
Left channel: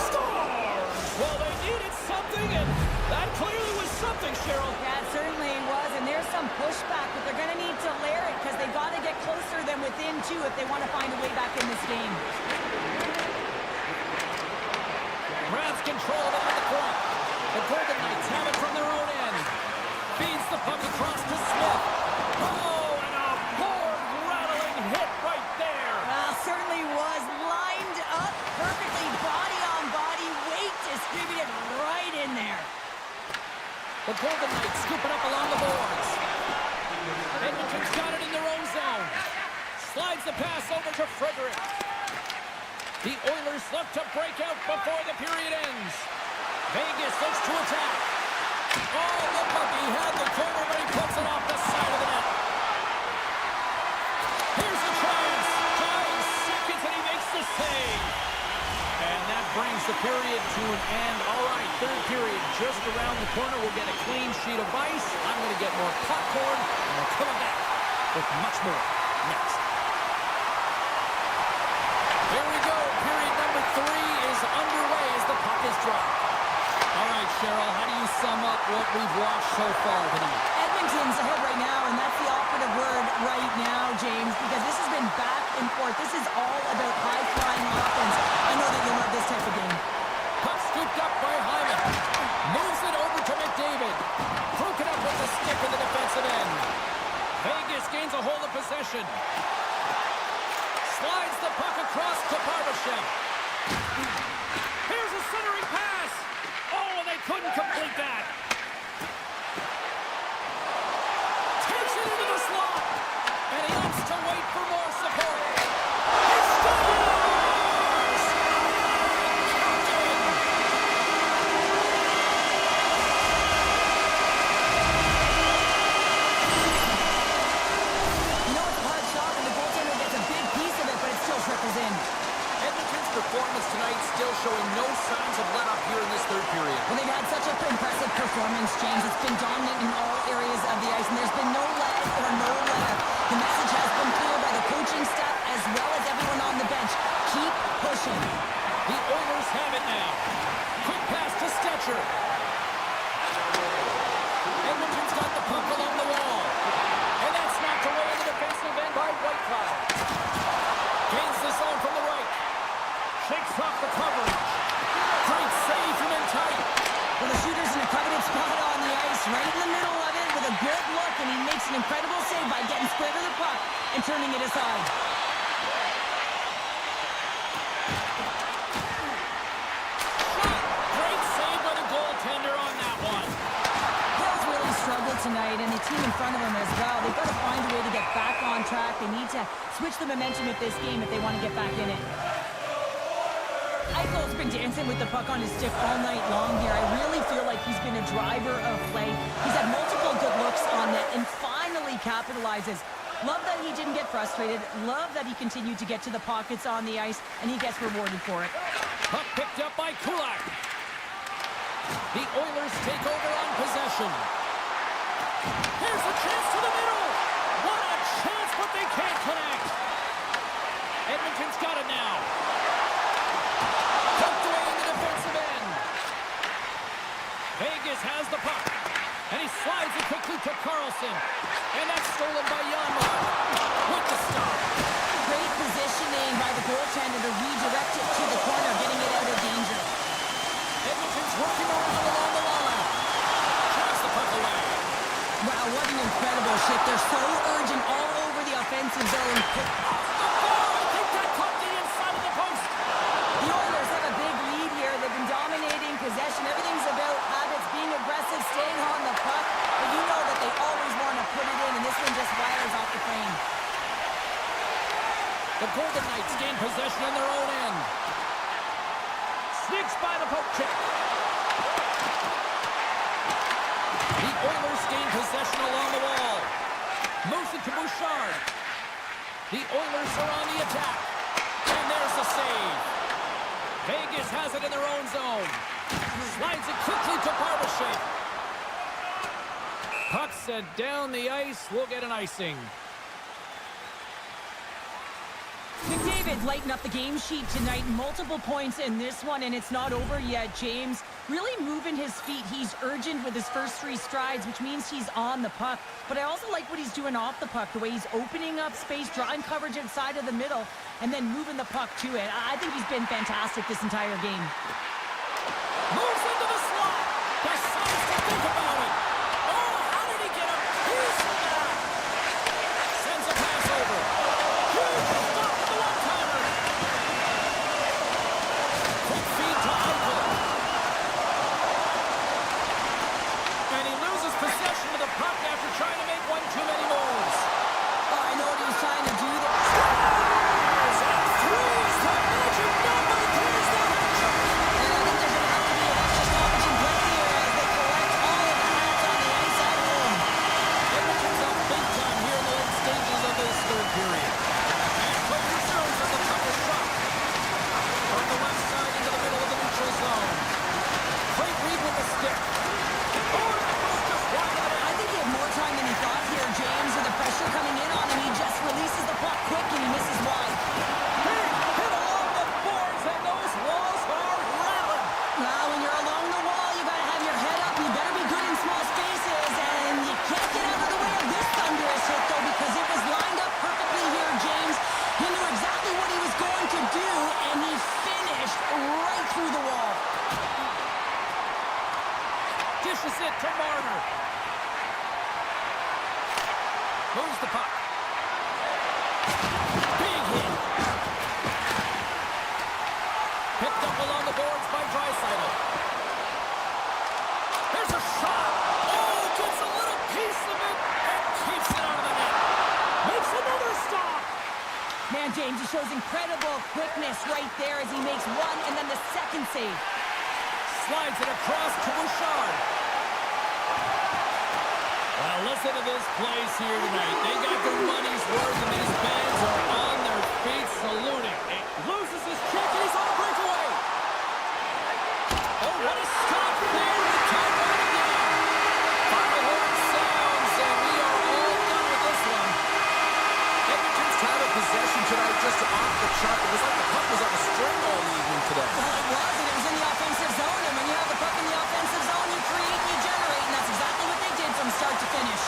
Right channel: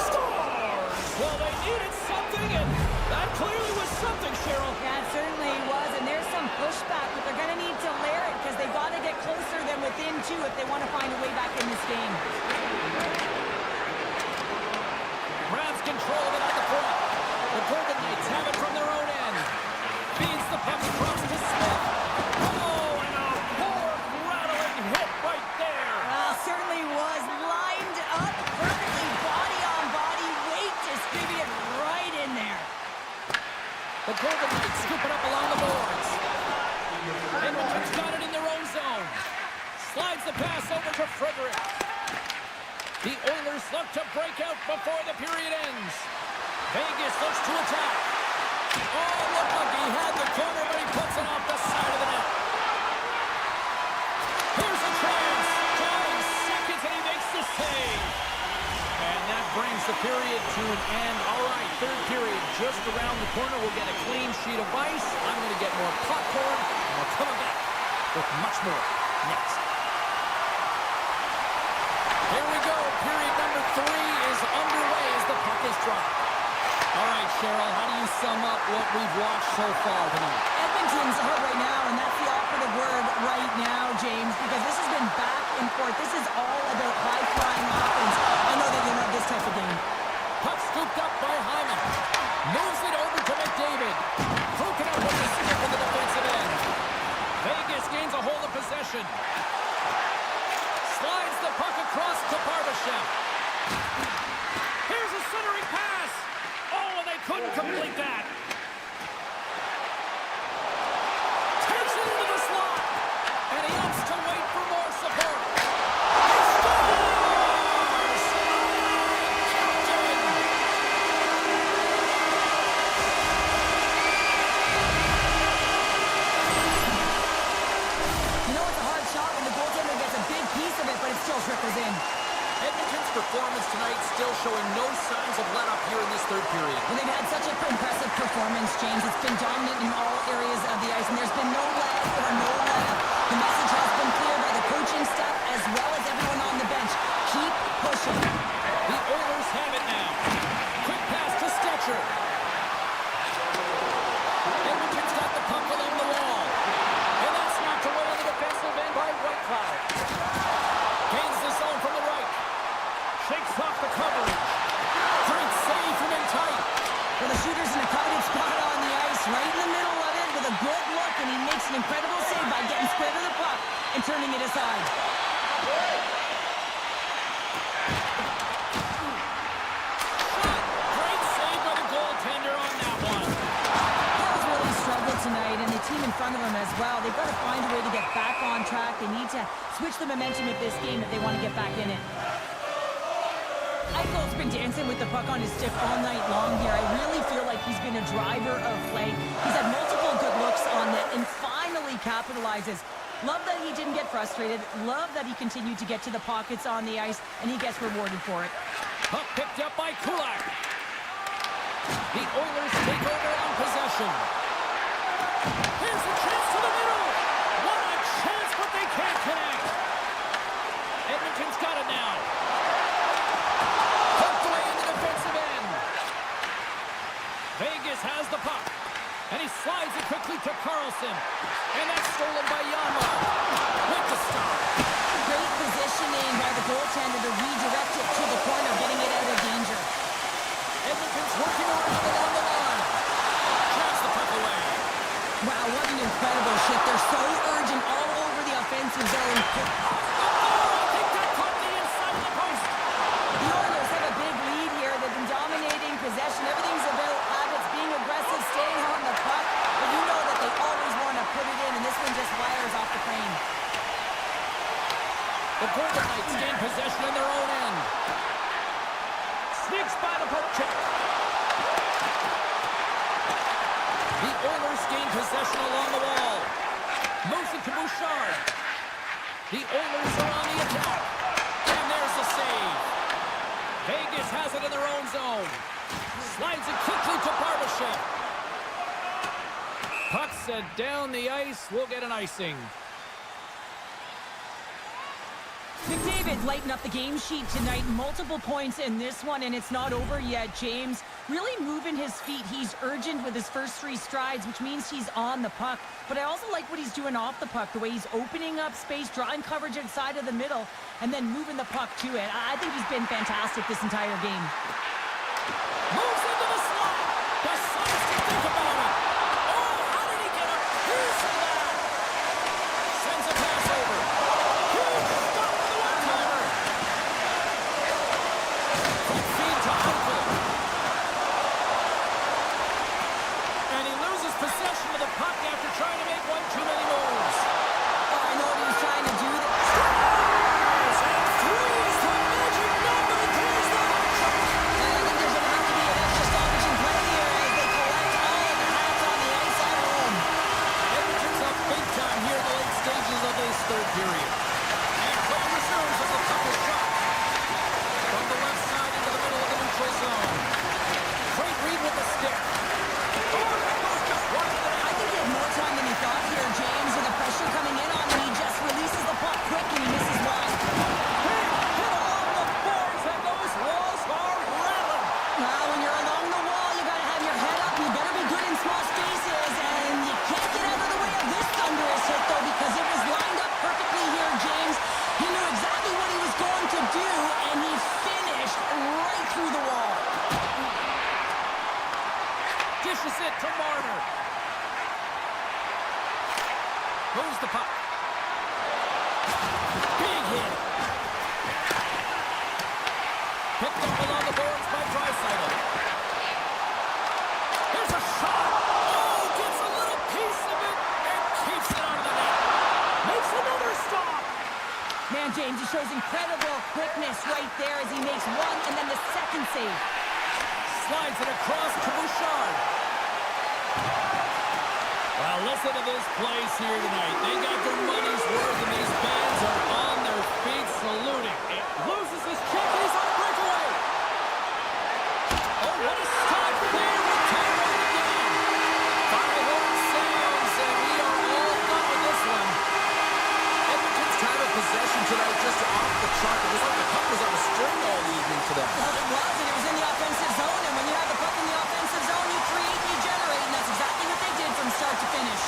Scores! Well, they needed something, and that clearly was something, Cheryl. Yeah, it certainly was, and there's some pushback, but they're going to need to layer it because they got to get closer than within two if they want to find a way back in this game. Grabs control of it at the point. The Golden Knights have it from their own end. Feeds the puck across to Smith. Oh, and a board-rattling hit right there. Well, certainly was lined up perfectly, body on body, weight distributed right in there. The Golden Knights scoop it up along the boards. Edmonton's got it in their own zone. Slides the pass over to Frederick. The Oilers look to break out before the period ends. Vegas looks to attack. Oh, look like he had the corner, but he puts it off the side of the net. Here's a chance. 5 seconds, and he makes the save. And that brings the period to an end. All right, third period just around the corner. We'll get a clean sheet of ice. I'm going to get more popcorn, and we're coming back with much more next. Here we go. Period number 3 is underway as the puck is dropped. All right, Cheryl, how do you sum up what we've watched so far tonight? Edmonton's ahead right now, and that's the operative word right now, James, because this has been back and forth. This is all about high-flying offense. I know that you'll love this type of game. Puck scooped up by Hyman. Moves it over to McDavid. Broken up with the stick in the defensive end. Vegas gains a hold of possession. Slides the puck across to Barbashev. Here's a centering pass. Oh, and they couldn't complete that. Takes it into the slot. And he opts to wait for more support. He scores! Captain! You know it's a hard shot when the goaltender gets a big piece of it, but it still trickles in. Edmonton's performance tonight still showing no signs of let-up here in this third period. Well, they've had such an impressive performance, James. It's been dominant in all areas of the ice, and there's been no lag or no let-up. The message has been clear by the coaching staff as well as everyone on the bench. Keep pushing. The Oilers have it now. Quick pass to Stetcher. Edmonton's got the puck along the wall. And that's knocked away in the defensive end by Whitecloud. Gains the zone from the right. Shakes off the coverage. Great save from in tight. Well, the shooter's in a coveted spot on the ice, right in the middle of it with a good look, and he makes an incredible save by getting square to the puck and turning it aside. Shot! Great save by the goaltender on that one. Hill's really struggled tonight, and the team in front of him as well. They've got to find a way to get back on track. They need to switch the momentum of this game if they want to get back in it. Eichel's been dancing with the puck on his stick all night long here. I really feel like he's been a driver of play. He's had multiple good looks on net and finally capitalizes. Love that he didn't get frustrated. Love that he continued to get to the pockets on the ice, and he gets rewarded for it. Puck picked up by Kulak. The Oilers take over on possession. Here's a chance to the middle. What a chance, but they can't connect. Edmonton's got it now. Poked away in the defensive end. Vegas has the puck. And he slides it quickly to Carlson. And that's stolen by Janmark. With the stop. Great positioning by the goaltender to redirect it to the corner, getting it out of danger. Edmonton's working around along the line. Drives the puck away. Wow, what an incredible shift. They're so urgent all over the offensive zone. Off the bar. I think that caught the inside of the post. The Oilers have a big lead here. They've been dominating possession. Everything's about habits, being aggressive, staying on the puck. But you know that they always want to put it in, and this one just wires off the frame. The Golden Knights gain possession in their own end. Sneaks by the poke check. The Oilers gain possession along the wall. Moves it to Bouchard. The Oilers are on the attack. And there's the save. Vegas has it in their own zone. Slides it quickly to Barbashev. Puck set down the ice. We'll get an icing. McDavid lighting up the game sheet tonight. Multiple points in this one, and it's not over yet, James. Really moving his feet. He's urgent with his first 3 strides, which means he's on the puck. But I also like what he's doing off the puck, the way he's opening up space, drawing coverage inside of the middle, and then moving the puck to it. I think he's been fantastic this entire game. Moves into the slot. Decides to think about it. Oh, how did he get a piece of that? Sends a pass over. Huge stop with the one-timer. Quick feed to Eichel. And he loses possession of the puck after trying to make one too many moves. Oh, I know what he was trying to do. Scores! And 3 is the magic number. 3 is the hat trick. And I think there's going to have to be an extra stoppage in play here as they collect all of the hats on the ice at home. Edmonton's up big time here in the late stages of this third period. And play resumes as the puck is dropped. From the left side into the middle of the neutral zone. Great read with the stick. Oh, that goes just wide of the net. I think he had more time than he thought here, James, with the pressure coming in on him. He just releases the puck quick and he misses wide. He hit along the boards and those walls are rattling. Well, when you're along the wall, you got to have your head up. You better be good in small spaces, and you can't get out of the way of this thunderous hit, though, because it was lined up perfectly here, James. He knew exactly what he was going to do, and he finished right through the wall. Dishes it to Marner. Moves the puck. Big hit. Picked up along the boards by Draisaitl. Here's a shot. Oh, gets a little piece of it and keeps it out of the net. Makes another stop. Man, James, he shows incredible quickness right there as he makes one and then the second save. Slides it across to Bouchard. Well, listen to this place here tonight. They got their money's worth, and these fans are on their feet saluting. It loses his check, and he's on a breakaway. Oh, what a stop there with time running down. Final horn sounds, and we are all done with this one. Edmonton's time of possession tonight just off the chart. It was like the puck was on a string all evening for them. Well, it was, and it was in the offensive zone, and when you have the puck in the offensive zone, you create and you generate, and that's exactly what they did from start to finish.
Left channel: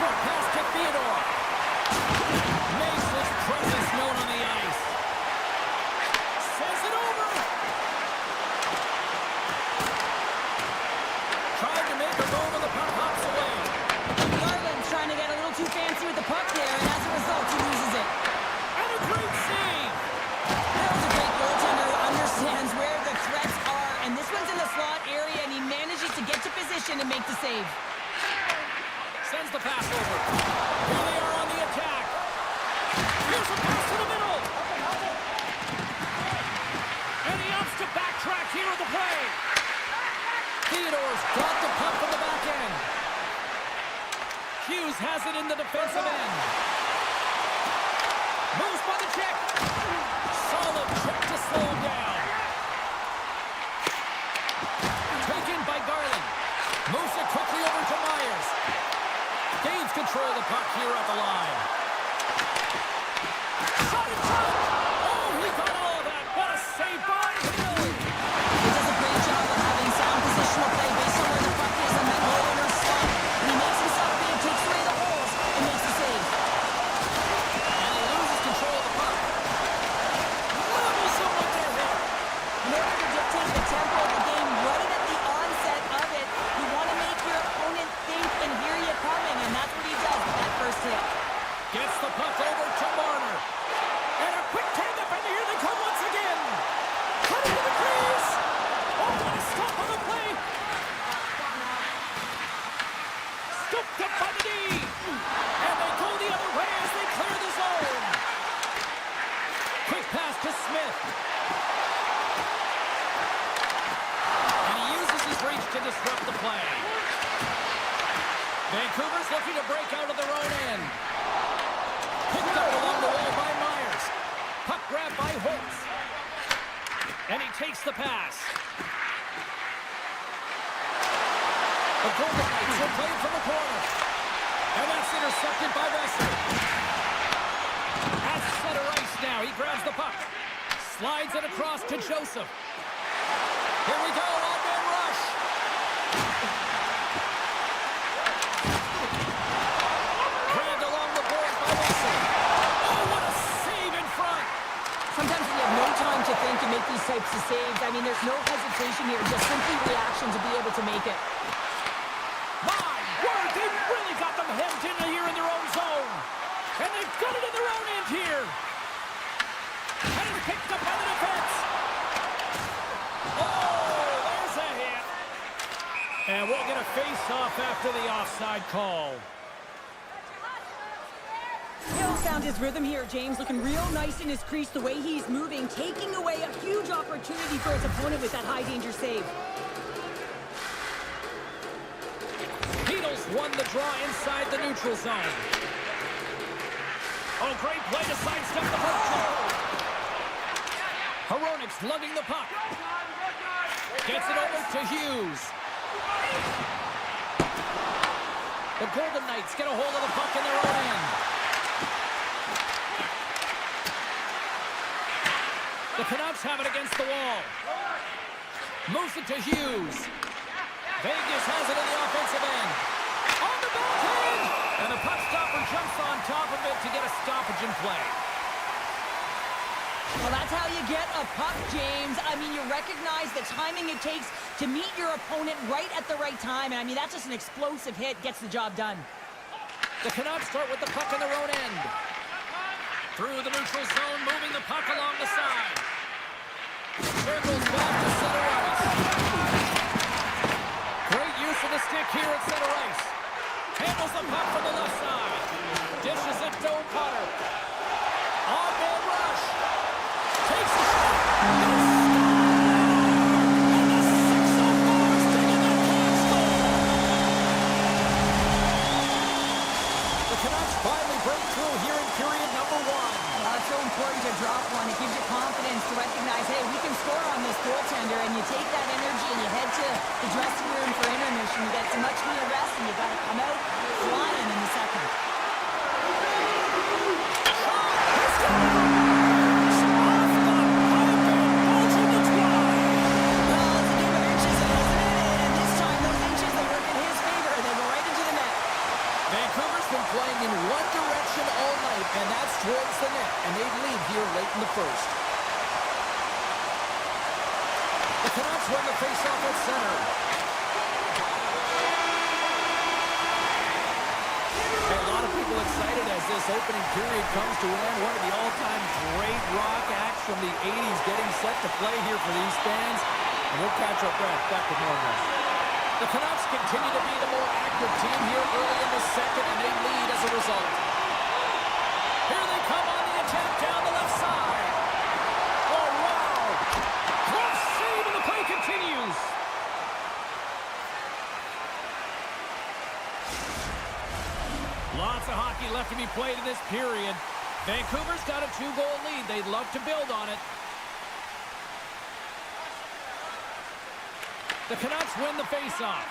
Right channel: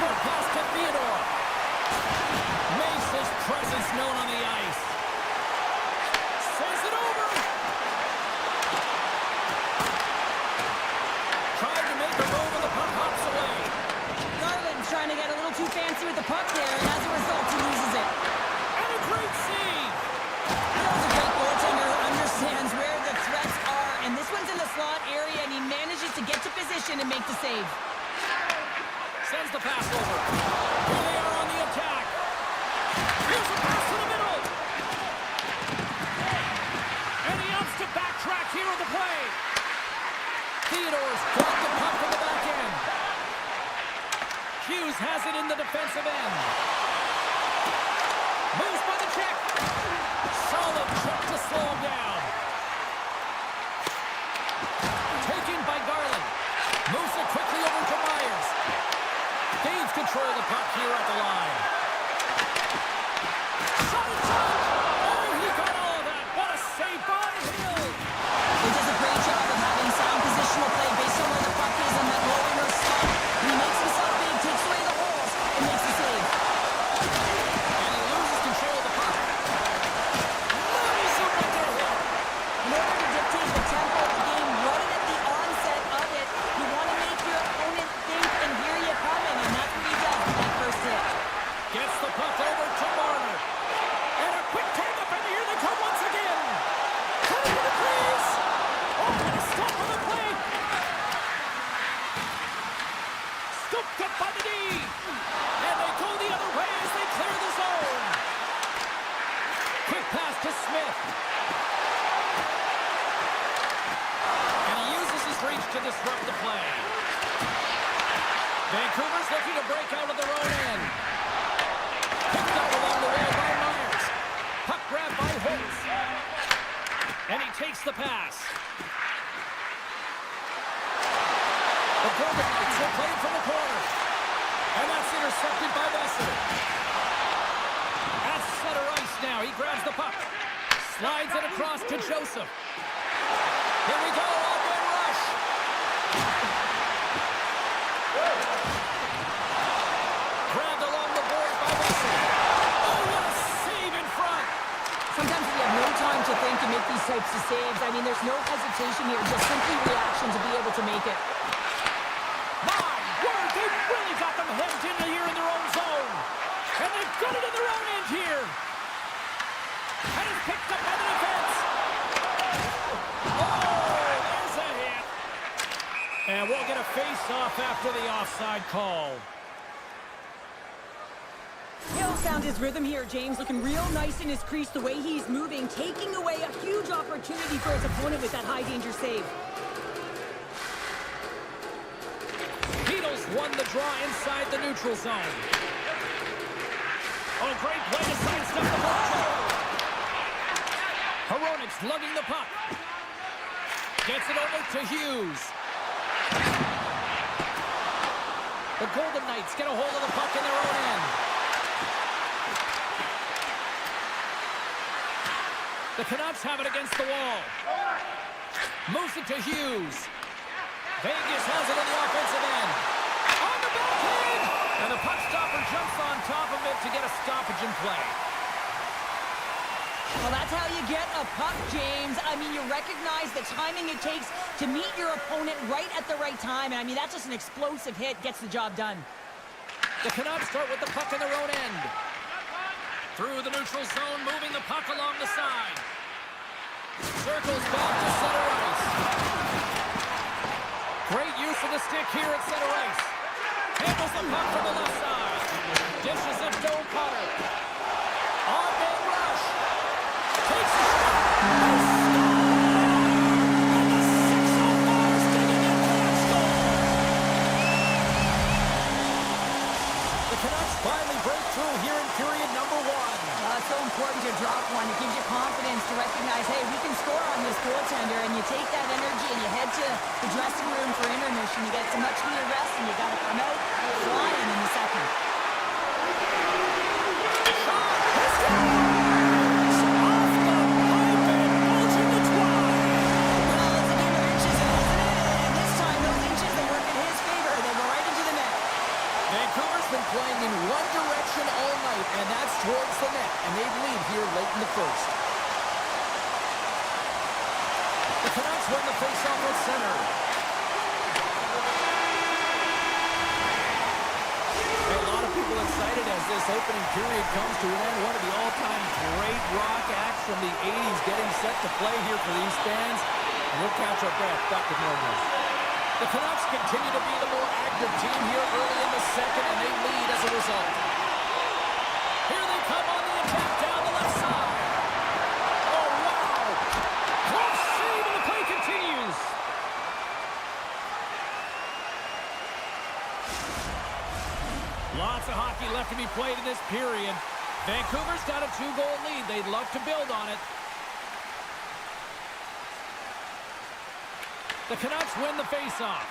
Short pass to Theodore. Makes his presence known on the ice. Sends it over. Tried to make a move and the puck hops away. Garland's trying to get a little too fancy with the puck there, and as a result, he loses it. And a great save. Bill's a great goaltender who understands where the threats are, and this one's in the slot area, and he manages to get to position and make the save. Sends the pass over. Here they are on the attack. Here's a pass to the middle. And he opts to backtrack here on the play. Theodore's got the puck from the back end. Hughes has it in the defensive end. Moves by the check. Solid check to slow him down. Taken by Garland. Moves it quickly over to Myers. Gains control of the puck here at the line. Shot in front. Oh, he got all of that. What a save by Hill. He does a great job of having sound positional play based on where the puck is on that low inner slot. And he makes himself big, takes away the holes, and makes the save. And he loses control of the puck. Levels him with their hit. In order to dictate the tempo of the game right at the onset of it, you want to make your opponent think and hear you coming, and that's what he does with that first hit. Gets the puck over to Marner. And a quick tag up, and here they come once again. Cutting to the crease. Oh, and a stop on the play. Scooped up by the D. And they go the other way as they clear the zone. Quick pass to Smith. And he uses his reach to disrupt the play. Vancouver's looking to break out of their own end. Picked up along the wall by Myers. Puck grab by Holtz. And he takes the pass. The Golden Knights will play it from the corner. And that's intercepted by Vesser. At center ice now. He grabs the puck. Slides it across to Joseph. Here we go. Odd-man rush. Grabbed along the boards by Vesser. Oh, what a save in front. Sometimes when you have no time to think and make these types of saves, I mean, there's no hesitation here, just simply reaction to be able to make it. My word, they really got them hemmed in here in their own zone. And they've got it in their own end here. And it's picked up by the defense. Oh, there's a hit. And we'll get a face-off after the offside call. Hill found his rhythm here, James, looking real nice in his crease, the way he's moving, taking away a huge opportunity for his opponent with that high-danger save. Beatles won the draw inside the neutral zone. Oh, great play to sidestep the puck. Hronik's lugging the puck. Gets it over to Hughes. The Golden Knights get a hold of the puck in their own end. The Canucks have it against the wall. Moves it to Hughes. Vegas has it in the offensive end. On the backhand! And the puck stopper jumps on top of it to get a stoppage in play. Well, that's how you get a puck, James. I mean, you recognize the timing it takes to meet your opponent right at the right time. And I mean, that's just an explosive hit, gets the job done. The Canucks start with the puck in their own end. Through the neutral zone, moving the puck along the side. Circles back to center ice. Great use of the stick here at center ice. Handles the puck from the left side. Dishes it to O'Connor. On-man rush. Takes the shot. They score! And the 604 is digging that Canucks goal. The Canucks finally break through here in period number 1. It's so important to drop one. It gives you confidence to recognize, hey, we can score on this goaltender, and you take that energy and you head to the dressing room for intermission. You get some much-needed rest, and you got to come out flying in the second. Shot! He scores! Off the pipe and bulging the twine. Well, it's a game of inches, isn't it? And this time, those inches, they work in his favor. They go right into the net. Vancouver's been playing in one direction all night, and that's towards the net, and they lead here late in the first. The Canucks win the faceoff at center. A lot of people excited as this opening period comes to an end. One of the all-time great rock acts from the 80s getting set to play here for these fans. And we'll catch our breath. Back with more of this. The Canucks continue to be the more active team here early in the second, and they lead as a result. Here they come on the attack down the left side. Oh, wow. Close save, and the play continues. Lots of hockey left to be played in this period. Vancouver's got a 2-goal lead. They'd love to build on it. The Canucks win the faceoff.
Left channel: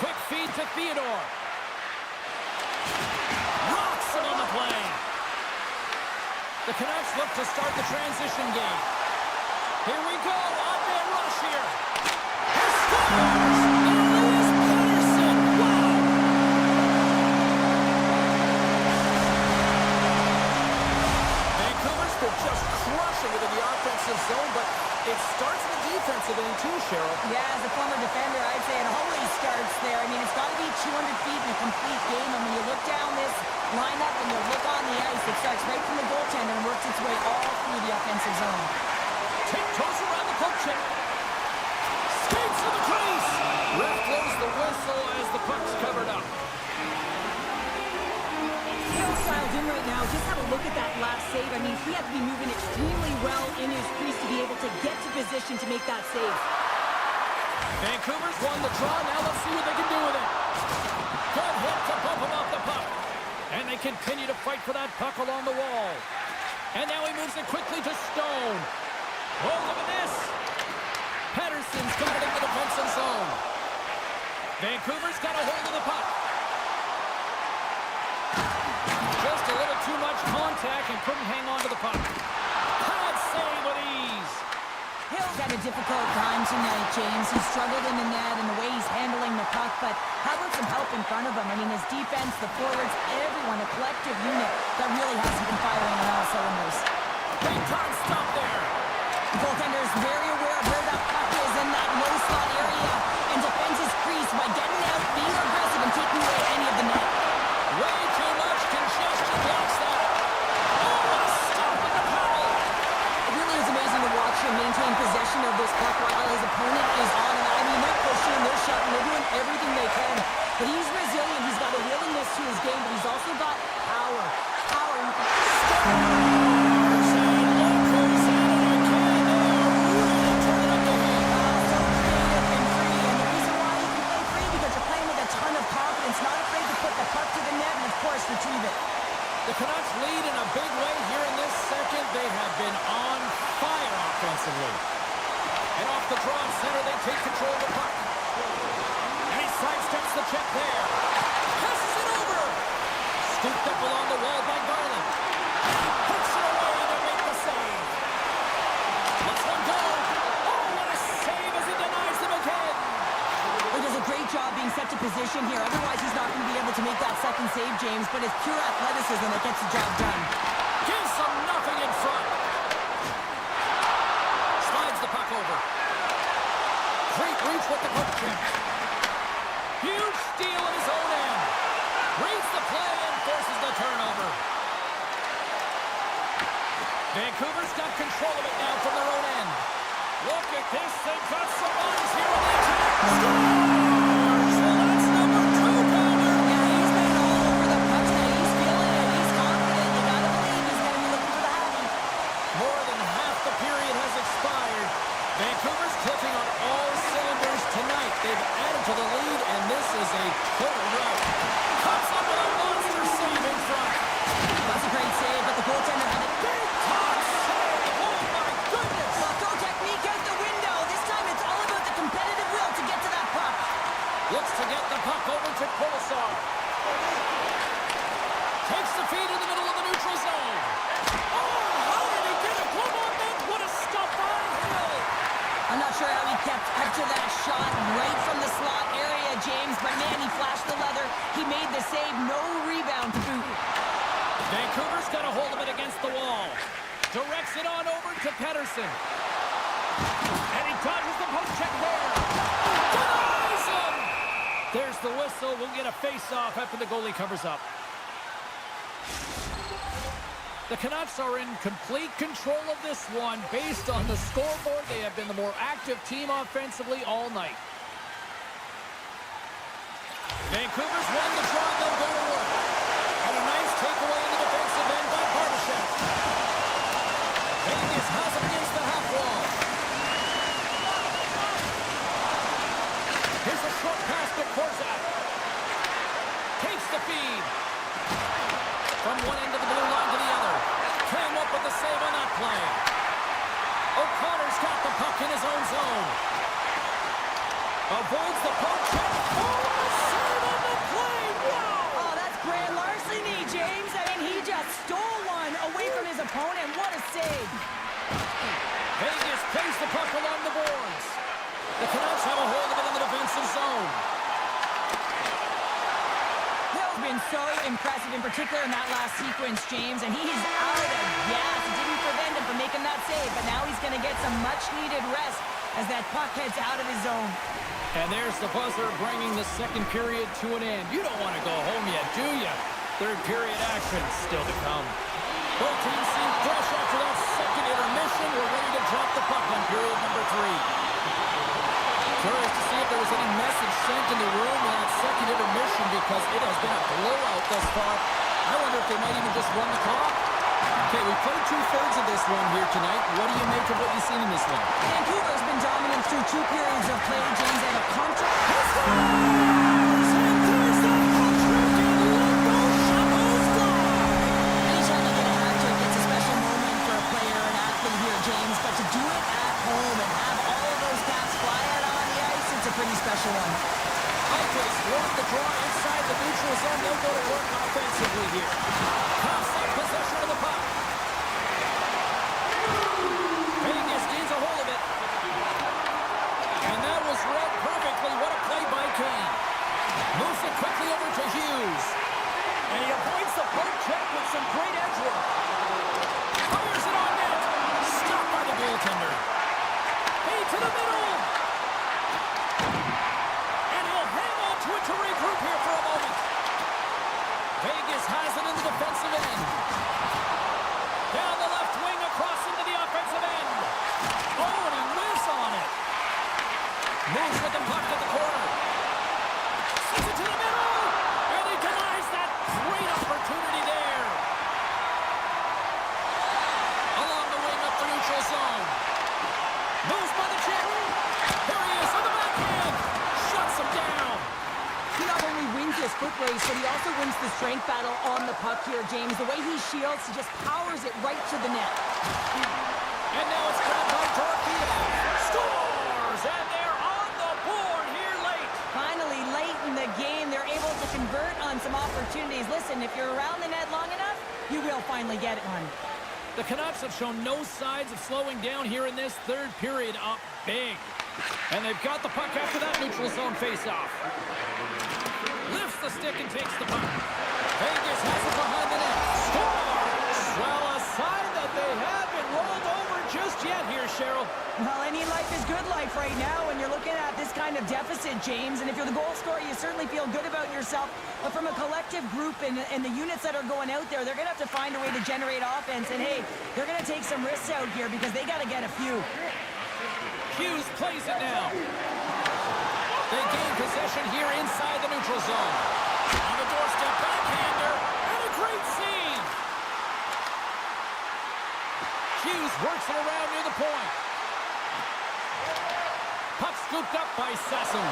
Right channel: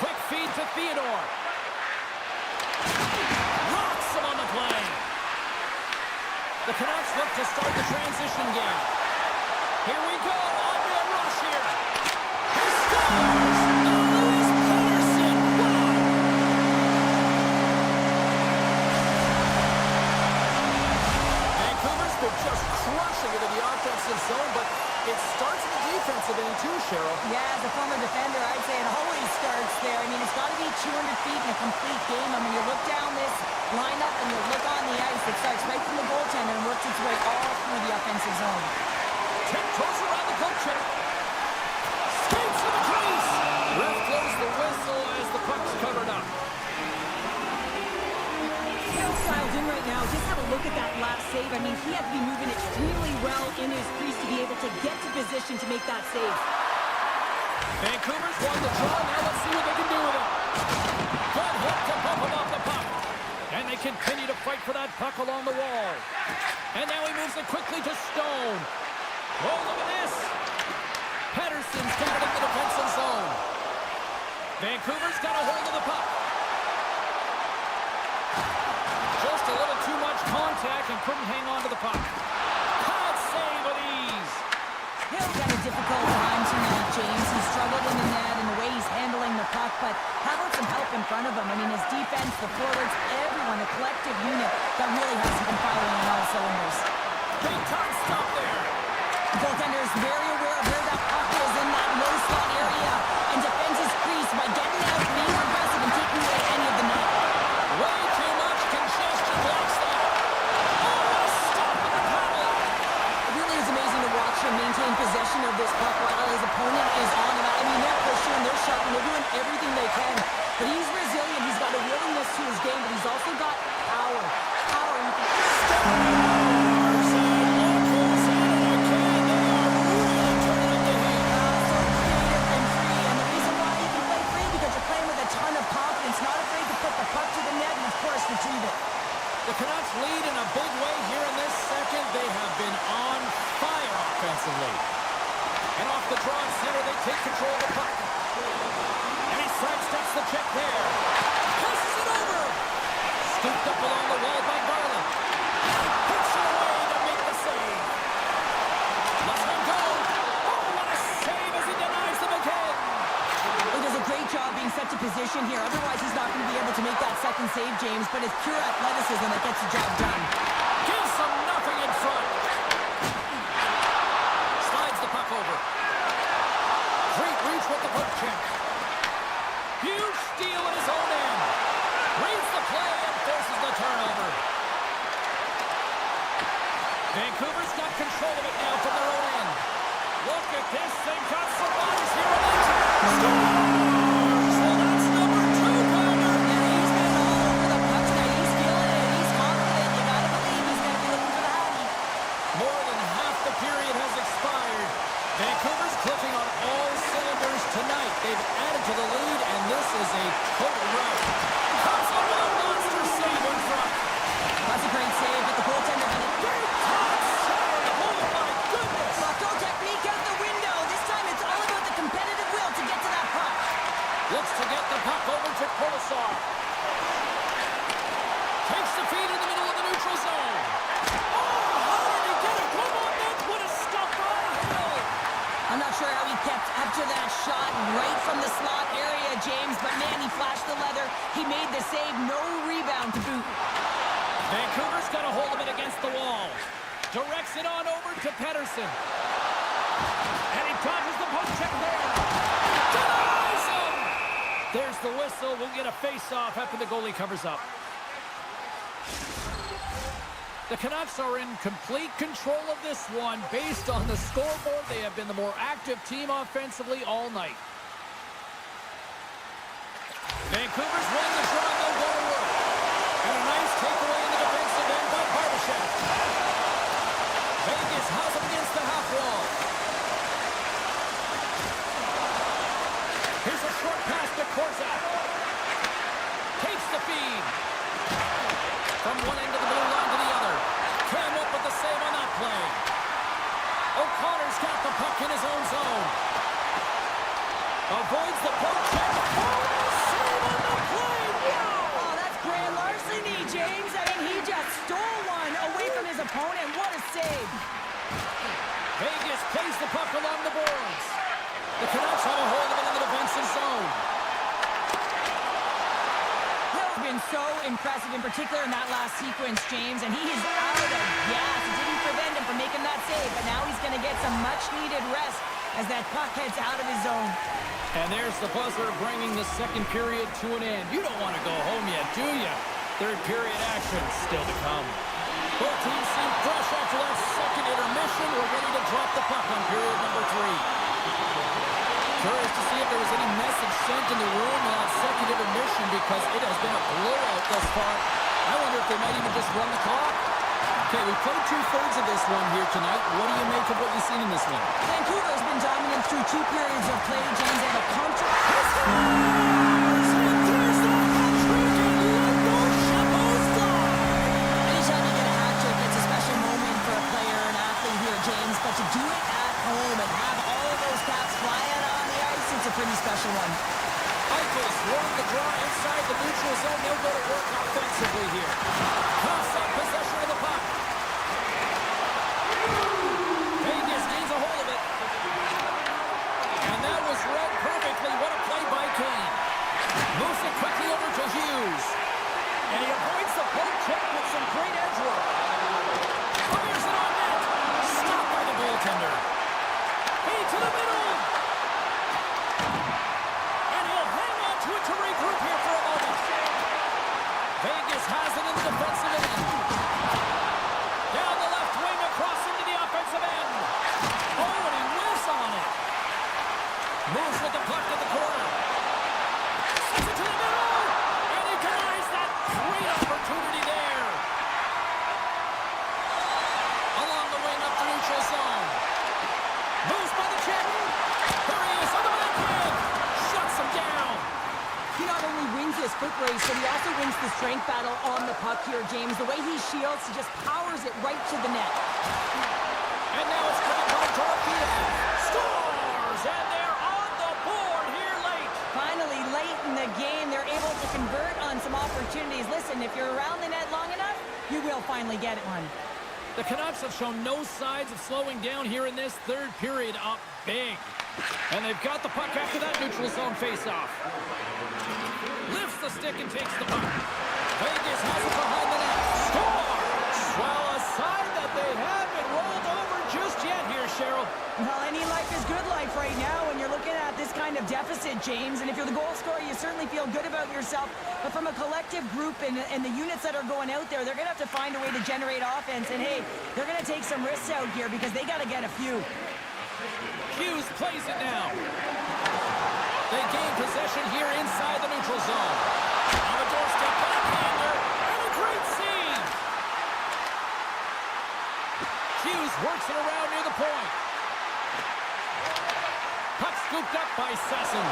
Quick feed to Theodore. Rocks him on the play. The Canucks look to start the transition game. Here we go. On-man rush here. He scores! They're just crushing it in the offensive zone, but it starts in the defensive end too, Cheryl. Yeah, as a former defender, I'd say it always starts there. I mean, it's got to be 200 feet in a complete game. And when you look down this lineup and you look on the ice, it starts right from the goaltender and works its way all through the offensive zone. Tiptoes around the poke check. Skates to the crease. Ref blows the whistle as the puck's covered up. Dialed in right now. Just have a look at that last save. I mean, he had to be moving extremely well in his crease to be able to get to position to make that save. Vancouver's won the draw. Now let's see what they can do with it. Good hit to bump him off the puck. And they continue to fight for that puck along the wall. And now he moves it quickly to Stone. Oh, look at this. Pettersson's got it in the defensive zone. Vancouver's got a hold of the puck. Just a little too much contact and couldn't hang on to the puck. Pad save with ease. Hill's had a difficult time tonight, James. He struggled in the net and the way he's handling the puck, but how about some help in front of him? I mean, his defense, the forwards, everyone, a collective unit that really hasn't been firing on all cylinders. Big time stop there. The goaltender is very aware of where that puck is in that low slot area and defends his crease by getting out, being aggressive, and taking away any of the net. Way too much congestion blocks that. Oh, what a stop with the paddle. It really is amazing to watch him maintain possession of this puck while his opponent is on him. I mean, they're pushing, they're shoving, they're doing everything they can. But he's resilient. He's got a willingness to his game, but he's also got power. Power. You can Stars and look who's at it again. They are really turning up the heat. so creative and free. And the reason why you can play free, because you're playing with a ton of confidence, not afraid to put the puck to the net and, of course, retrieve it. The Canucks lead in a big way here in this second. They have been on fire offensively. And off the draw at center, they take control of the puck. And he sidesteps the check there. Passes it over. Scooped up along the wall by Garland. Puts it away to make the save. Let's one go. Oh, what a save as he denies them again. He does a great job being set to position here. Otherwise, he's not going to be able to make that second save, James. But it's pure athleticism that gets the job done. Gives them nothing in front. Slides the puck over. Great reach with the poke check. Huge steal at his own end. Reads the play and forces the turnover. Vancouver's got control of it now from their own end. Look at this. They've got some bodies here on the attack. Scores! Well, that's number 2-pounder. Yeah, he's been all over the puck tonight. He's feeling it. He's confident. You got to believe he's got to be looking for the hattie. More than half the period has expired. Vancouver's clicking on all cylinders tonight. They've added to the lead, and this is a total rout. Comes up with a monster save in front. That's a great save, but the goaltender had a Big time save! Oh, my goodness! throw technique out the window. This time it's all about the competitive will to get to that puck. Looks to get the puck over to Kolesar. Takes the feed in the middle of the neutral zone. Oh, how did he get it? Come on, man! What a stop by Hill! I'm not not sure how he kept up to that shot right from the slot area, James, but man, he flashed the leather. He made the save, no rebound to boot. Vancouver's got a hold of it against the wall. Directs it on over to Pettersson. And he dodges the poke check there. Denies him! There's the whistle. We'll get a face-off after the goalie covers up. The Canucks are in complete control of this one. Based on the scoreboard, they have been the more active team offensively all night. Vancouver's won the draw, and they'll go to work. And a nice takeaway in the defensive end by Barbashev. Vegas has him against the half wall. Here's a short pass to Korzak. Takes the feed. From one end of the blue line to the other. Came up with the save on that play. O'Connor's got the puck in his own zone. Avoids the poke check. Oh, save on the play. Wow! Oh, that's grand larceny, James. I mean, he just stole one away from his opponent. What a save. Vegas plays the puck along the boards. The Canucks have a hold of it in the defensive zone. Hill's been so impressive, in particular in that last sequence, James, and he's out of gas. It didn't prevent him from making that save, but now he's going to get some much-needed rest as that puck heads out of his zone. And there's the buzzer bringing the second period to an end. You don't want to go home yet, do you? Third period action still to come. Both teams seem fresh after that second intermission. We're ready to drop the puck on period number 3. Curious to see if there was any message sent in the room in that second intermission because it has been a blowout thus far. I wonder if they might even just run the clock. Okay, we played 2/3 of this one here tonight. What do you make of what you've seen in this one? Vancouver's been dominant through 2 periods of play, James, and a contract. And there's the hat-trick in Limbo Chapeau's fly! Anytime you get a hat trick, it's a special moment for a player, an athlete here, James, but to do it at home and have all of those caps fly out on the ice, it's a pretty special one. Eichels won the draw inside the neutral zone. They'll go to work offensively here. Coughs up possession of the puck. Vegas gains a hold of it. And that was read perfectly. What a play by Kane. Moves it quickly over to Hughes. And he avoids the poke check with some great edge work. Fires it on net. Stopped by the goaltender. Feed to the middle. And he'll hang on to it to regroup here for a moment. Vegas has it in the defensive end. Down the left wing, across into the offensive end. Oh, and he whiffs on it. Moves with the puck to the corner. Sends it to the middle. And he denies that great opportunity there. Along the wing up the neutral zone. Moves by the check. Here he is on the backhand. Shuts him down. He not only wins this foot race, but he also wins the strength battle on the puck here, James. The way he shields, he just powers it right to the net. And now it's grabbed by Torpedo. Scores! And they're on the board here late. Finally, late in the game, they're able to convert on some opportunities. Listen, if you're around the net long enough, you will finally get one. The Canucks have shown no signs of slowing down here in this third period, up big. And they've got the puck after that neutral zone faceoff. Lifts the stick and takes the puck. Vegas has it behind the net. Scores! Well, a sign that they haven't rolled over just yet here, Cheryl. Well, any life is good life right now when you're looking at this kind of deficit, James. And if you're the goal scorer, you certainly feel good about yourself. But from a collective group and the units that are going out there, they're going to have to find a way to generate offense. And, hey, they're going to take some risks out here because they got to get a few. Hughes plays it now. They gain possession here inside the neutral zone. On the doorstep, backhander, and a great save. Hughes works it around near the point. Puck scooped up by Sasson.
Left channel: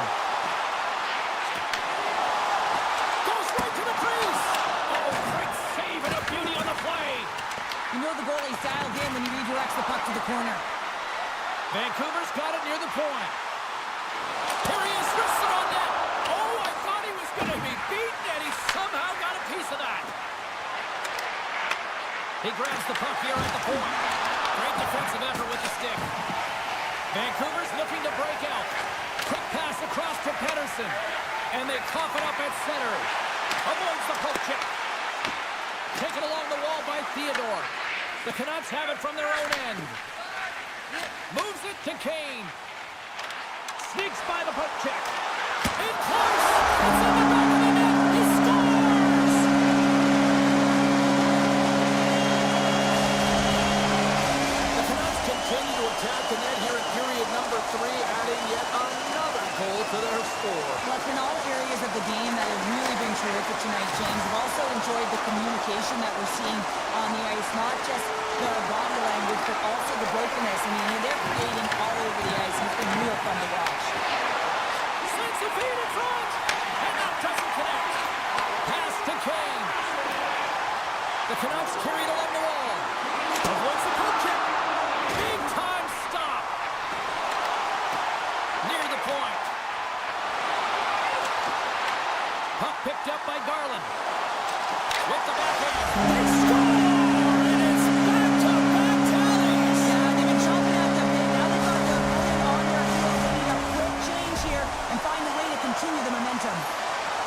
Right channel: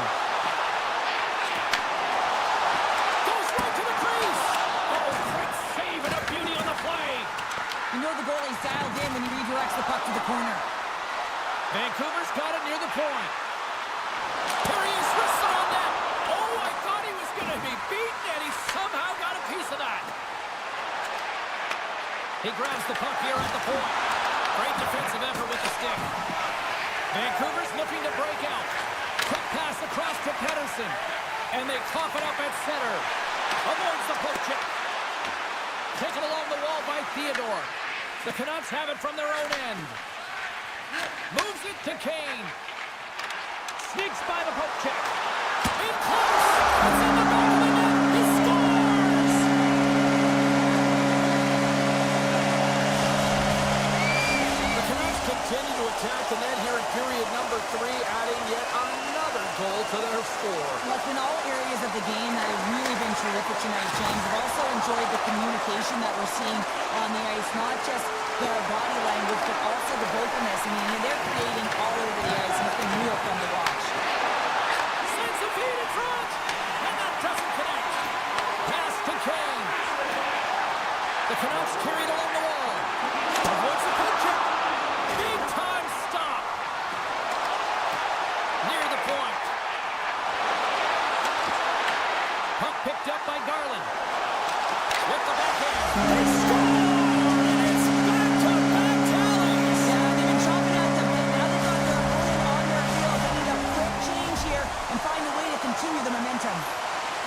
Goes right to the crease. Oh, great save and a beauty on the play. You know the goalie's dialed in when he redirects the puck to the corner. Vancouver's got it near the point. Here he is, wristed on net. Oh, I thought he was going to be beaten, and he somehow got a piece of that. He grabs the puck here at the point. Great defensive effort with the stick. Vancouver's looking to break out. Quick pass across to Pedersen. And they cough it up at center. Avoids the poke check. Taken along the wall by Theodore. The Canucks have it from their own end. Moves it to Kane. Sneaks by the poke check. In close. It's in the back of the net. He scores! The Canucks continue to attack the net here in period number 3, adding yet another goal to their score. Well, it's been all areas of the game that have really been terrific tonight, James. I've also enjoyed the communication that we're seeing on the ice, not just the body language, but also the vocalness. I mean, they're creating all over the ice, and it's been real fun to watch. Sends the feed in front, and that doesn't connect. Pass to Kane. The Canucks carry it along the wall. Avoids the poke check. Big time stop. Near the point. Puck picked up by Garland. With the backhand. They score! And it's back-to-back tallies. Yeah, they've been chomping at the bit. Now they've got their opponent on their heels. They need a quick change here and find a way to continue the momentum.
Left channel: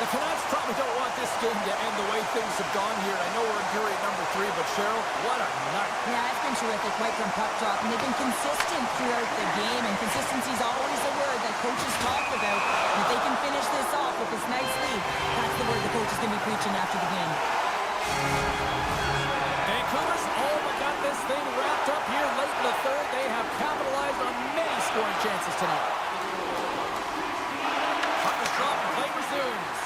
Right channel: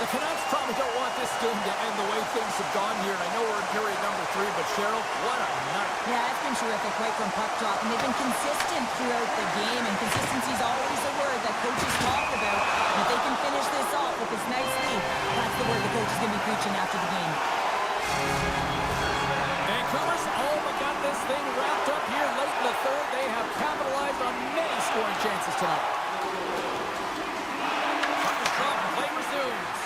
The Canucks probably don't want this game to end the way things have gone here. I know we're in period number 3, but Cheryl, what a night. Yeah, it's been terrific right from puck drop, and they've been consistent throughout the game, and consistency is always a word that coaches talk about. And if they can finish this off with this nice lead, that's the word the coach is going to be preaching after the game. Vancouver's all but got this thing wrapped up here late in the third. They have capitalized on many scoring chances tonight. Puck is dropped and play resumes.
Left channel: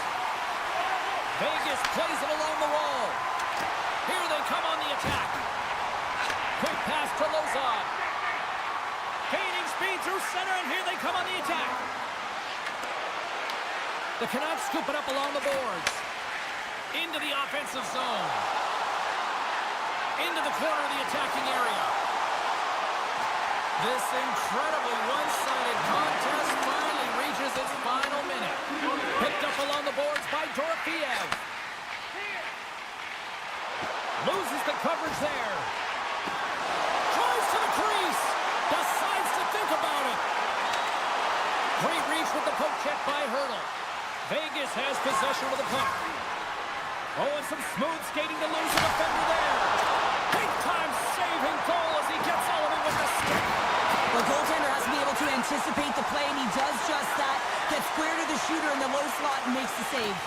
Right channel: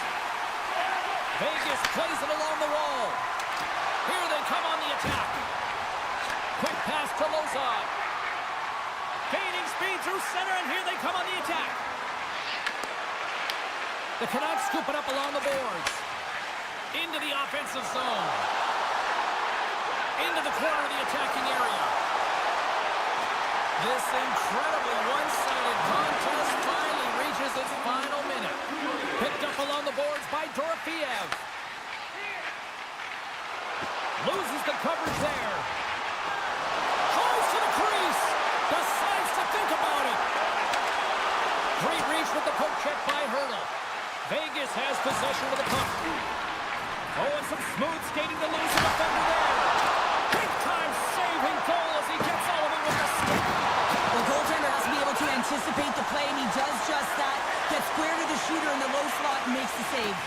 Vegas plays it along the wall. Here they come on the attack. Quick pass to Lozon. Gaining speed through center, and here they come on the attack. The Canucks scoop it up along the boards. Into the offensive zone. Into the corner of the attacking area. This incredibly one-sided contest finally reaches its final minute. Picked up along the boards by Dorofeev. Loses the coverage there. Drives to the crease. Decides to think about it. Great reach with the poke check by Hurdle. Vegas has possession of the puck. Oh, and some smooth skating to lose a defender there. Big time saving goal as he gets all of it with the stick. The goaltender has to be able to anticipate the play, and he does just that. Gets square to the shooter in the low slot and makes the save.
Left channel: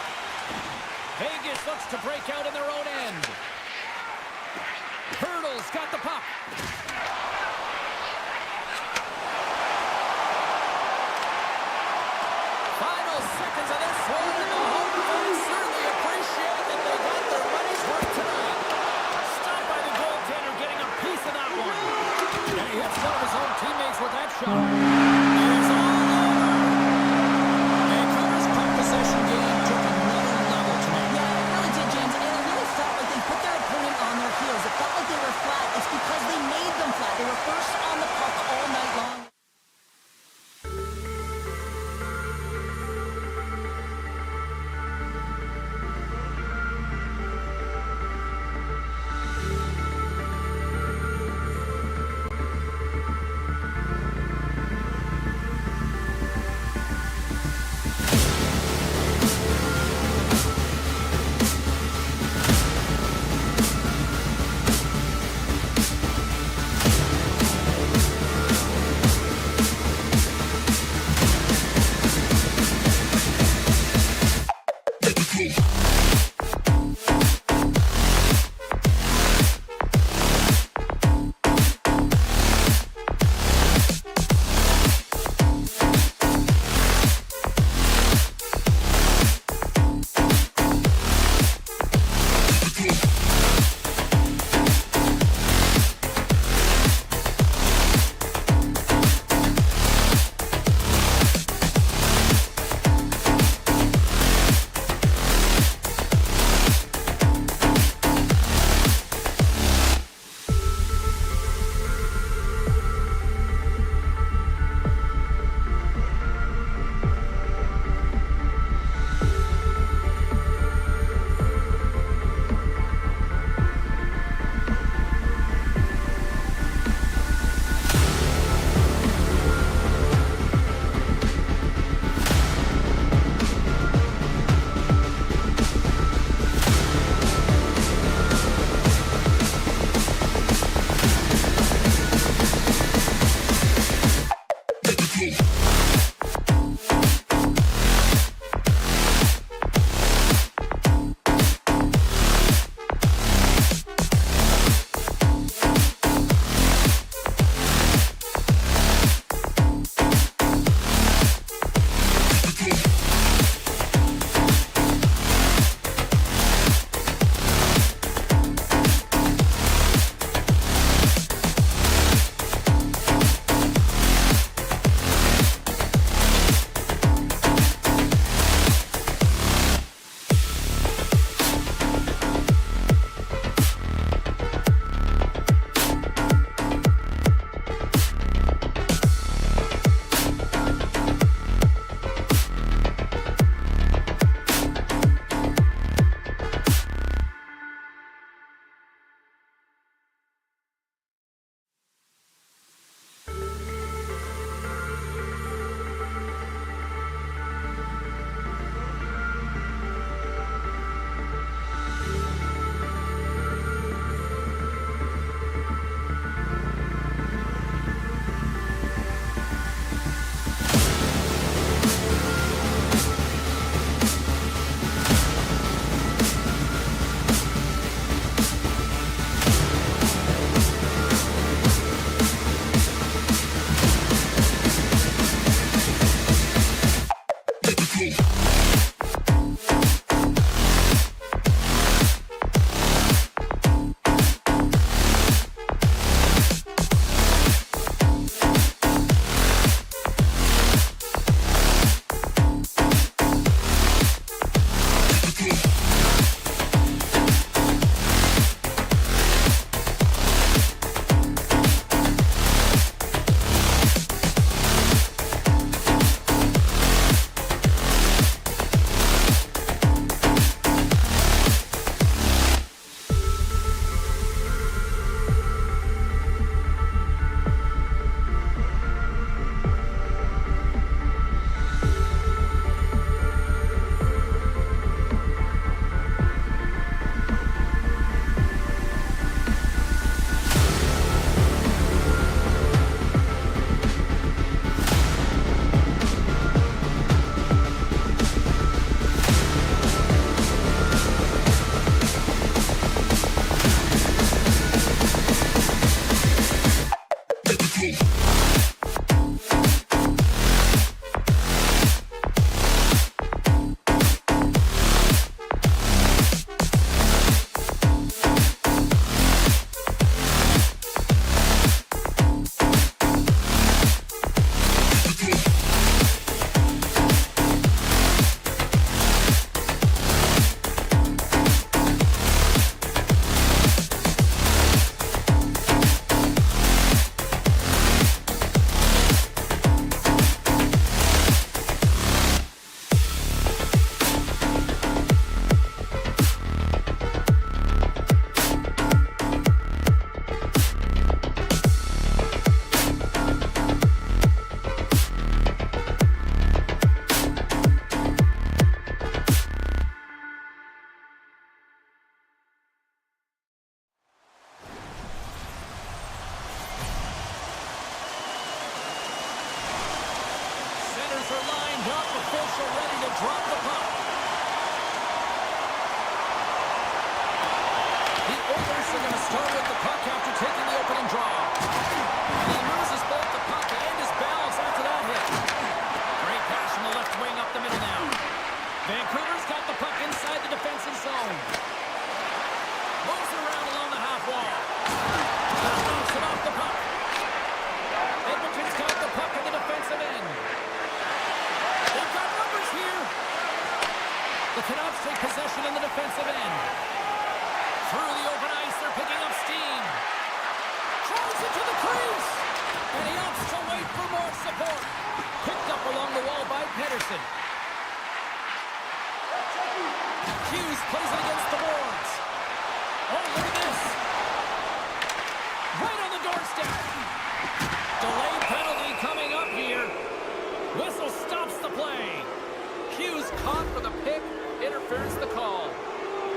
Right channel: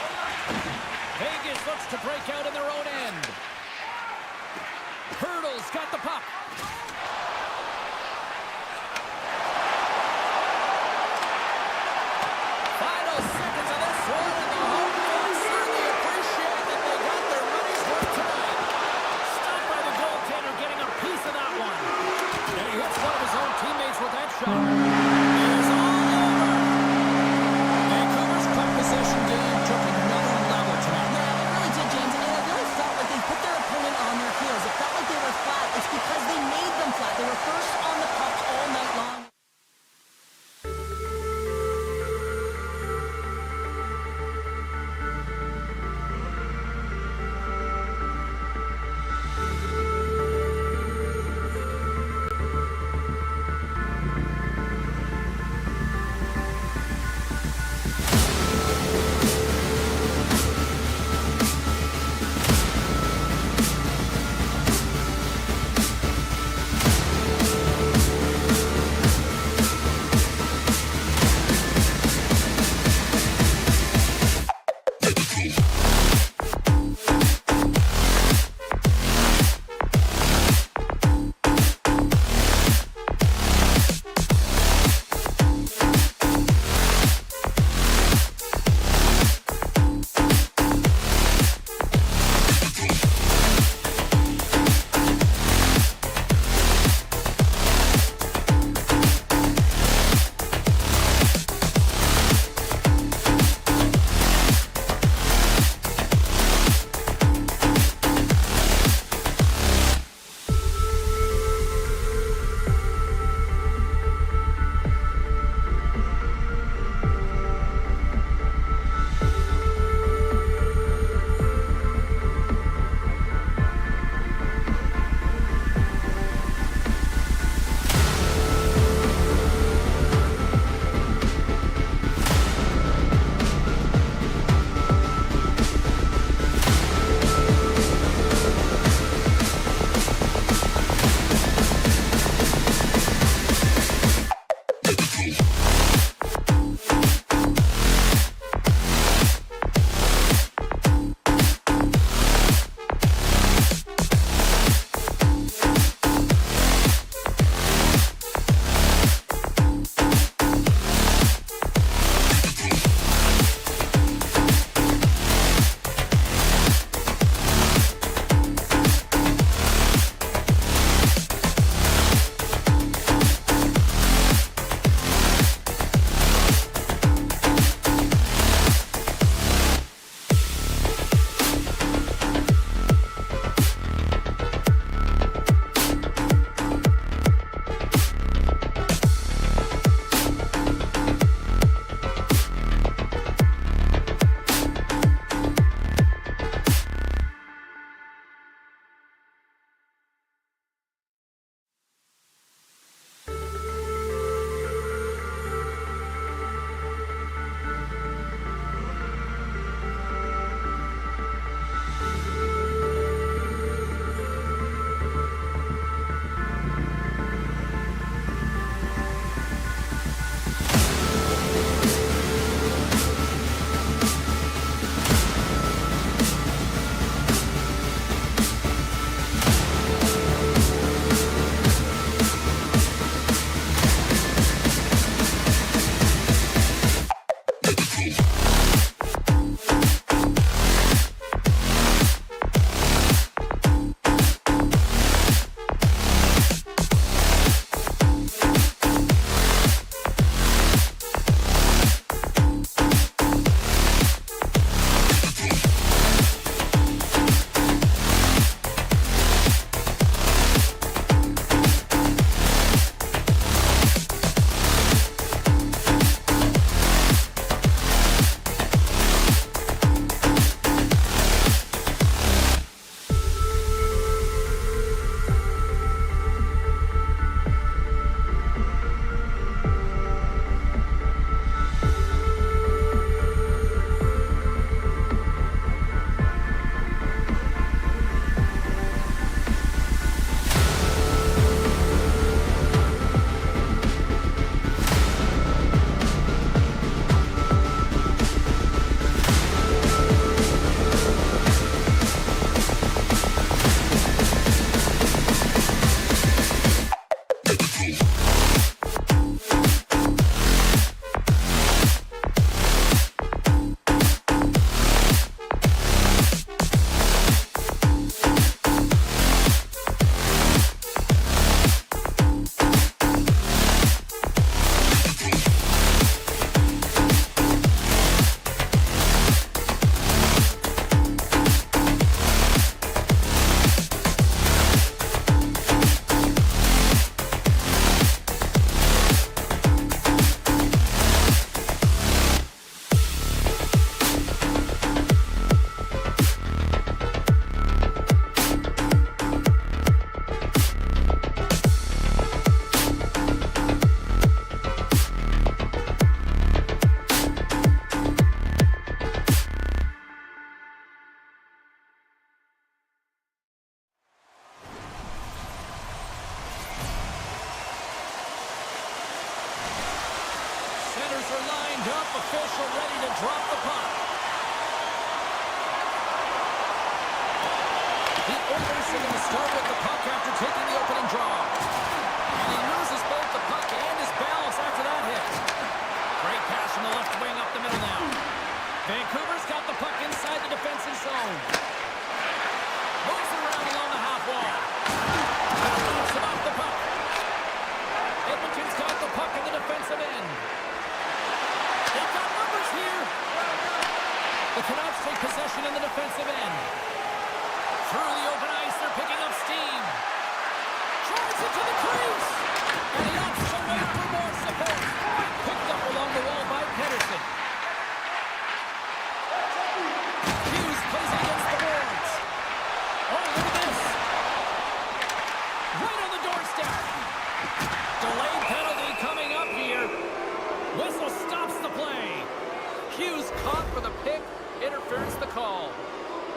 Vegas looks to break out in their own end. Hurdle's got the puck. Final seconds of this one, and the home fans certainly appreciate that they got their money's worth tonight. Stopped by the goaltender, getting a piece of that one. And he hits one of his own teammates with that shot. It is all over. Vancouver's puck possession game took another level tonight. Yeah, it really did, James, and it really felt like they put their opponent on their heels. It felt like they were flat. It's because they made official ready to drop the puck. The Oilers are going to start with the puck after taking the opening draw. And he loses both the puck and his balance after that hit. Great pass from the left wing up the middle now. Vancouver's got the puck inside the defensive zone. Moves it around along the half wall. That knocks him off the puck. Edmonton's got the puck in the defensive end. They've got numbers here. The Canucks take possession in the defensive end. Through the open ice, they're picking up steam. Drives it to the crease. And he opts to wait for more support. Picked up along the wall by Pedersen. Hughes plays it against the boards. Oh, look at this. Right on the doorstep. Delayed penalty coming up here. Whistle stops the play. Hughes caught for the pick. Interference the call.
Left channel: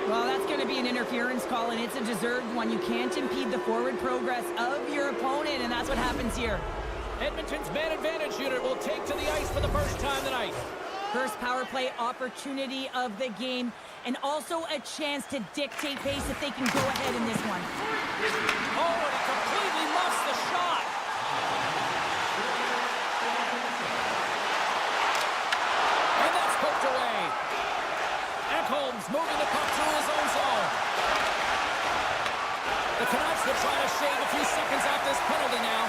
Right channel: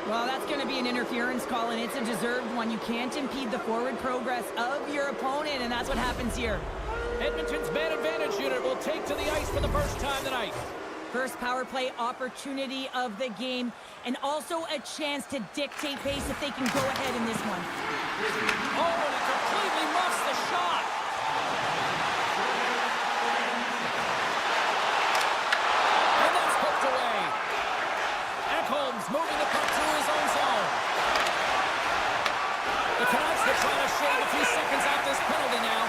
Well, that's going to be an interference call, and it's a deserved one. You can't impede the forward progress of your opponent, and that's what happens here. Edmonton's man advantage unit will take to the ice for the first time tonight. First power play opportunity of the game, and also a chance to dictate pace if they can go ahead in this one. Oh, and he completely muffs the shot. And that's poked away. Ekholm's moving the puck through his own zone. The Canucks will try to shave a few seconds off this penalty now.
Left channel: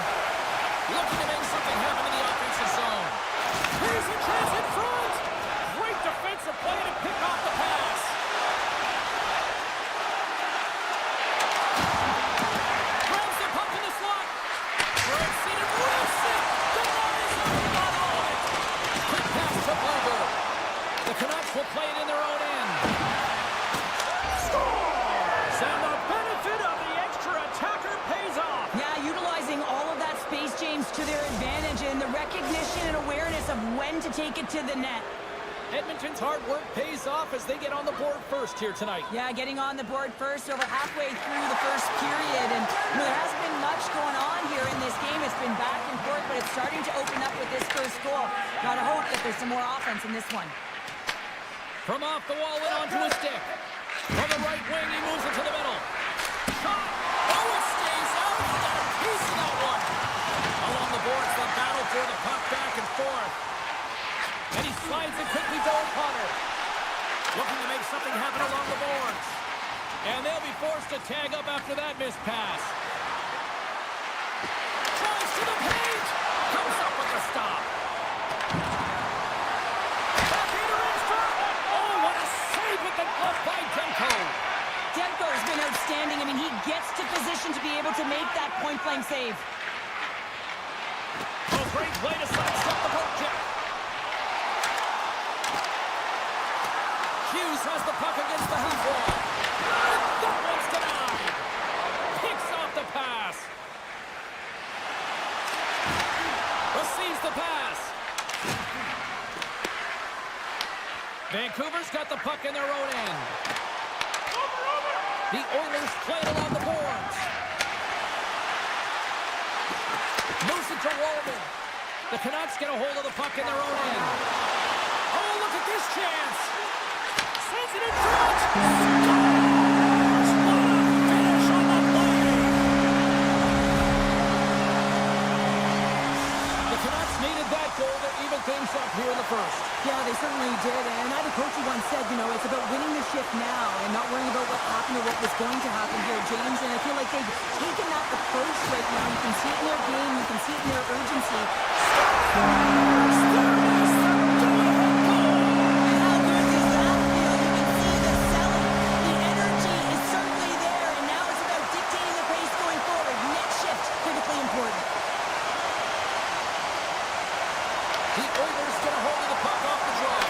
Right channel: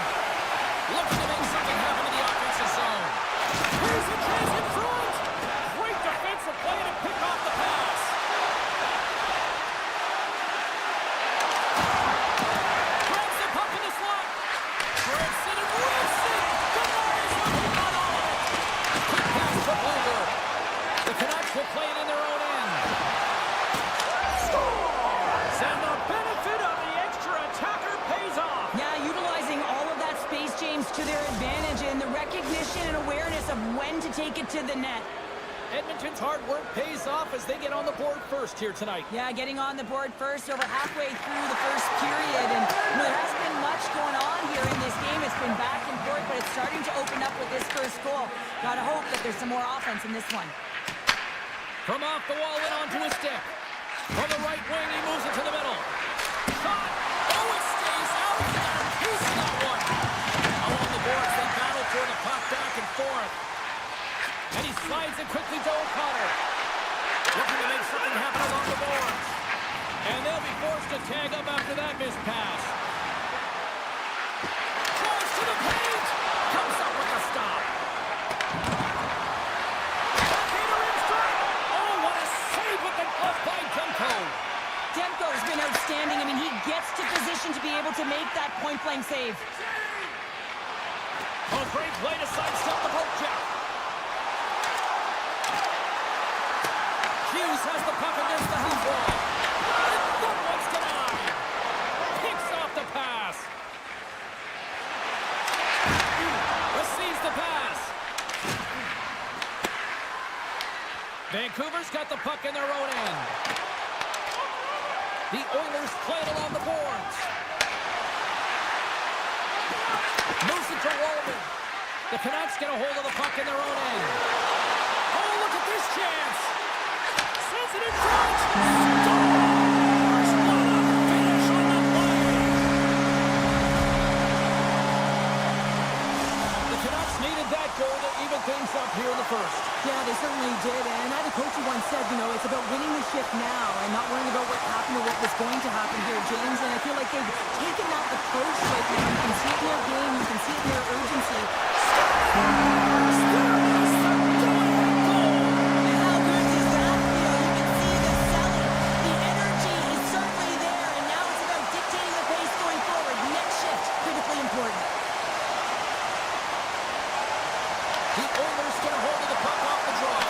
Looking to make something happen in the offensive zone. Here's a chance in front. Great defensive play to pick off the pass. Grabs the puck in the slot. Grips it and rips it. Denies him. He got all of it. Quick pass to Bluger. The Canucks will play it in their own end. Scores! And the benefit of the extra attacker pays off. Yeah, utilizing all of that space, James, to their advantage, and the recognition and awareness of when to take it to the net. Edmonton's hard work pays off as they get on the board first here tonight. Yeah, getting on the board first over halfway through the first period, and there hasn't been much going on here in this game. It's been back and forth, but it's starting to open up with this first goal. Gotta hope that there's some more offense in this one. From off the wall and onto his stick. From the right wing, he moves it to the middle. Shot! Oh, it stays out! He got a piece of that one! Along the boards, they battle for the puck back and forth. And he slides it quickly to O'Connor. Looking to make something happen along the boards. And they'll be forced to tag up after that missed pass. Drives to the paint! Comes up with the stop. Backhander in front! Oh, what a save with the glove by Demko! Demko's been outstanding. I mean, he gets to position to be able to make that point-blank save. Oh, great play to sidestep the poke check. Hughes has the puck against the half wall. And that one's denied. Picks off the pass. Receives the pass. Vancouver's got the puck in their own end. The Oilers play it along the boards. Moves it to Wallman. The Canucks get a hold of the puck in their own end. Oh, look at this chance. Sends it in front. Scores! What a finish on the play. The Canucks needed that goal to even things up here in the first. Yeah, they certainly did. And I had a coach who once said, you know, it's about winning the shift now and not worrying about what happened or what was going to happen here, James. And I feel like they've taken that approach right now. You can see it in their game. You can see it in their urgency. Scores! There it is, the go-ahead goal. And how good does that feel? You can see the selling. The energy is certainly there, and now it's about dictating the pace going forward. Next shift, critically important. The Oilers get a hold of the puck off the draw.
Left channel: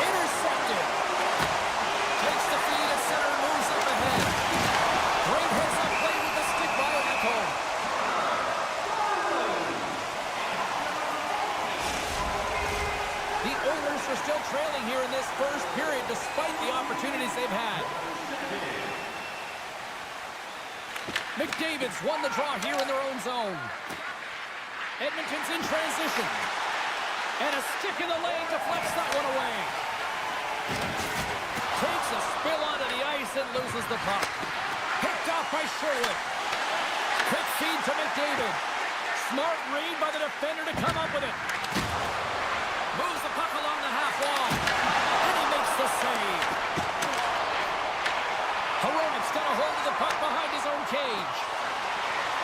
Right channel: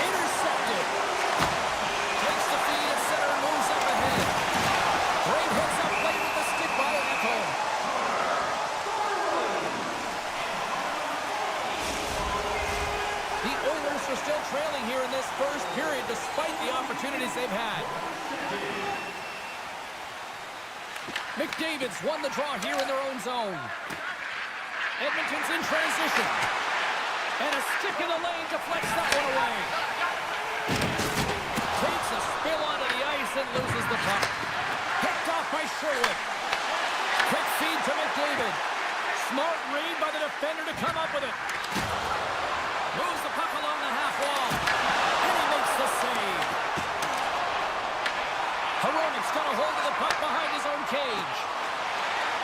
Intercepted. Takes the feed at center and moves up ahead. Great heads-up play with the stick by Ekholm. The Oilers are still trailing here in this first period despite the opportunities they've had. McDavid's won the draw here in their own zone. Edmonton's in transition. And a stick in the lane deflects that one away. Takes a spill onto the ice and loses the puck. Picked off by Sherwood. Quick feed to McDavid. Smart read by the defender to come up with it. Moves the puck along the half wall. And he makes the save. Hronik's got a hold of the puck behind his own cage.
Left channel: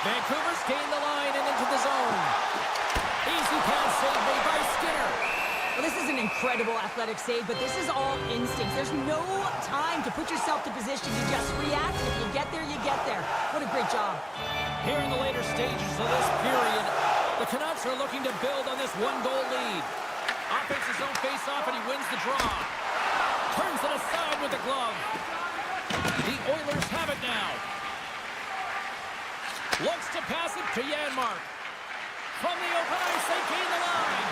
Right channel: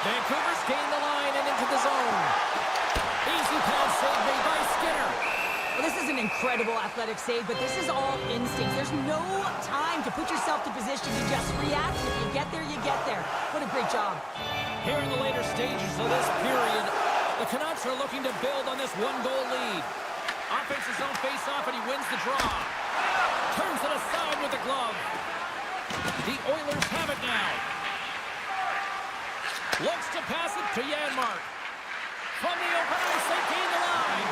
Vancouver's gained the line and into the zone. Easy pass save made by Skinner. Well, this is an incredible athletic save, but this is all instincts. There's no time to put yourself to position. You just react. If you get there, you get there. What a great job. Here in the later stages of this period, the Canucks are looking to build on this one-goal lead. Offense his own face-off, and he wins the draw. Turns it aside with the glove. The Oilers have it now. Looks to pass it to Janmark. From the open ice, they gain the line.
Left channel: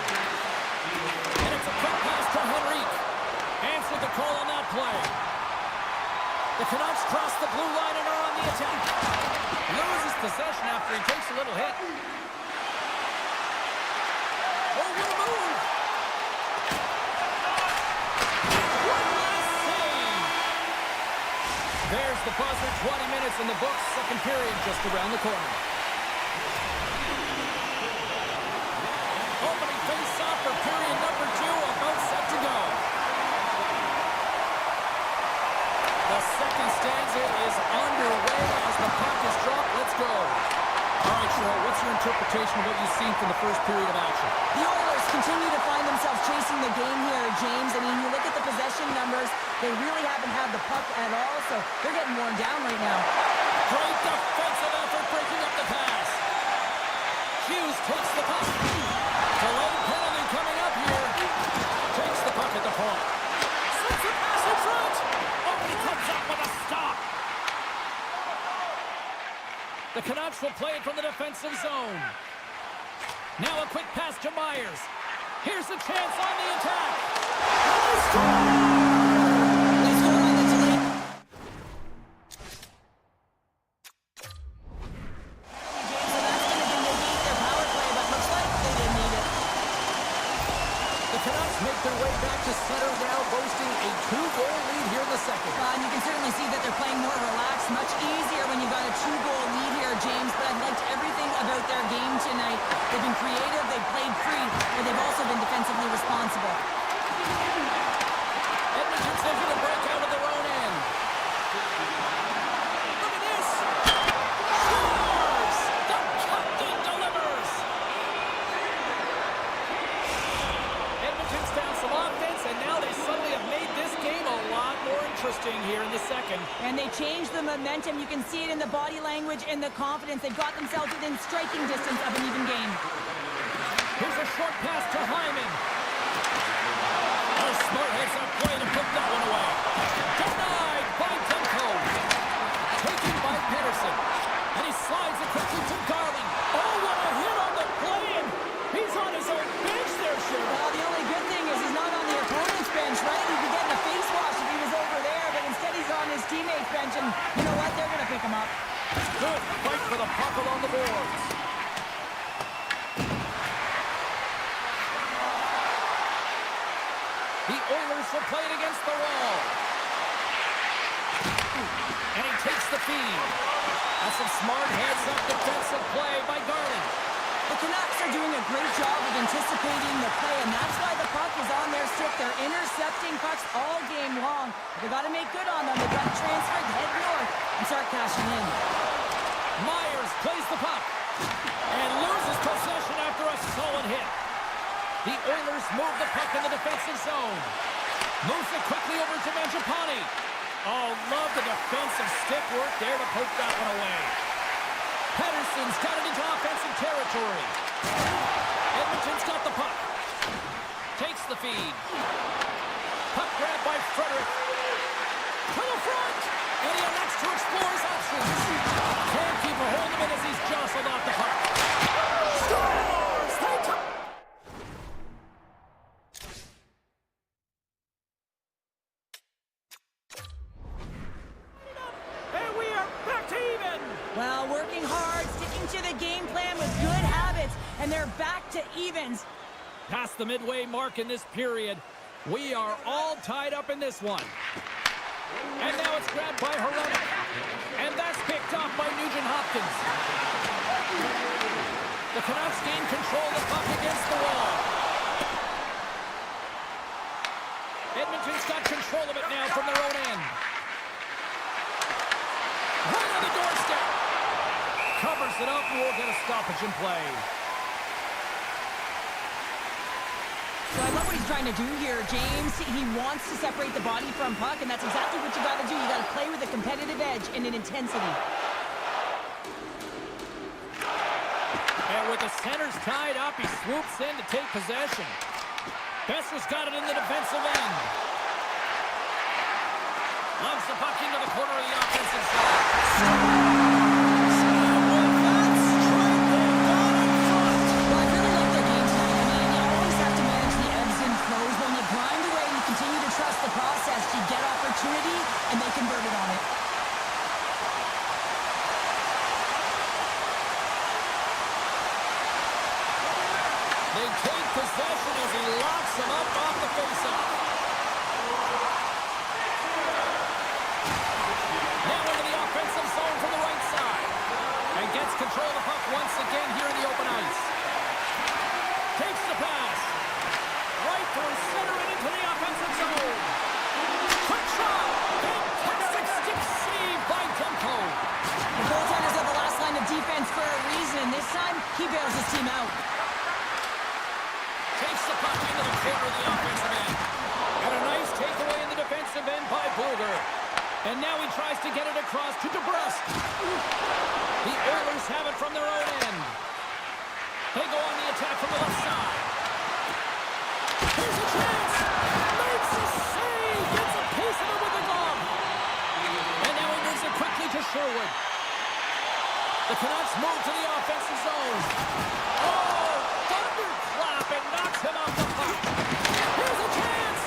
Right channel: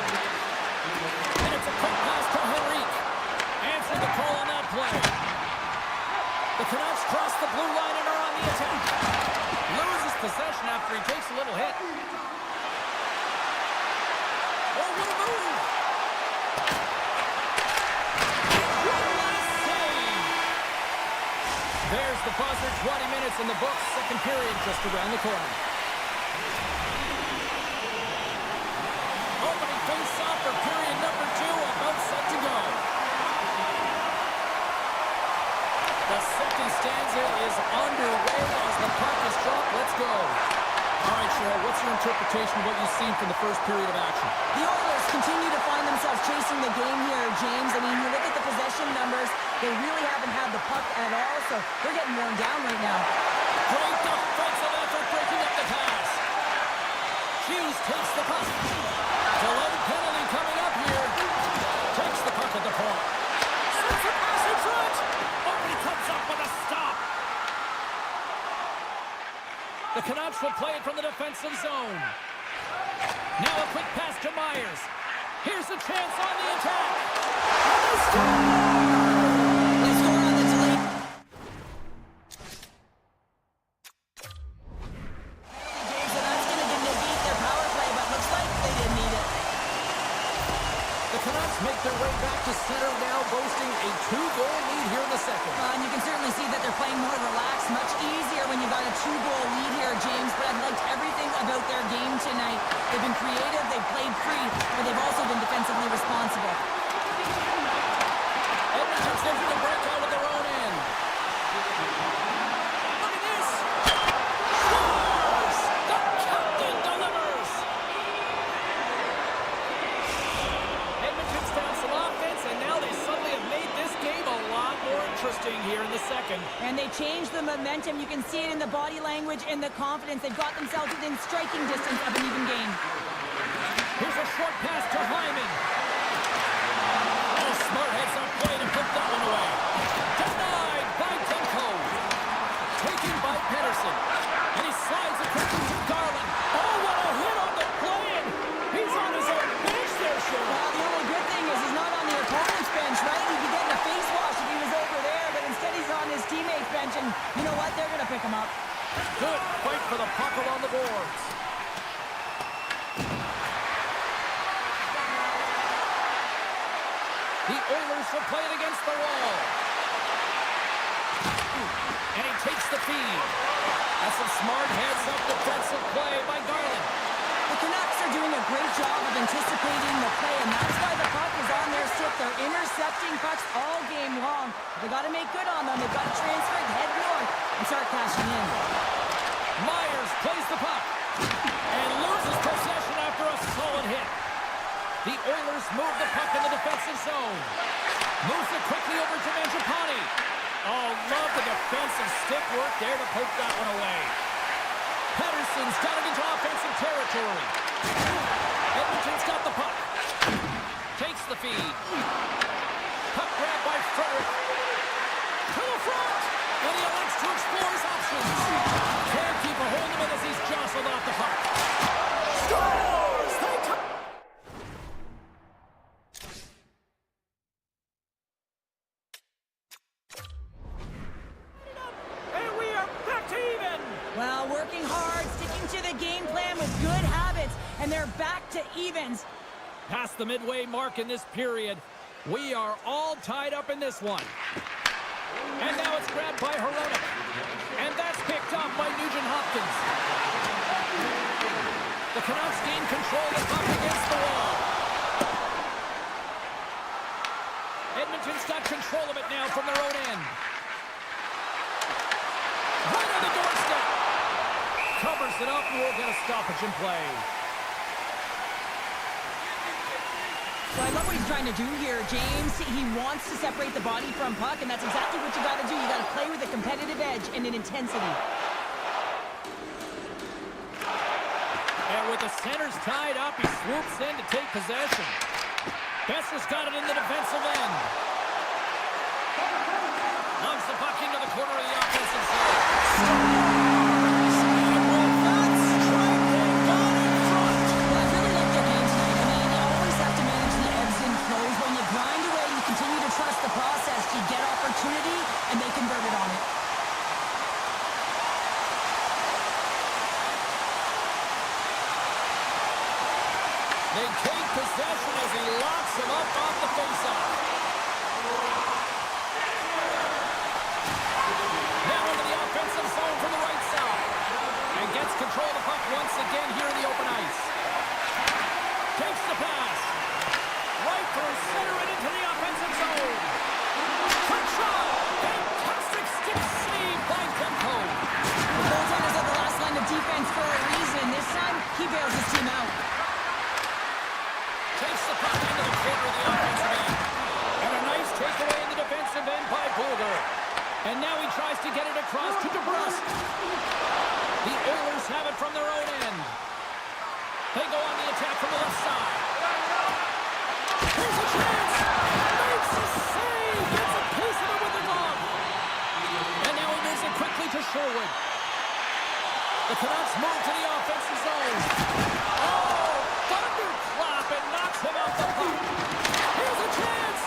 And it's a quick pass to Henrique. Answered the call on that play. The Canucks cross the blue line and are on the attack. Loses possession after he takes a little hit. Oh, what a move! One last save. There's the buzzer. 20 minutes in the books. Second period just around the corner. Opening face-off for period number 2, about set to go. The second stanza is underway as the puck is dropped. Let's go. All right, Cheryl, what's your interpretation of what you've seen from the first period of action? The Oilers continue to find themselves chasing the game here, James. I mean, you look at the possession numbers, they really haven't had the puck at all, so they're getting worn down right now. Great defensive effort breaking up the pass. Hughes takes the puck. Delayed penalty coming up here. Takes the puck at the point. Sends the pass in front. Oh, but he comes up with a stop. The Canucks will play it from the defensive zone. Now a quick pass to Myers. Here's a chance on the attack. And they score! They score on the delay. Penalty, James, so that's going to negate their power play, but looks like they didn't need it. The Canucks make their way back to center now, boasting a 2-goal lead here in the second. And you can certainly see that they're playing more relaxed, much easier when you've got a 2-goal lead here, James, but I've liked everything about their game tonight. They've been creative, they've played free, but they've also been defensively responsible. Edmonton's looking to break out of their own end. Look at this! Scores! The captain delivers! Edmonton's found some offense, and now they suddenly have made this game a lot more interesting here in the second. And they changed the momentum. You can see it in the body language and the confidence. They've got themselves within striking distance of an even game. Here's a short pass to Hyman. Oh, smart heads-up play to put that one away. Denied by Demko. Taken by Pedersen. And he slides it quickly to Garland. Oh, what a hit on the play, and he's on his own bench there, Cheryl. Well, the only good thing is he's not on the opponent's bench, right? He'd be getting a face wash if he was over there, but instead he's on his teammate's bench, and you know what? They're going to pick him up. Good fight for the puck along the boards. The Oilers will play it against the wall. And he takes the feed. That's some smart heads-up defensive play by Garland. The Canucks are doing a great job of anticipating the play, and that's why the puck is on their stick. They're intercepting pucks all game long. They got to make good on them. They've got to transfer it, head north, and start cashing in. Myers plays the puck and loses possession after a solid hit. The Oilers move the puck in the defensive zone. Moves it quickly over to Mangiapane. Oh, love the defensive stick work there to poke that one away. Pedersen's got it into offensive territory. Edmonton's got the puck. Takes the feed. Puck grab by Frederick. To the front! And he elects to explore his options. Can't keep a hold of it as he's jostled off the puck. Scores! They come. And we are back to even. Well, working hard, sticking to the game plan with good habits, and they're back to evens. Past the midway mark in this period. We are all tied up in this one. And now it's grabbed by Hirona. And that's picked up by Nugent-Hopkins. The Canucks gain control of the puck against the wall. Edmonton's got control of it now from their own end. Right on the doorstep. Covers it up and we'll get a stoppage in play. So I love what he's trying to do here, James. He wants to separate the body from puck, and that's exactly what you got to do. You got to play with a competitive edge and an intensity. And with the centers tied up, he swoops in to take possession. Besser's got it in the defensive end. Loves the puck into the corner of the offensive zone. Trust the process. You get opportunity, and they converted on it. They take possession as he locks him up off the faceoff. Now into the offensive zone from the right side. And gets control of the puck once again here in the open ice. Takes the pass. Right through center and into the offensive zone. Quick shot. Fantastic stick save by Demko. The goaltenders are the last line of defense for a reason. This time, he bails his team out. Takes the puck into the corner of the offensive end. And a nice takeaway in the defensive end by Bluger. And now he tries to get it across to DeBrusque. The Oilers have it from their own end. They go on the attack from the left side. Here's a chance! Makes a save! Gets a piece of it with the glove! And now he moves it quickly to Sherwood. The Canucks move to the offensive zone. Oh! Thunderclap and knocks him off the puck. Here's a chance!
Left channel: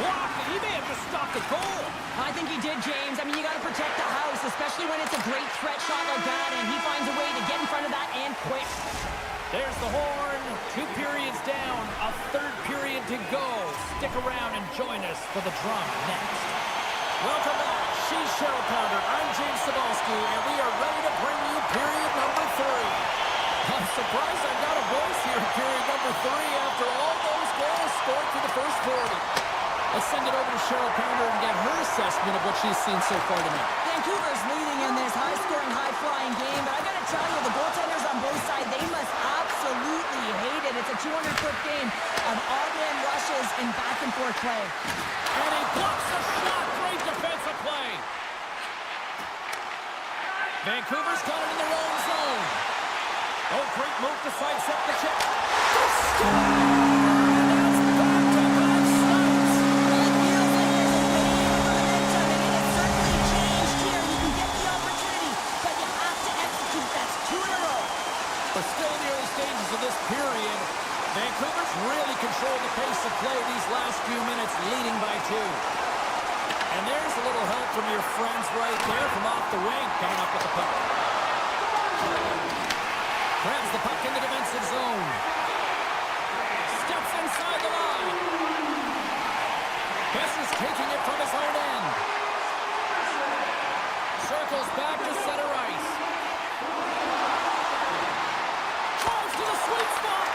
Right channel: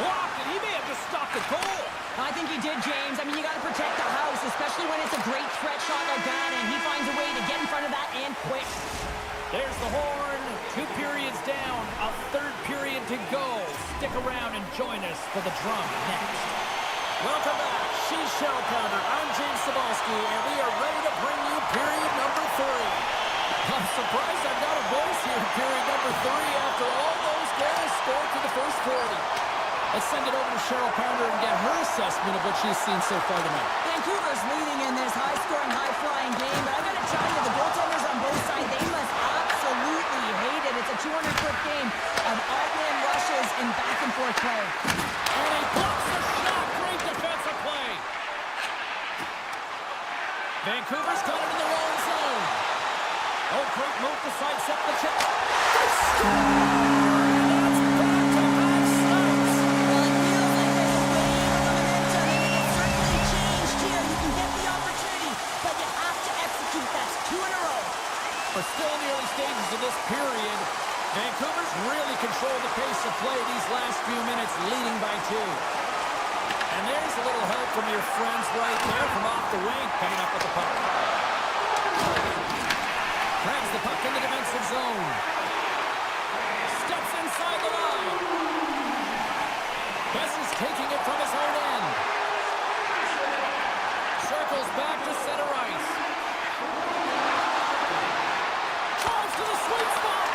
Blocked it. He may have just stopped the goal. I think he did, James. I mean, you got to protect the house, especially when it's a great threat shot like that, and he finds a way to get in front of that and quick. There's the horn. 2 periods down. A third period to go. Stick around and join us for the drama next. Welcome back. She's Cheryl Pounder. I'm James Cebulski, and we are ready to bring you period number 3. I'm surprised I've got a voice here in period number 3 after all those goals scored through the first 40. Let's send it over to Cheryl Pounder and get her assessment of what she's seen so far tonight. Vancouver's leading in this high-scoring, high-flying game, but I got to tell you, the goaltenders on both sides, they must absolutely hate it. It's a 200-foot game of odd-man rushes and back-and-forth play. And he blocks the shot. Great defensive play. Vancouver's got it in their own zone. Oh, great move to sidestep the check. They score! And that's back-to-back snipes. Well, it feels like there's a wave of momentum, and it has certainly changed here. You can get the opportunity, but you have to execute. That's 2 in a row. We're still in the early stages of this period. Vancouver's really controlled the pace of play these last few minutes, leading by 2. And there's a little help from your friends right there from off the wing, coming up with the puck. Grabs the puck in the defensive zone. Steps inside the line. Besser's taking it from his own end. Circles back to center ice. Drives to the sweet spot.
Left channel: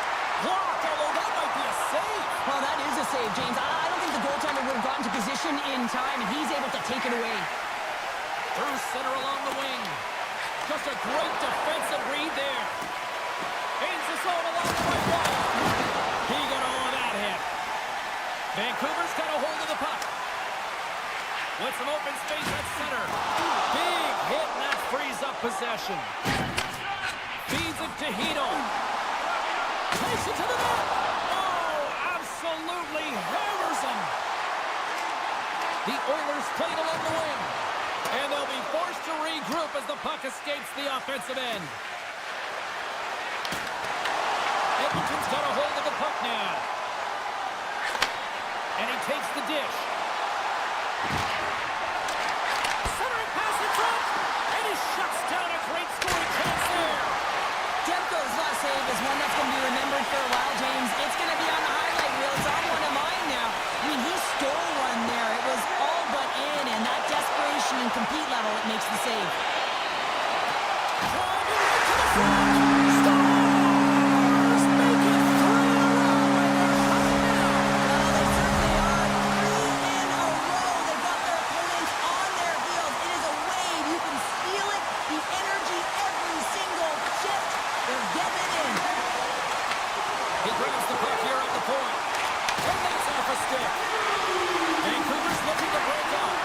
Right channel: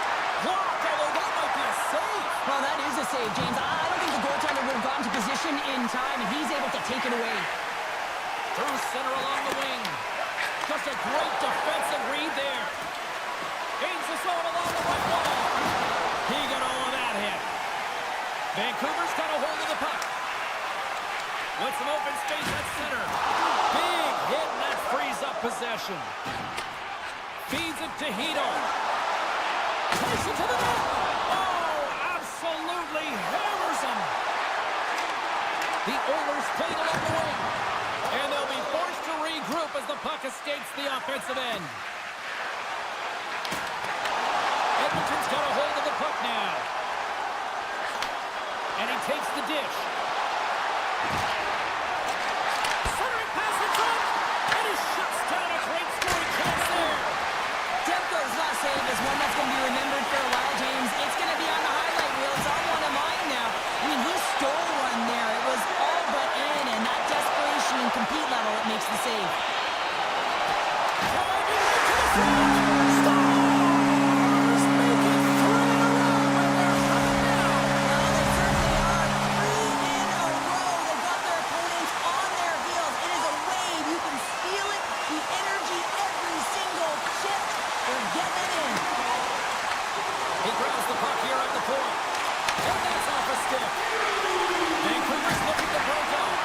Blocked, although that might be a save. Well, that is a save, James. I don't think the goaltender would have gotten to position in time, and he's able to take it away. Through center along the wing. Just a great defensive read there. Gains the zone along the right wall. He got all of that hit. Vancouver's got a hold of the puck. With some open space at center. Big hit, and that frees up possession. Feeds it to Hito. Takes it to the net. Oh, absolutely hammers him. The Oilers playing along the wing. And they'll be forced to regroup as the puck escapes the offensive end. Edmonton's got a hold of the puck now. And he takes the dish. Centering pass in front. And he shuts down a great scoring chance there. Demko's lost save is one that's going to be remembered for a while, James. It's going to be on the highlight reel. It's on one of mine now. I mean, he stole one there. It was all but in, and that desperation and compete level, it makes the save. Driving right to the front. Stars make it 3 in a row, and they're coming now. Well, they certainly are. 3 in a row. They've got their opponents on their heels. It is a wave. You can feel it. The energy, every single shift. They're getting it in. He grabs the puck here at the point. And that's off a stick. Vancouver's looking to break out.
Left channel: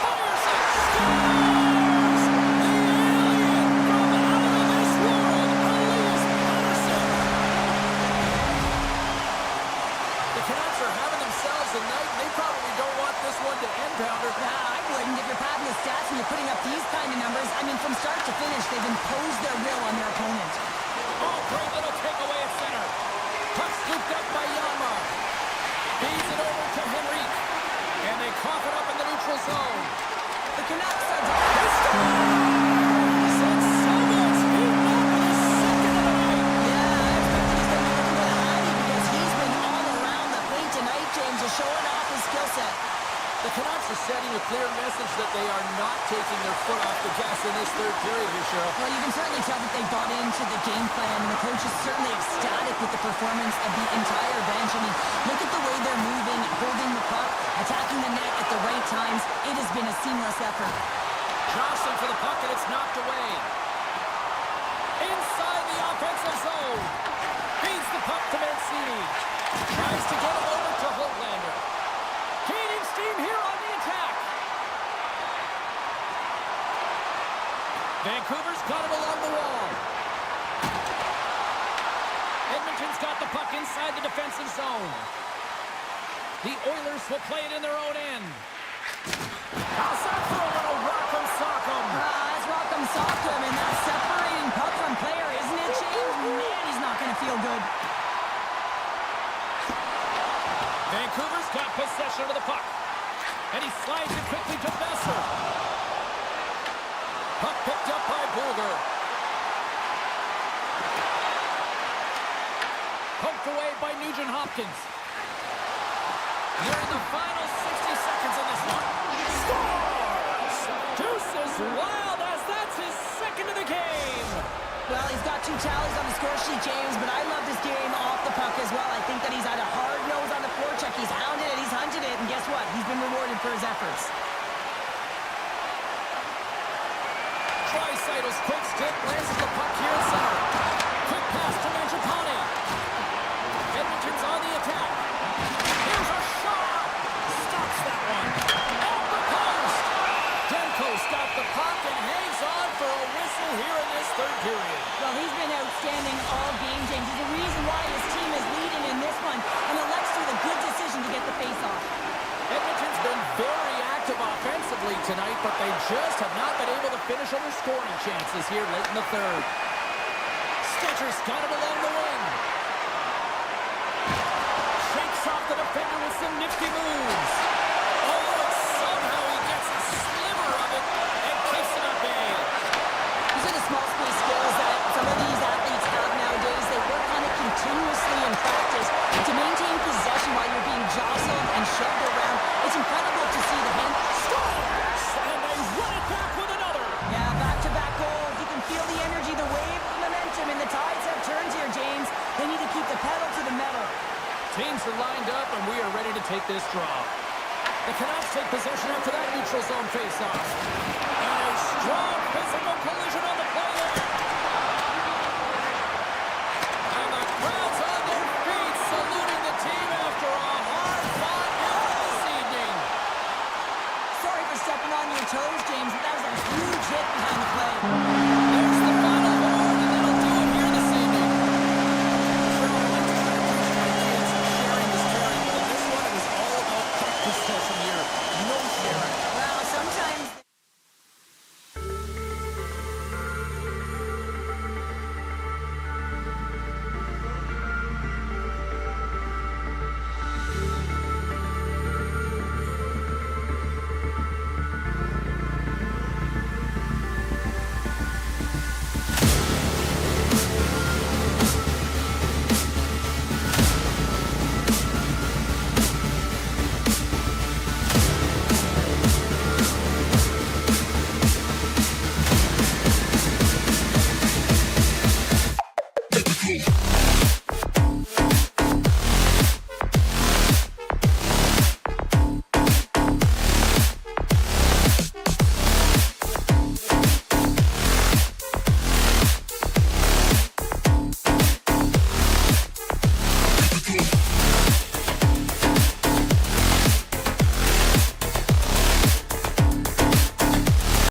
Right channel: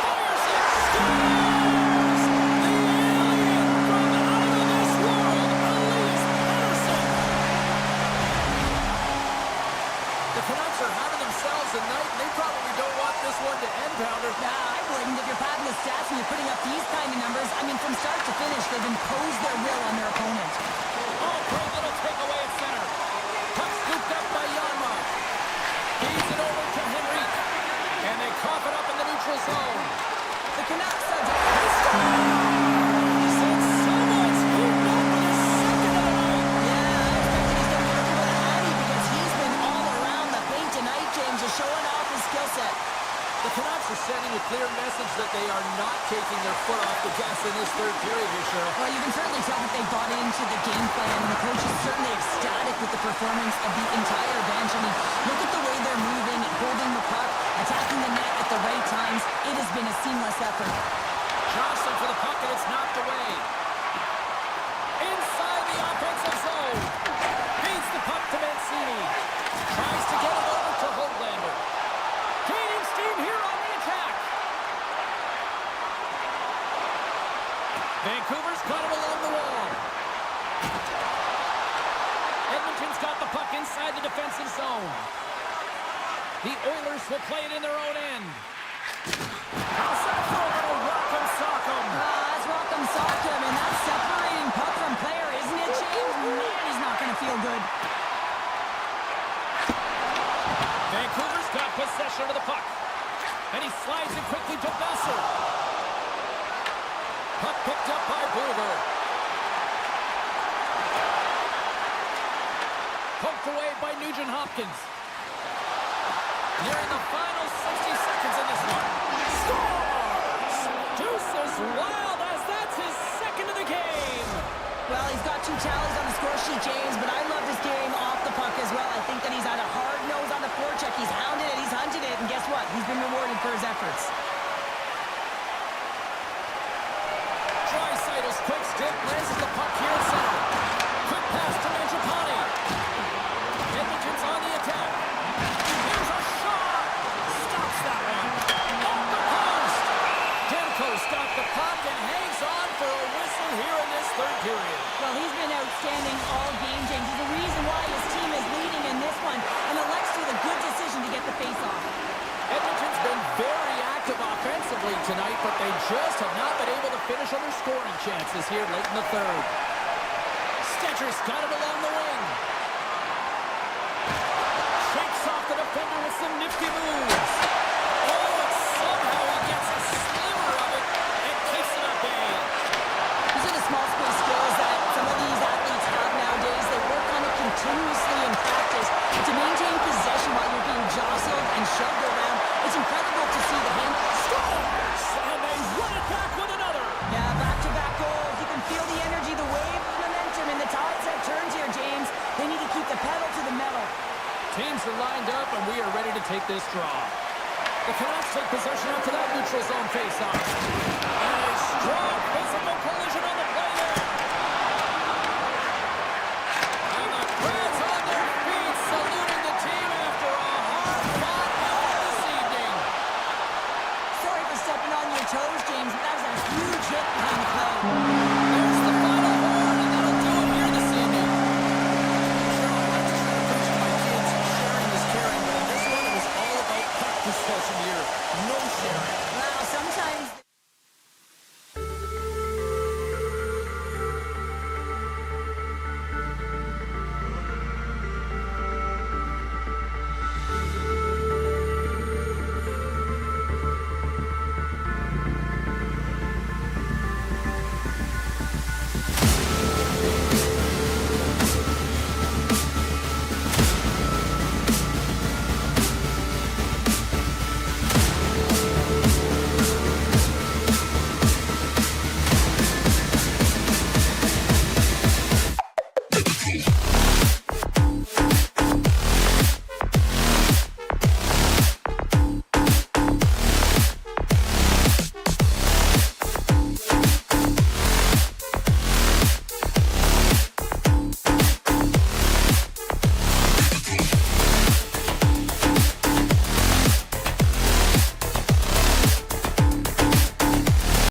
Fires it. Scores! The alien from out of this world, Elias Pettersson. The Canucks are having themselves a night, and they probably don't want this one to end, Pounder. Nah, I wouldn't. If you're padding the stats and you're putting up these kind of numbers, I mean, from start to finish, they've imposed their will on their opponent. Oh, great little takeaway at center. Puck scooped up by Janmark. Feeds it over to Henrique. And they cough it up in the neutral zone. The Canucks are... He scores! And someone's beaten up with his second of the night. Yeah, I expected he's going to be looking for the Hattie because he's been all around the paint tonight, James, just showing off his skill set. The Canucks are sending a clear message that they are not taking their foot off the gas in this third period here, Cheryl. Well, you can certainly tell that they bought into the game plan, and the coach is certainly ecstatic with the performance of the entire bench. I mean, look at the way they're moving, holding the puck, attacking the net at the right times. It has been a seamless effort. Johnson for the puck, and it's knocked away. Inside the offensive zone. Feeds the puck to Mancini. Tries to get it over to Höglander. Gaining steam here on the attack. Vancouver's got it along the wall. Edmonton's got the puck inside the defensive zone. The Oilers will play it in their own end. How's that for a little rock'em sock'em? That's rock'em sock'em, and that's separating puck from player, isn't it, James? Man, he's not going to feel good. Vancouver's got possession of the puck. And he slides it quickly to Besser. Puck picked up by Booger. Poked away by Nugent-Hopkins. Nearing the final 60 seconds in this one. Scores! Deuces wild as that's his second of the game. Well, he's got 2 tallies on the score sheet, James, but I love this game off the puck as well. I think that he's had a hard nose on the forecheck. He's hounded it, he's hunted it, and guess what? He's been rewarded for his efforts. Draisaitl's quick stick lands the puck here at center. Quick pass to Mangiapane. Edmonton's on the attack. Here's a shot. Stops that one. Off the post. Demko's got the puck and hangs on for a whistle here in this third period. Well, he's been outstanding all game, James. He's the reason why his team is leading in this one, and elects to the good decision to get the face-off. Edmonton's been very active offensively tonight, but they just have not been able to finish on their scoring chances here late in the third. Stetcher's got it along the wing. Shakes off the defender with some nifty moves. Oh, and somehow he gets a sliver of it and keeps it up in. These are the small space skills that some of these athletes have nowadays. They work on it continuously in practice to maintain possession while you're being jostled and shoved around. It's incredible to see the hand. Scores! And they run it back with another. Yeah, back-to-back goals. You can feel the energy, the wave of momentum, and the tides have turned here, James. They need to keep the pedal to the metal. Teams are lined up, and we are ready to take this draw. The Canucks take possession after that neutral zone faceoff. And a strong physical collision on the play there. And the crowd's on their feet saluting the team after a hard-fought effort this evening. Sorry for stepping on your toes, James, but that was a huge hit behind the play. There's the final horn, and that'll do it here this evening. Sure, I like to try to preach to my kids sharing is caring, but in this one, it was all about puck possession here. No sharing. Well, sometimes...